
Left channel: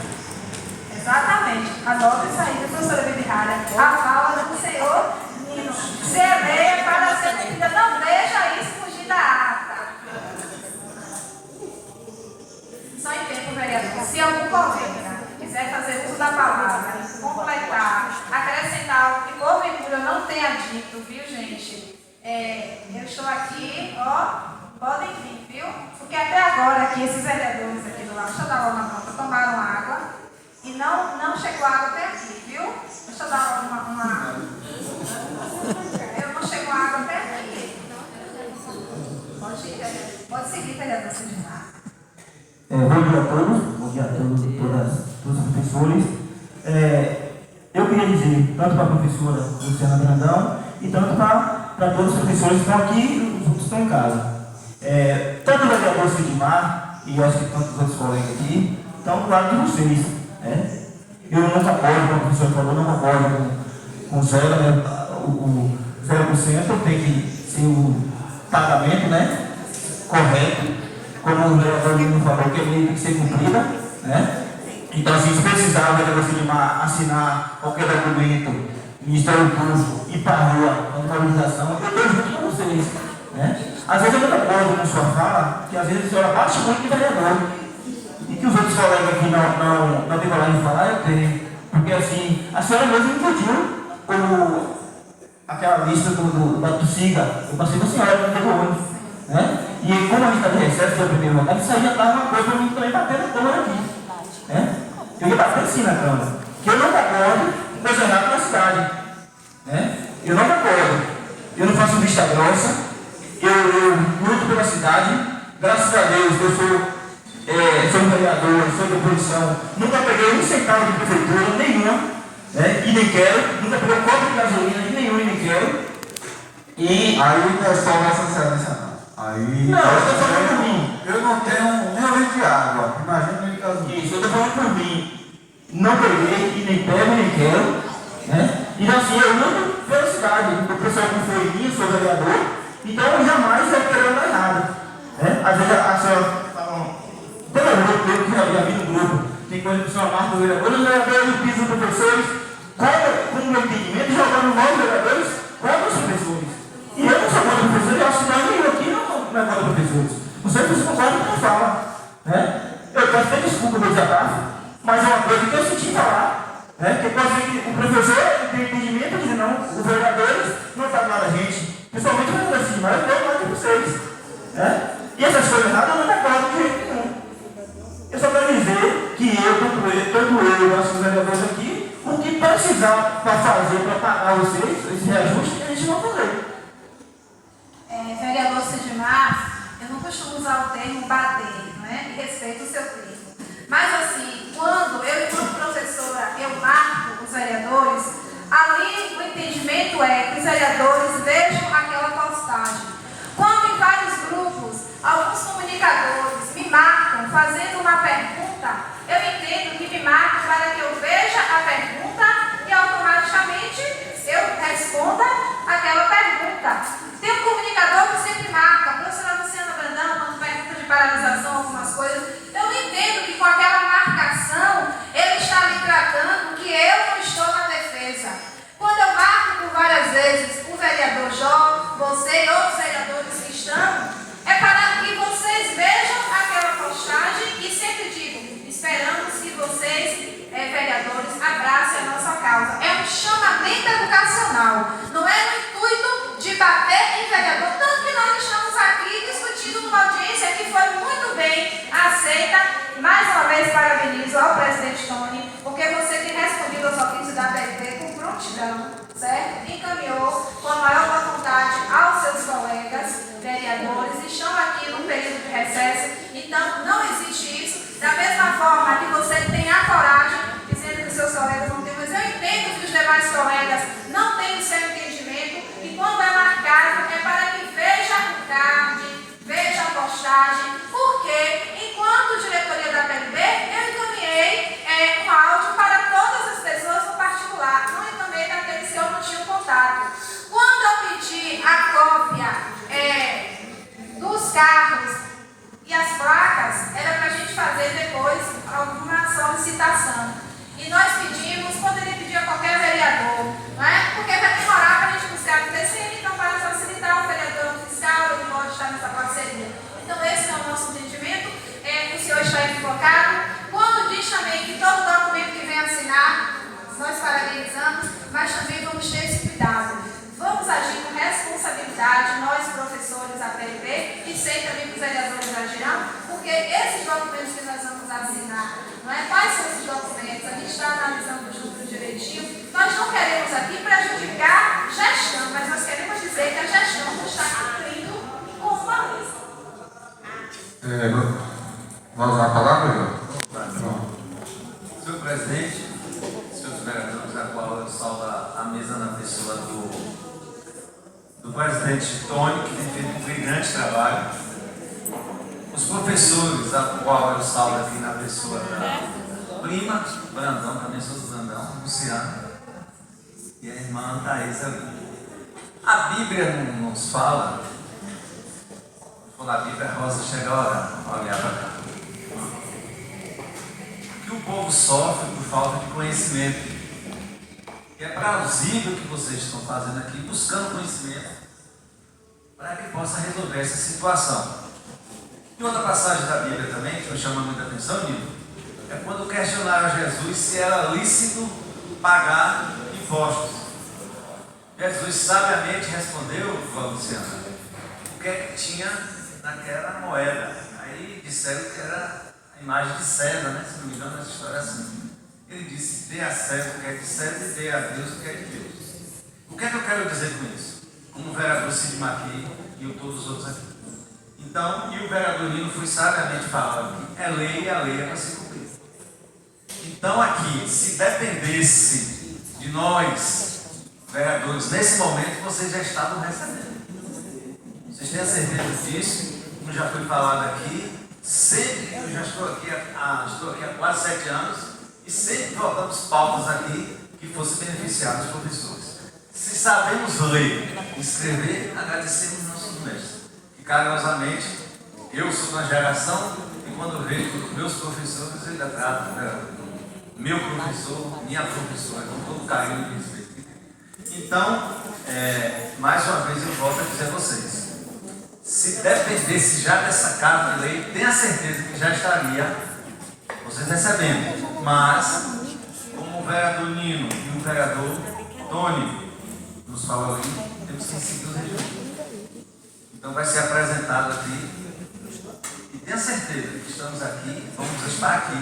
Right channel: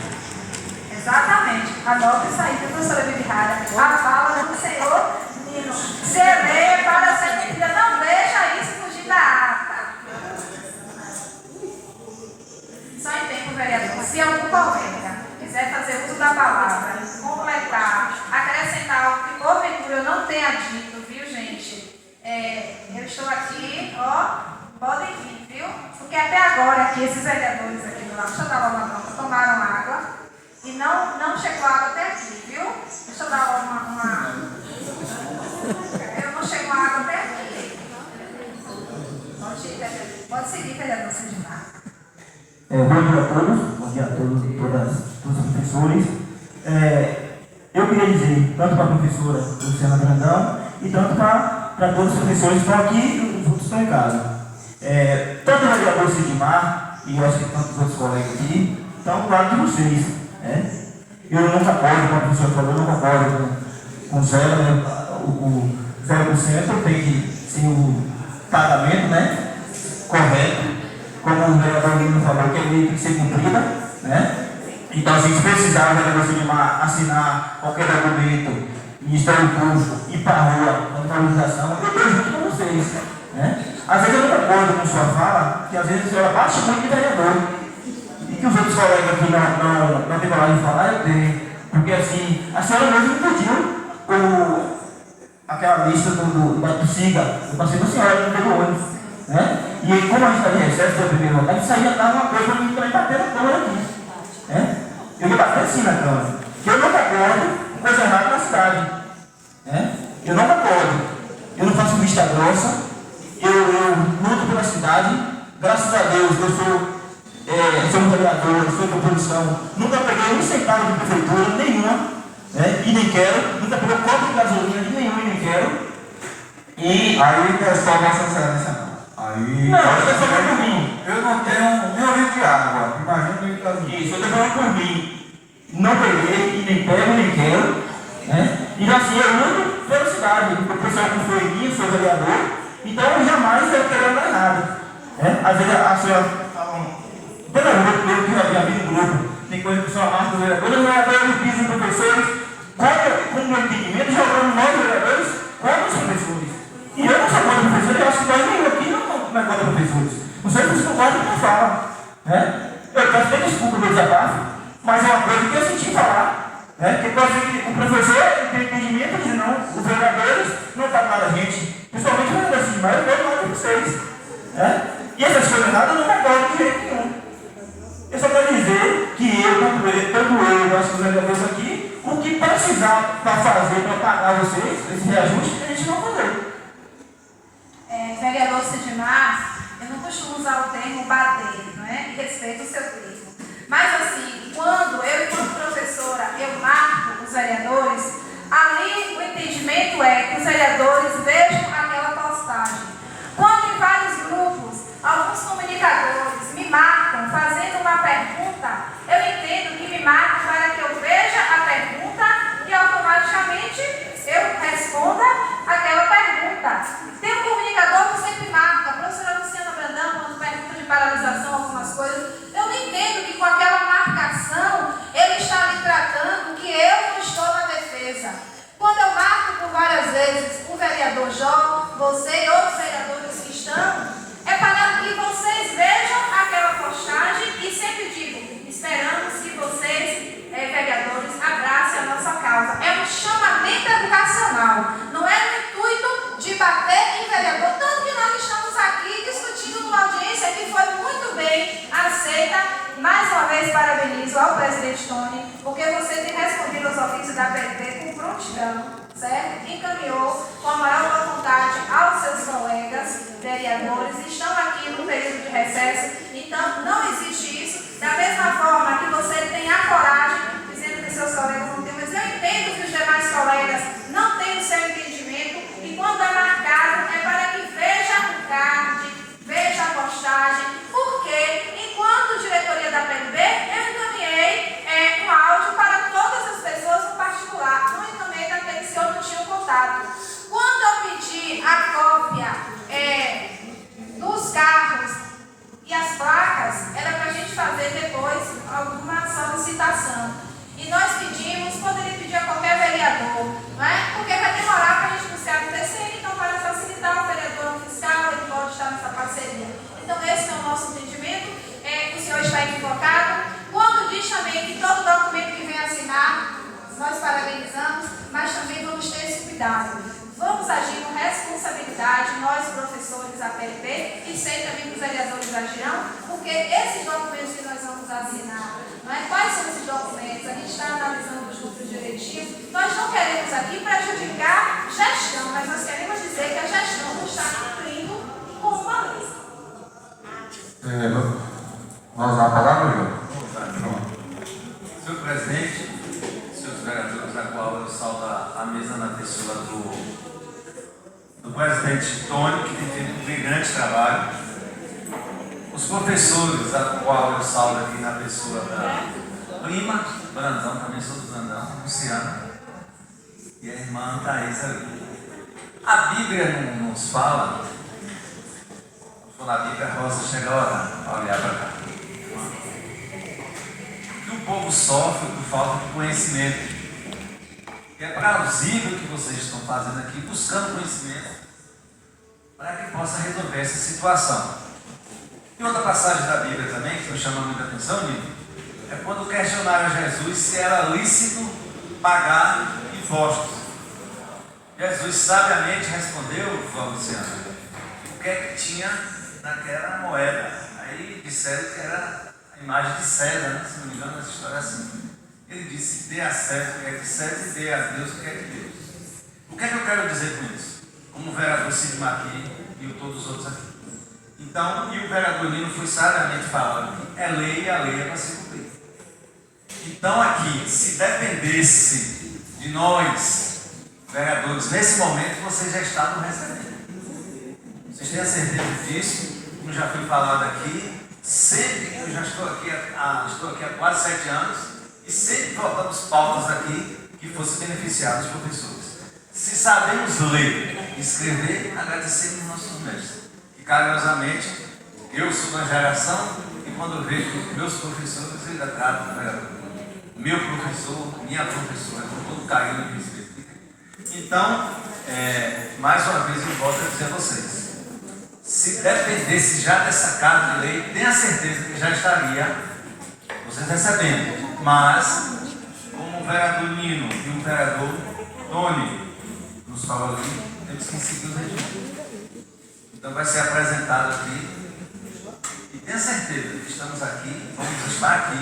Exatamente. Anote isso aí, professora Bibirrada. A fala do Senhor Nino. Se é lei para ser cumprida, não deixa isso fugir da ata. Só em tempo, vereador. Se algum colega quiser fazer uso da palavra, completar, acrescentar algo que porventura eu não tenha dito, viu, gente? Eu estou aqui, ó. Podem vir, viu? Porque até agora aqui, esses vereadores aqui do lado, deixa eu dar logo uma nota, tomaram água e não chegou água até aqui, viu? Deixa eu dar logo uma... Eu não chegou água até aqui. Pode ir, vereador. Pode seguir, vereador Sidmar. Bom dia a todos e todos os professores. Eu queria dizer, tanto para a professora Luciana Brandão e tanto para todos os professores que estão aqui e os outros estão em casa. Tanto o vereador Sidmar e eu acho que tantos outros colegas aqui estão do lado de vocês. Eu não concordo, como a professora falou, não concordo com zero, né? O 0% tem que ser o pagamento, né? Correto, como o vereador Lino falou, que a lei tem que ser cumprida, né? Então, assim, se precisar o vereador Sidmar assinar qualquer documento, Ministério Público, ir para a rua, mobilização, eu estou junto com vocês, né? Às vezes eu não concordo com sua fala, que às vezes a senhora bate muito de vereador. E que os outros colegas aqui não têm coragem de falar, eu tenho. Porque assim, a senhora mesmo pediu aquela lista do SIGA. Eu passei para a senhora, não teve ônibus. Né? E como a gente está de recesso, foi a primeira vontade, isso aí já estava uma coisa para mim também bater na Câmara aqui. Né? Eu ia bater assim na Câmara. Que eu não concordo com coisa errada na cidade. Né? Eu não concordo. Eu não faço vista grossa. Eu luto pela cidade. Graças a Deus, eu sou vereador, sou de oposição. Nunca peguei um centavo de prefeitura, nenhuma. Né? E nem quero. Nunca peguei um copo de gasolina de nenhum e nem quero. E Aí não é só Vossa Excelência, não. Aí, não, eu estou falando por mim. Eu não tenho nem um litro de água. Imagina nem gasolina. Isso, eu estou falando por mim. Não peguei, e nem pego, nem quero. Né? E assim, eu luto pela cidade. O pessoal confiou em mim, eu sou vereador. Então, jamais eu quero andar errado. Né? Às vezes a senhora fala, todo grupo, eu que já vi no grupo, tem coisa que a senhora marca do vereador, os vereadores pisam os professores, com o meu entendimento, jogando nós vereadores contra os professores. E eu não sou contra professores, eu acho que nós nenhum aqui não é contra professores. Os professores concordam com o que eu falo. Né? Eu peço até desculpa pelo desabafo, mas é uma coisa que eu senti falar. Né? Porque pode ser que o professor tem entendimento e diz, não, os vereadores não pagaram a gente. Principalmente o vereador Sidmar, eu gosto mais de vocês. Né? E essas coisas nada eu não concordo de jeito nenhum. Eu só quero dizer que eu, tanto eu e nossos vereadores aqui, o que precisar para fazer, para pagar vocês, esse reajuste, a gente vai fazer. Vereador Sidmar, eu não costumo usar o termo bater, não é? E respeito o seu termo. Mas assim, quando eu, enquanto professora, eu marco os vereadores, ali o entendimento é que os vereadores vejam aquela postagem. Quando em vários grupos, alguns comunicadores me marcam fazendo uma pergunta, eu entendo que me marcam para que eu veja a pergunta e automaticamente eu responda aquela pergunta. Tem um comunicador que sempre marca, a professora Luciana Brandão, quando pergunta de paralisação, algumas coisas, eu não entendo que com aquela marcação ele está me tratando que eu não estou na defesa. Quando eu marco por várias vezes o vereador Jó, você e outros vereadores que estão, é para que vocês vejam aquela postagem e sempre digo, esperamos que vocês, vereadores, abracem a nossa causa. É um chamamento educacional, não é no intuito de bater em vereador, tanto que nós estamos aqui discutindo numa audiência que foi muito bem aceita. Mais uma vez parabenizo ao presidente Tony, porque você tem respondido ao ofício da PRP com prontidão, certo? Encaminhou com a maior boa vontade aos seus colegas vereadores, estão aqui no período de recesso, então não existe isso. Da mesma forma que você depois alguma solicitação. E nós pedimos, poderia pedir a qualquer vereador, não é? Porque vai demorar para a gente buscar o TCM, então para facilitar o vereador fiscal, ele pode estar nessa parceria. Então esse é o nosso entendimento, que o senhor está equivocado. Quando diz também que todo documento que vem assinar, nós parabenizamos, mas também vamos ter esse cuidado. Vamos agir com responsabilidade, nós professores da PLP, e sei também que os vereadores agirão, porque esses documentos que nós vamos assinar, não é? Quais são esses documentos? A gente está analisando tudo direitinho. Nós não queremos aqui prejudicar gestão, mas nós queremos dizer que a gestão não está cumprindo com uma lei. Vamos usar a palavra, João? Senhor presidente, senhores vereadores, a qual eu saldo a mesa na pessoa do presidente Tony, que tem feito um brilhante trabalho. Os professores, a qual eu saldo aqui na pessoa da prima Brandão, também sou do Brandão, Luciana, e a irmã Thaís ali. A Bíblia não nos fala, na Bíblia, a Rosa chega a orar, para olhar para cá, que o povo sofre por falta de conhecimento. É plausível o que vocês estão fazendo aqui, buscando conhecimento, para que possa resolver essa situação. E outra passagem da Bíblia também, que me chama muita atenção, Nilo, é quando questionaram a Jesus se era lícito pagar impostos. Jesus sabiamente respondeu, Luciana, o que é que tinha naquela moeda. Aí disseram que era a imagem de César, né? Se não me engano, essa história é assim. Ele disse: dê a César o que é de César e dê a Deus o que é de Deus. O que é que eu quero dizer com isso? Como o vereador Sidmar aqui e todos os outros aqui. Então, e o vereador Nino foi sabiamente falando que é lei e a lei é para se cumprir. Então aqui, se dependesse de nós, vereadores, nesse momento vocês já estavam recebendo. Vocês têm a certeza disso? Como já foi falado aqui, sempre, eu já estou aqui há quase 7 anos, e sempre votamos pautas aqui que fossem beneficiar os professores. Se sabemos ler e escrever, agradecemos nossos mestres. E carinhosamente, eu sou uma geração e quando eu vejo meus professores, eu ainda trato, meu professor, minha professora, com todo carinho e respeito. Então, mais uma vez eu volto a dizer a vocês, se dependesse já dessa casa de lei, tenha certeza que já estaria vocês recebendo. Mas, como o vereador Nino e o vereador Tony nos falam ali, temos que seguir os registros. Então vai ser apresentado aqui. E tenha certeza que estamos aqui, vamos estar aqui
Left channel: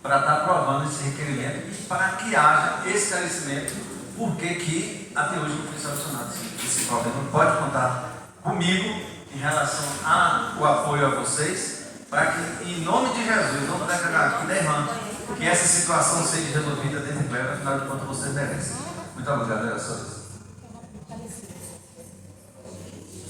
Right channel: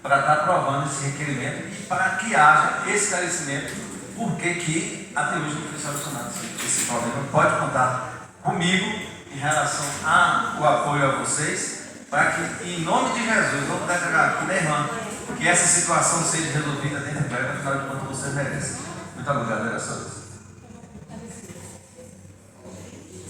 para estar aprovando esse requerimento e para que haja esclarecimento porque que até hoje não foi solucionado esse problema. Pode contar comigo em relação ao apoio a vocês, para que, em nome de Jesus, vamos declarar aqui, né, irmã, que essa situação seja resolvida dentro de breve, afinal de contas vocês merecem. Muito obrigado, era só isso.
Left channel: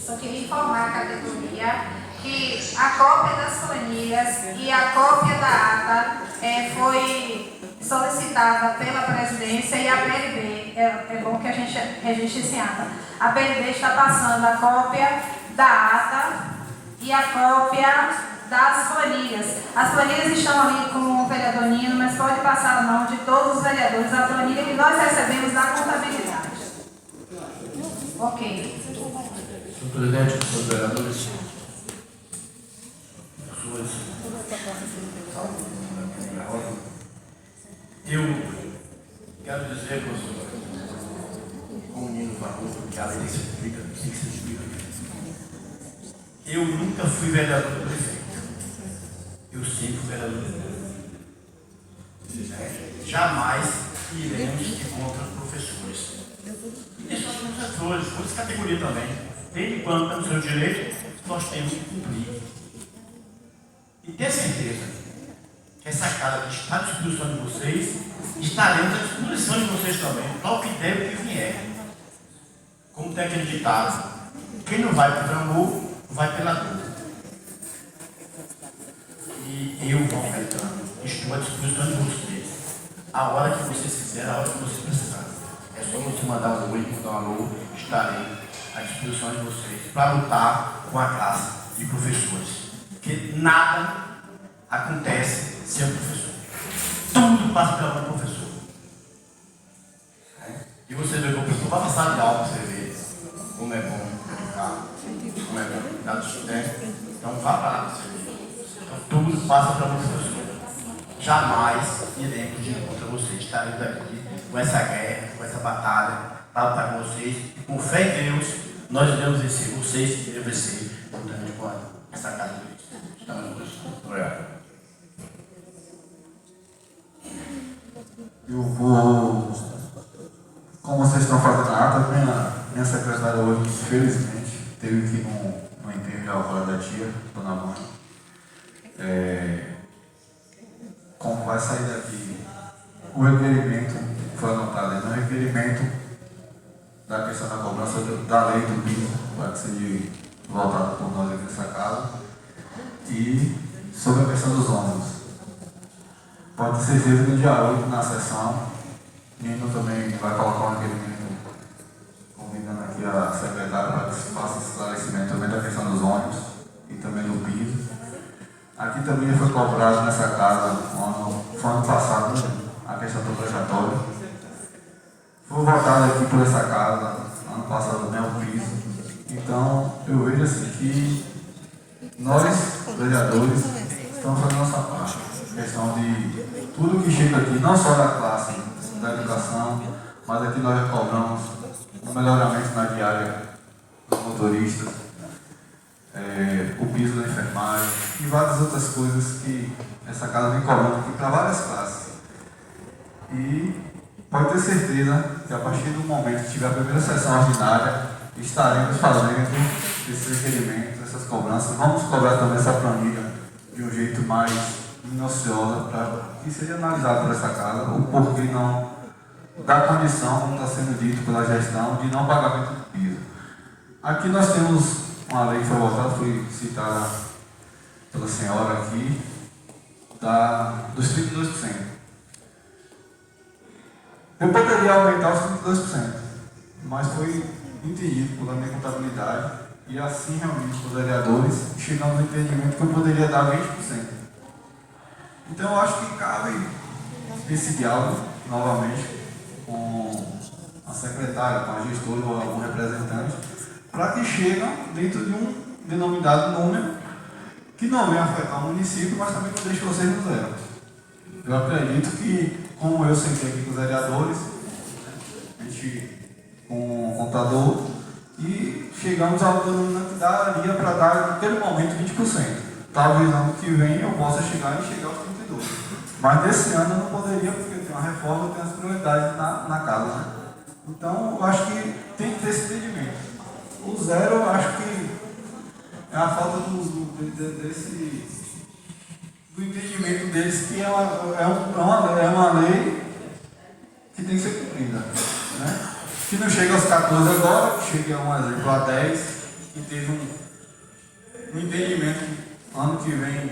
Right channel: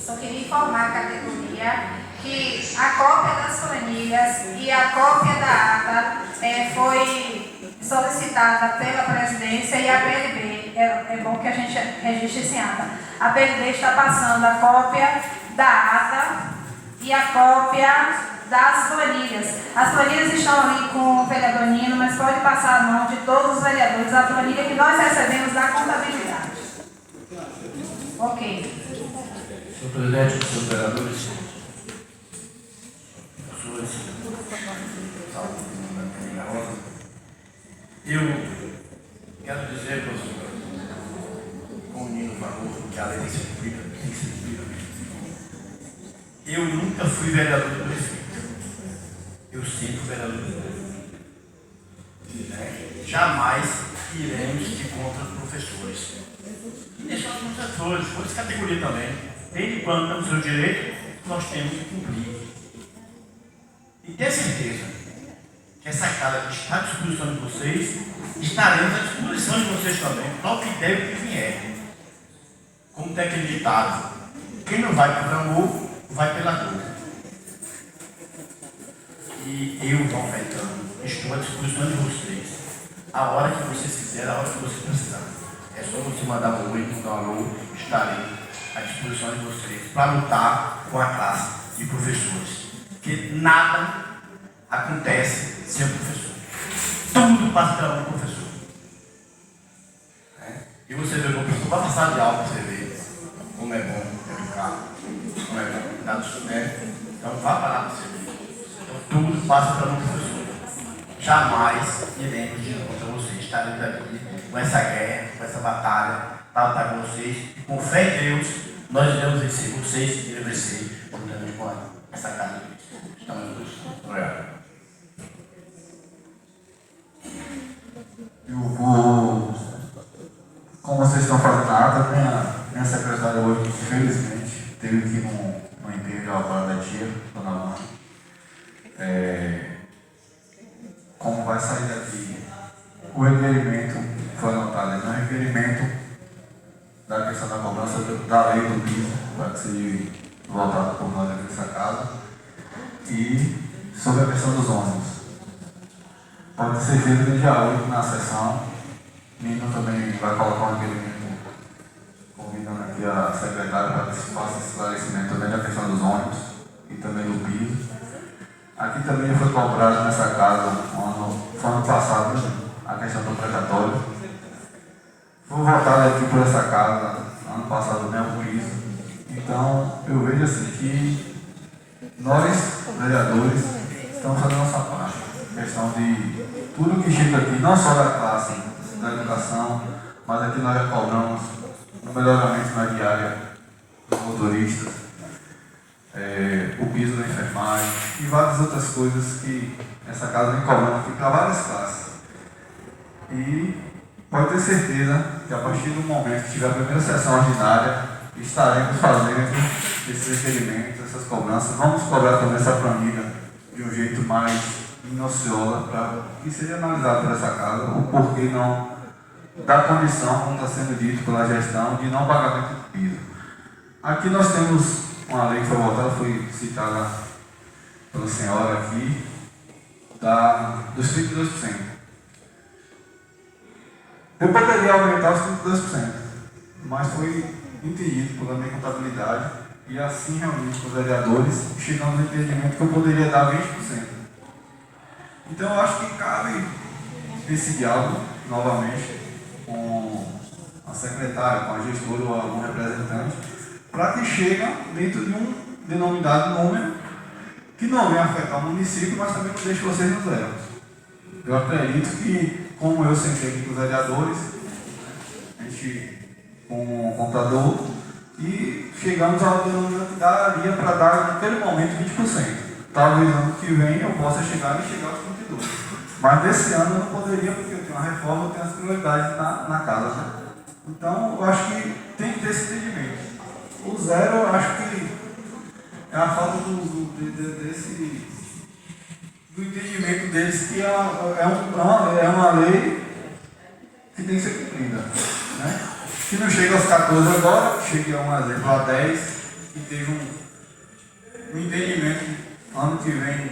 Só queria informar a categoria que a cópia das planilhas e a cópia da ata foi solicitada pela presidência e a PLB. É bom que a gente registre esse ata. A PLB está passando a cópia da ata e a cópia das planilhas. As planilhas estão ali com o vereador Nino, mas pode passar a mão de todos os vereadores a planilha que nós recebemos da contabilidade. Ok. Senhor presidente, senhores vereadores, pessoas, eu quero dizer, professor, como o Nino falou, que a lei tem que ser cumprida, tem que ser cumprida. Eu nunca fui vereador do prefeito. Eu sempre fui vereador do prefeito. Jamais iremos de contra os professores. E deixar os professores, por essa categoria também. Desde quando estamos no seu direito, nós temos que cumprir. E ter certeza que essa casa que está à disposição de vocês, estaremos à disposição de vocês também, para o que deve e que vier. Como tem aquele ditado, quem não vai por amor, vai pela dor. E eu, João Caetano, estou à disposição de vocês. A hora que vocês quiserem, a hora que vocês precisarem. É só você mandar um oi, mandar um alô, estarei à disposição de vocês para lutar com a classe de professores. Porque nada acontece ser o professor. Tudo passa pela mão do professor. E você vê que o professor vai passar de aula para você ver como é bom educar, como é bom cuidar do estudante. Então vá parar para você ver. Então tudo passa pela mão do professor. Jamais iremos de contra vocês. Estaremos aqui com essa guerra, com essa batalha, para lutar com vocês. E com fé em Deus, nós iremos vencer. Vocês irão vencer. Juntamente com essa casa de Deus. Estamos na posição. Obrigado. Eu vou, como vocês estão fazendo a ata, minha secretária hoje, infelizmente, teve que ir no enterro agora da tia, dona mãe. Como vai sair daqui, o requerimento foi anotado aí, no requerimento da questão da cobrança da lei do piso, para que seja voltado por nós aqui nessa casa, e sobre a questão dos ônibus. Pode ser feito no dia 8 na sessão. Nino também vai colocar um requerimento convidando aqui a secretária para que se faça esse esclarecimento também da questão dos ônibus e também do piso. Aqui também foi cobrado nessa casa, foi ano passado, a questão do precatório. Foi votado aqui por essa casa, ano passado também o piso. Então, eu vejo assim que nós, vereadores, estamos fazendo a nossa parte. Questão de tudo que chega aqui, não só da classe da educação, mas aqui nós cobramos o melhoramento na diária dos motoristas, o piso da enfermagem e várias outras coisas que essa casa vem cobrando aqui para várias classes. E pode ter certeza que a partir do momento que tiver a primeira sessão ordinária, estaremos fazendo esses requerimentos, essas cobranças. Vamos cobrar também essa planilha de um jeito mais minuciosa para que seja analisado por essa casa o porquê não da condição, como está sendo dito pela gestão, de não pagamento do piso. Aqui nós temos uma lei que foi votada, foi citada pela senhora aqui, dos 32%. Eu poderia aumentar os 32%, mas foi entendido pela minha contabilidade e assim realmente com os vereadores chegamos no entendimento que eu poderia dar 20%. Então eu acho que cabe esse diálogo novamente com a secretária, com a gestora ou algum representante, para que chegue dentro de um denominado número que não venha afetar o município, mas também não deixe vocês no zero. Eu acredito que, como eu sentei aqui com os vereadores, a gente com o contador, e chegamos ao denominado que daria para dar naquele momento 20%. Talvez ano que vem eu possa chegar aos 32%. Mas nesse ano eu não poderia, porque eu tenho uma reforma, eu tenho as prioridades na casa. Né? Então eu acho que tem que ter esse entendimento. O zero eu acho que é a falta do entendimento deles que é uma lei que tem que ser cumprida. Né? Se não chega aos 14 agora, chega um exemplo a 10, e teve um entendimento ano que vem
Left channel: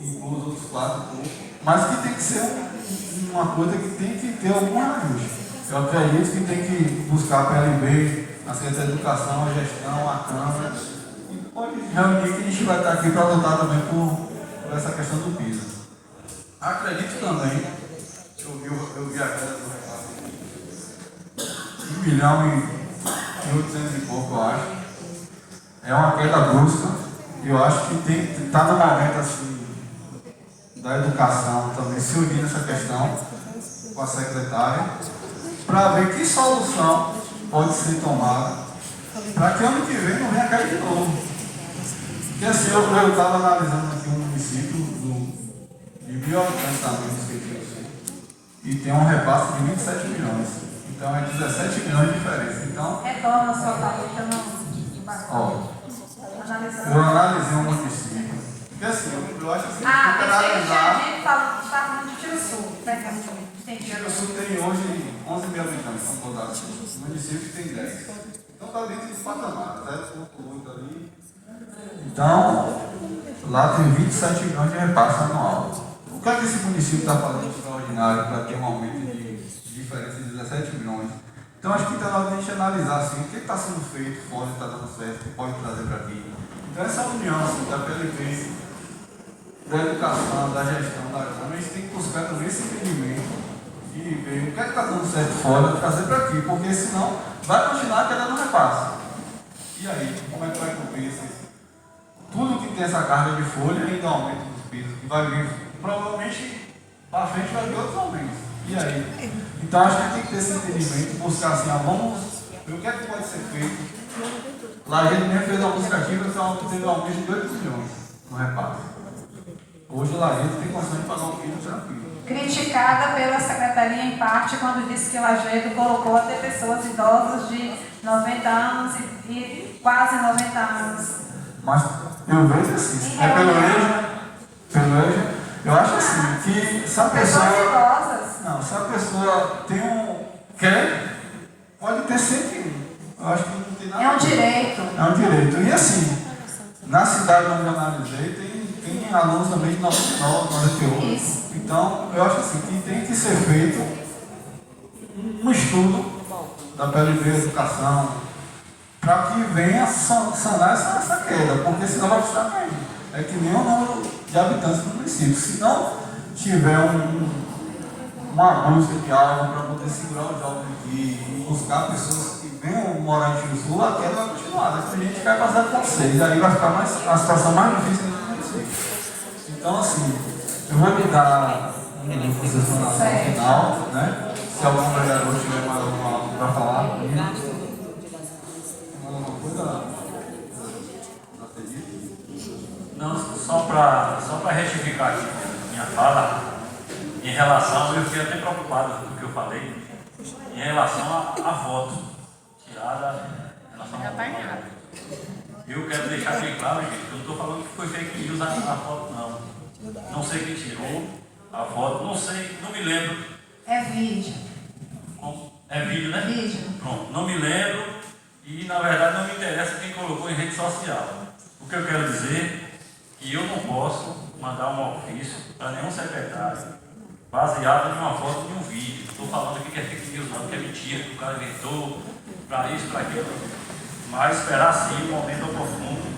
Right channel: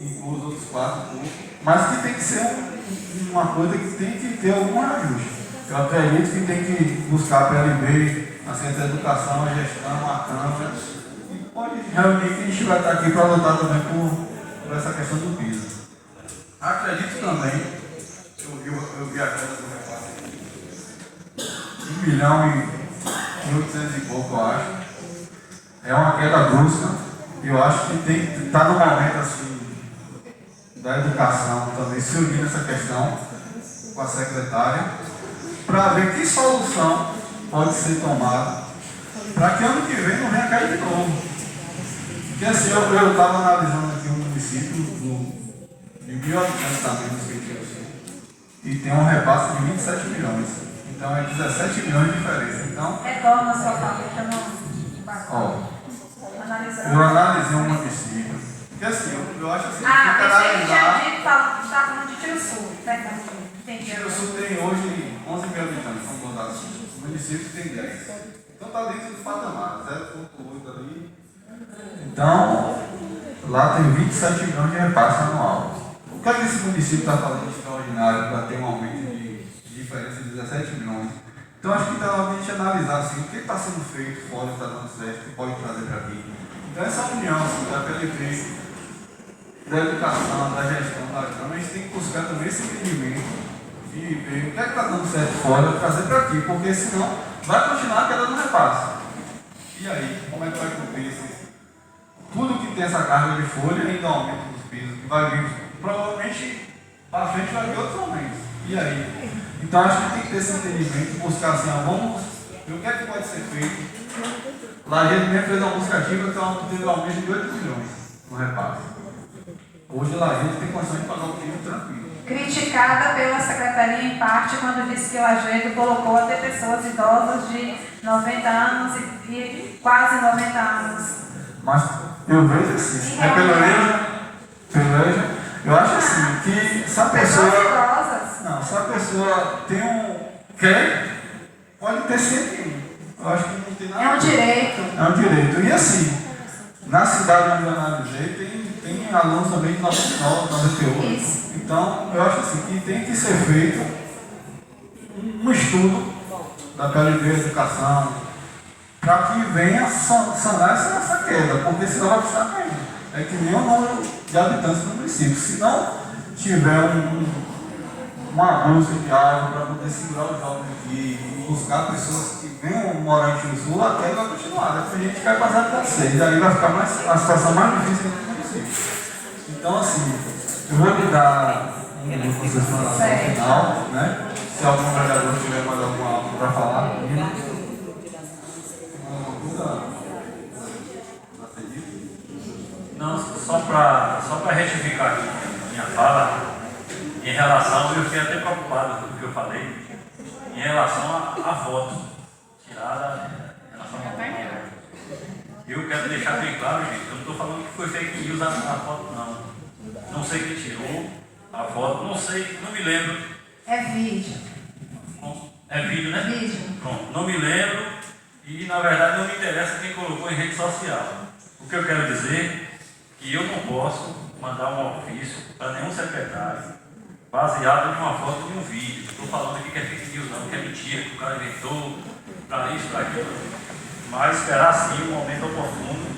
inclui os outros 4 pouco, mas que tem que ser uma coisa que tem que ter algum ajuste. Eu acredito que tem que buscar a PLB, a Secretaria de Educação, a gestão, a Câmara, e pode reunir que a gente vai estar aqui para lutar também por essa questão do piso. Acredito também, eu vi a queda do repasse, 1 milhão e 800 e pouco, eu acho. É uma queda brusca. Eu acho que tem que estar no momento assim, da educação também, se unir nessa questão com a secretária, para ver que solução pode ser tomada, para que ano que vem não venha cair de novo. Porque assim, eu estava analisando aqui um município de 1.000 habitantes também, e tem um repasse de 27 milhões. Então é 17 milhões de diferença. Então, retorna a sua paleta no banco. Eu analisei um município. Porque assim, eu acho assim, tem que analisar. está falando de Tiro Sul, entendi. Tiro Sul tem hoje 11 mil habitantes, são todos assim. O município tem 10. Então está dentro dos patamares, 0,8 ali. Então, lá tem 27 milhões de repasse anual. O que é que esse município está fazendo de extraordinário para ter um aumento de diferença de 17 milhões? Então acho que está na hora de a gente analisar assim, o que está sendo feito fora, está dando certo, que pode trazer para aqui. Então essa união assim, da PLP, da educação, da gestão da Câmara, a gente tem que buscar também esse entendimento e ver o que é que está dando certo fora, trazer para aqui, porque senão vai continuar quedando repasse. E aí, como é que vai cumprir isso? Tudo que tem essa carga de folha ainda aumenta os pisos, que vai vir, provavelmente, para frente vai vir outros aumentos. E aí? Então acho que tem que ter esse entendimento, buscar assim, vamos ver o que é que pode ser feito. Lá a gente mesmo fez uma buscativa que teve um aumento de 8 milhões no repasse. Hoje lá a gente tem condição de pagar um quilo tranquilo. Criticada pela secretaria em parte quando disse que o Lajedo colocou até pessoas idosas de 90 anos e quase 90 anos. Mas eu vejo assim, pelo EJA, eu acho assim, que se a pessoa. Pessoas idosas. Não, se a pessoa tem quer, pode ter sempre um. Eu acho que não tem nada. É um direito. É um direito. E assim, na cidade onde eu analisei, tem alunos também de 99, 98. Isso. Então, eu acho assim, que tem que ser feito um estudo da PLB Educação para que venha sanar essa queda, porque senão vai ficar caindo. É que nem o número de habitantes do município. Se não tiver uma busca de aula para poder segurar os jovens aqui e buscar pessoas que venham morar aqui no sul, a queda vai continuar. Tem gente que vai passar com vocês, aí vai ficar a situação mais difícil do município. Então, assim, eu vou me dar uma concessão final, né? Se algum vereador tiver mais alguma coisa para falar, alguma coisa a pedir? Não, só para retificar aqui a minha fala, em relação, eu fiquei até preocupado com o que eu falei, em relação à foto tirada em relação ao eu quero deixar bem claro, gente, que eu não estou falando que foi fake news a foto, não. Não sei quem tirou a foto, não sei, não me lembro. É vídeo. É vídeo, né? Vídeo. Pronto, não me lembro e na verdade não me interessa quem colocou em rede social. O que eu quero dizer é que eu não posso mandar um ofício para nenhum secretário baseado em uma foto de um vídeo. Estou falando aqui que é fake news, não, que é mentira, que o cara inventou, para isso, para aquilo. Mas esperar sim o momento oportuno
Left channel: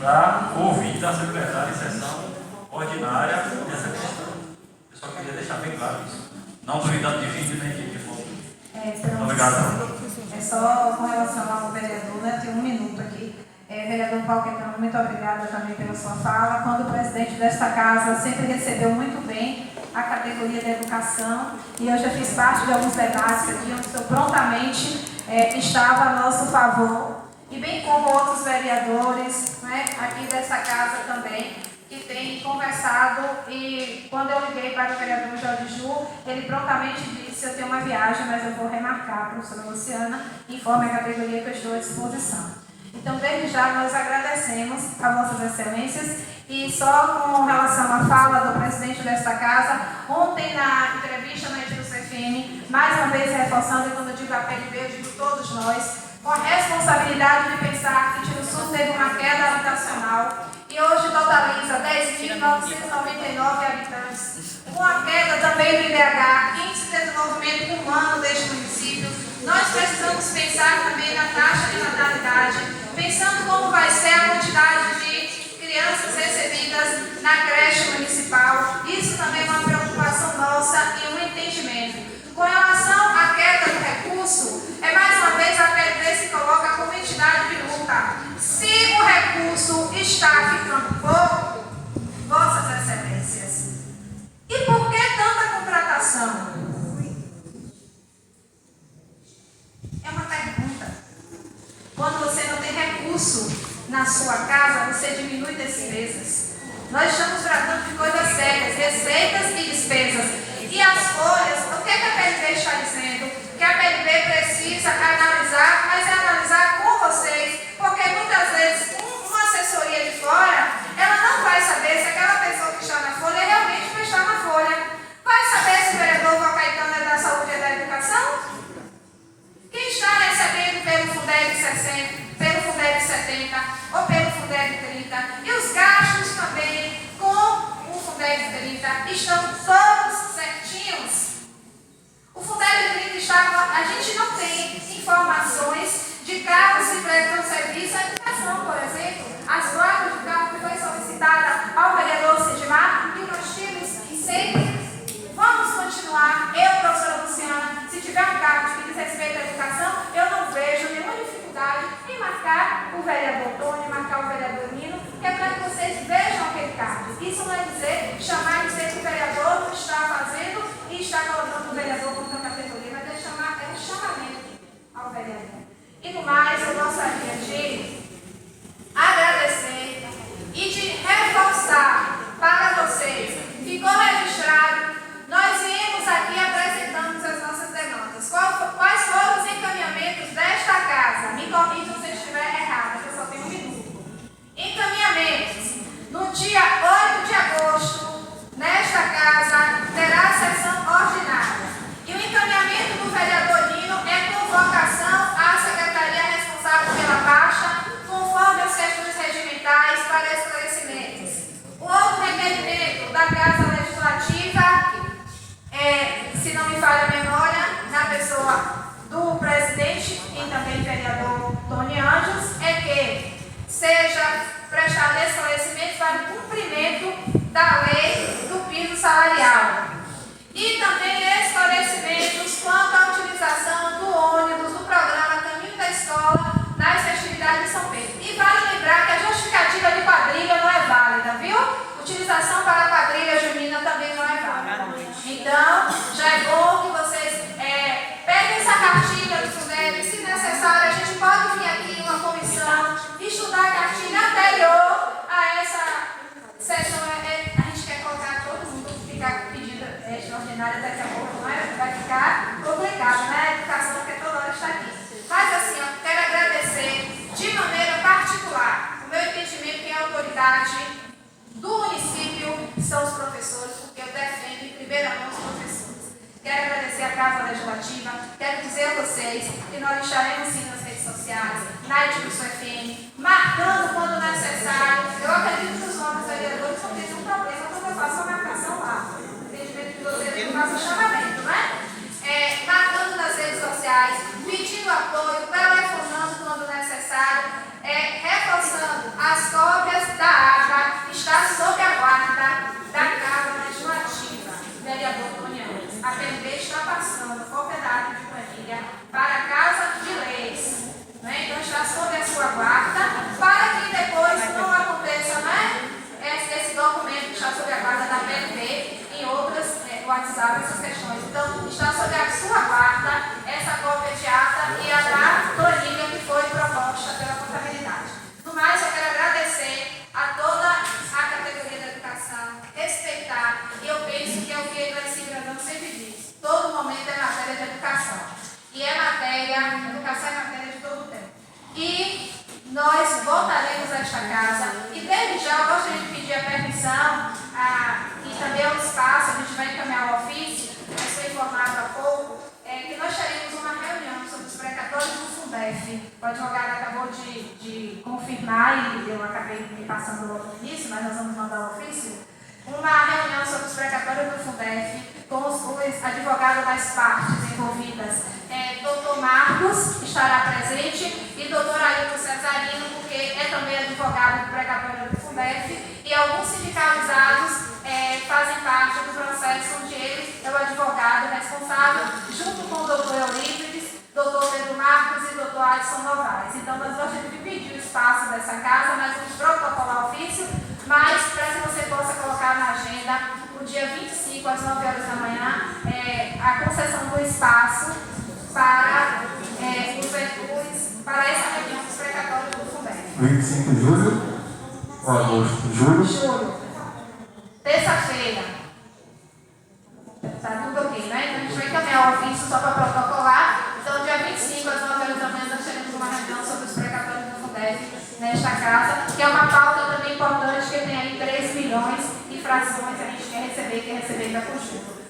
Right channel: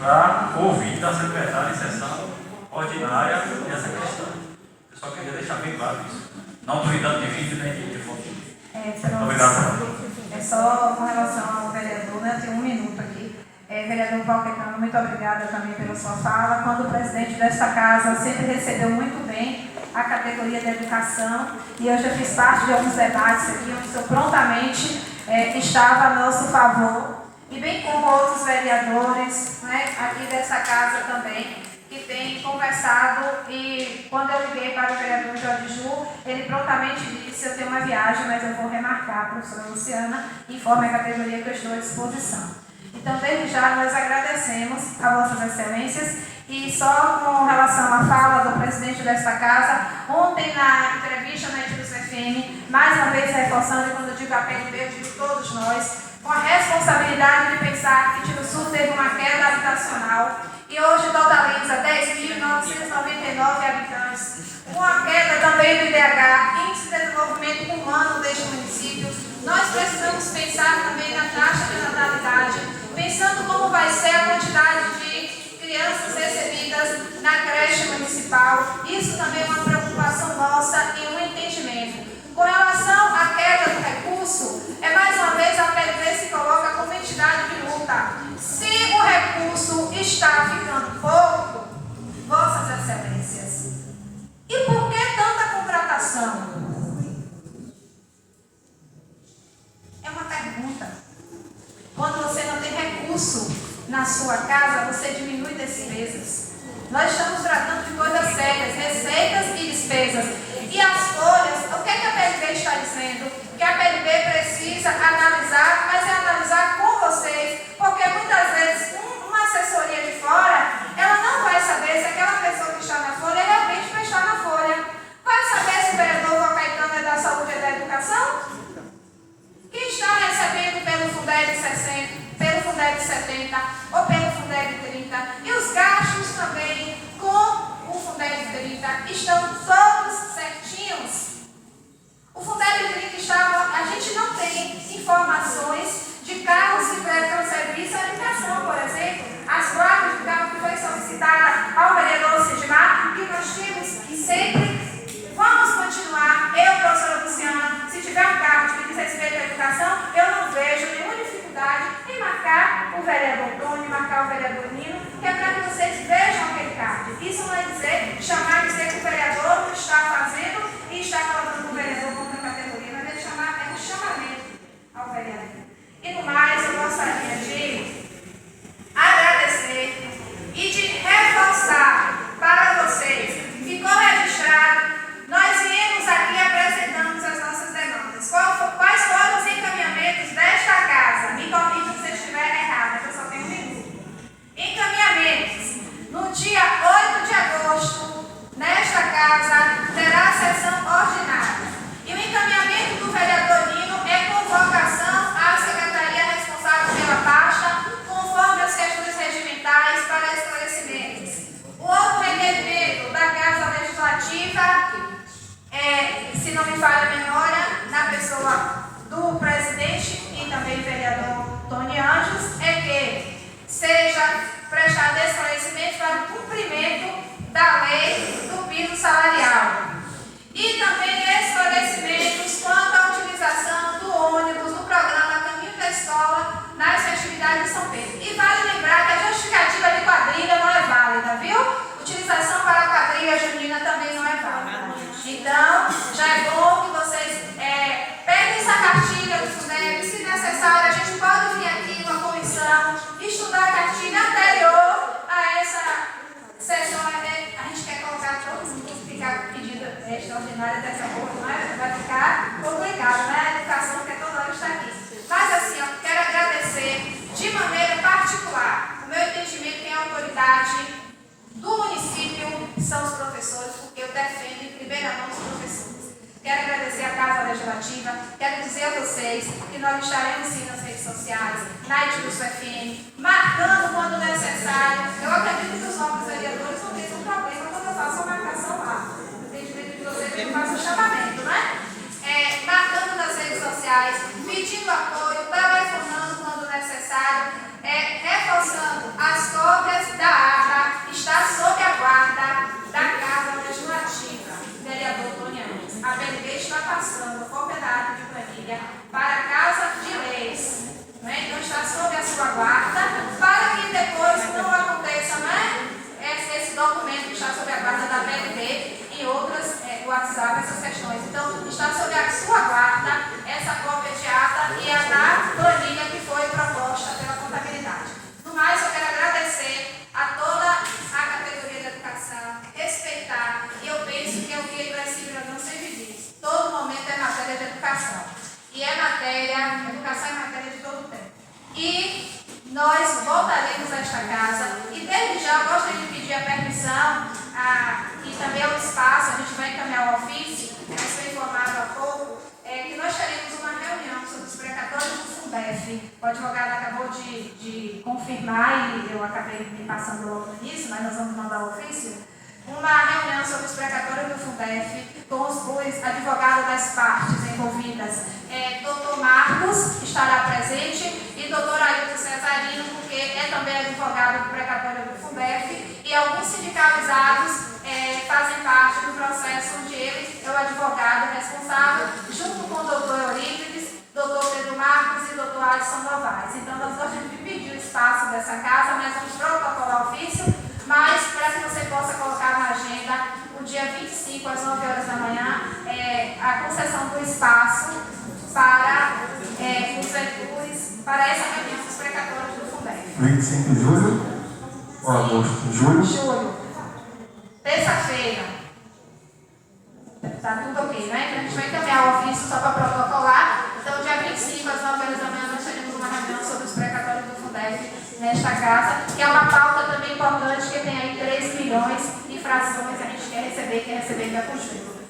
para ouvir da secretária em sessão ordinária dessa questão. Eu só queria deixar bem claro isso. Não duvidando de vídeo nem de foto. Obrigado. É só com relação ao vereador, né? Tem um minuto aqui. Vereador Paulo Caetano, muito obrigada também pela sua fala. Quando o presidente desta casa sempre recebeu muito bem a categoria da educação, e eu já fiz parte de alguns debates aqui, onde o senhor prontamente estava a nosso favor, e bem como outros vereadores, né, aqui dessa casa também, que têm conversado, e quando eu liguei para o vereador Jorge Ju, ele prontamente disse: eu tenho uma viagem, mas eu vou remarcar a professora Luciana, informe a categoria que eu estou à disposição. Então, desde já, nós agradecemos a Vossas Excelências, e só com relação à fala do presidente desta casa, ontem na entrevista na Edilus FM, mais uma vez reforçando, e quando eu digo a PLB, eu digo todos nós, com a responsabilidade de pensar que Tiruçu teve uma queda habitacional e hoje totaliza 10.999 habitantes, com a queda também do IDH, Índice de Desenvolvimento Humano deste município. Nós precisamos pensar também na taxa de natalidade, pensando como vai ser a quantidade de crianças recebidas na creche municipal. Isso também é uma preocupação nossa e um entendimento. Com relação à queda do recurso, mais uma vez a PLB se coloca como entidade de luta. Se o recurso está ficando pouco, Vossas Excelências, e por que tanta contratação? É uma pergunta. Quando você não tem recurso na sua casa, você diminui despesas. Nós estamos tratando de coisas sérias, receitas e despesas. E as folhas, o que a PLB está dizendo? Que a PLB precisa analisar, mas analisar com vocês, porque muitas vezes uma assessoria de fora, ela não tiver um cargo que diz respeito à educação, eu não vejo nenhuma dificuldade em marcar o vereador Tony, marcar o vereador Nino, que é para que vocês vejam aquele cargo. Isso não é dizer que o vereador não está fazendo e está colocando o vereador contra a categoria, mas é um chamamento ao vereador. E no mais, eu gostaria de agradecer e de reforçar para vocês. Ficou registrado, nós viemos aqui apresentando as nossas demandas. Quais foram os encaminhamentos desta casa? Me corrijam se eu estiver errada, que eu só tenho um minuto. Encaminhamentos. No dia 8 de agosto, nesta casa, terá sessão ordinária. E o encaminhamento do vereador Nino é convocação à secretaria responsável pela pasta, conforme as questões regimentais para esclarecimentos. O outro requerimento da Casa Legislativa, se não me falha a memória, na pessoa do presidente e também vereador Tony Anjos, é que seja prestado esclarecimento para o cumprimento da lei do piso salarial. E também esclarecimentos quanto à utilização do ônibus do programa Caminho da Escola nas festividades de São Pedro. E vale lembrar que a justificativa de quadrilha não é válida, viu? Utilização para a quadrilha junina também não é válida. Então, já é bom que vocês peguem essa cartilha do SUNEP. Se necessário, a gente pode vir aqui em uma comissão estudar a cartilha anterior a essa sessão. A gente quer colocar todo mundo, ficar pedindo extraordinária daqui a pouco, mas vai ficar complicado, né? A educação que toda hora está aqui. Mas assim, eu quero agradecer de maneira particular. O meu entendimento que a autoridade do município são os professores, porque eu defendo em primeira mão os professores. Quero agradecer à Casa Legislativa, quero dizer a vocês que nós estaremos sim nas redes sociais, na Edilson FM, marcando quando necessário. Eu acredito que os novos vereadores vão ter um problema quando eu faço a marcação lá. O entendimento de vocês que eu faço o chamamento, né? Marcando nas redes sociais, pedindo apoio, telefonando quando necessário, reforçando as cópias da ata, está sob a guarda da Casa Legislativa. Vereador Tony Anjos, a PLB está passando cópia da ata de planilha para a Casa de Leis. Né? Então está sob a sua guarda, para que depois não aconteça, né? Esse documento que está sob a guarda da PLB em outras WhatsApp, essas questões. Então, está sob a sua guarda essa cópia de ata e a da planilha que foi proposta pela contabilidade. No mais, eu quero agradecer a toda a categoria da educação, respeitar, e eu penso que é o que Iraci Brandão sempre diz: todo momento é matéria de educação. E educação é matéria de todo o tempo. E nós voltaremos a esta casa, e desde já eu gostaria de pedir a permissão e também o espaço, a gente vai encaminhar o ofício, mas foi informado há pouco, que nós teremos uma reunião sobre os precatórios do FUNBEF. O advogado acabou de confirmar, e eu acabei me passando logo no início, mas nós vamos mandar o ofício. Uma reunião sobre os precatórios do FUNBEF com os advogados das partes envolvidas. Doutor Marcos estará presente e doutor Ailton Cesarino, porque é também advogado do precatório do FUNBEF, e alguns sindicalizados fazem parte do processo onde ele é o advogado responsável, junto com o doutor Eurípides, doutor Pedro Marcos e doutor Alisson Novaes. Então, nós gostaríamos de pedir o espaço dessa casa, nós vamos protocolar o ofício, mas para que você possa colocar na agenda, o dia 25, às 9 horas da manhã, a concessão do espaço para os veículos, para essa reunião dos precatórios do FUNBEF. 25 de julho ou agosto? Julho? Terça-feira. Está tudo ok, né? Então a gente vai encaminhar o ofício só para protocolar. Então, dia 25, às 9 horas da manhã, nós teremos uma reunião sobre os precatórios do FUNBEF nesta casa, que é uma pauta também importante, que tem aí 3 milhões de frações, a gente quer receber, vai construir.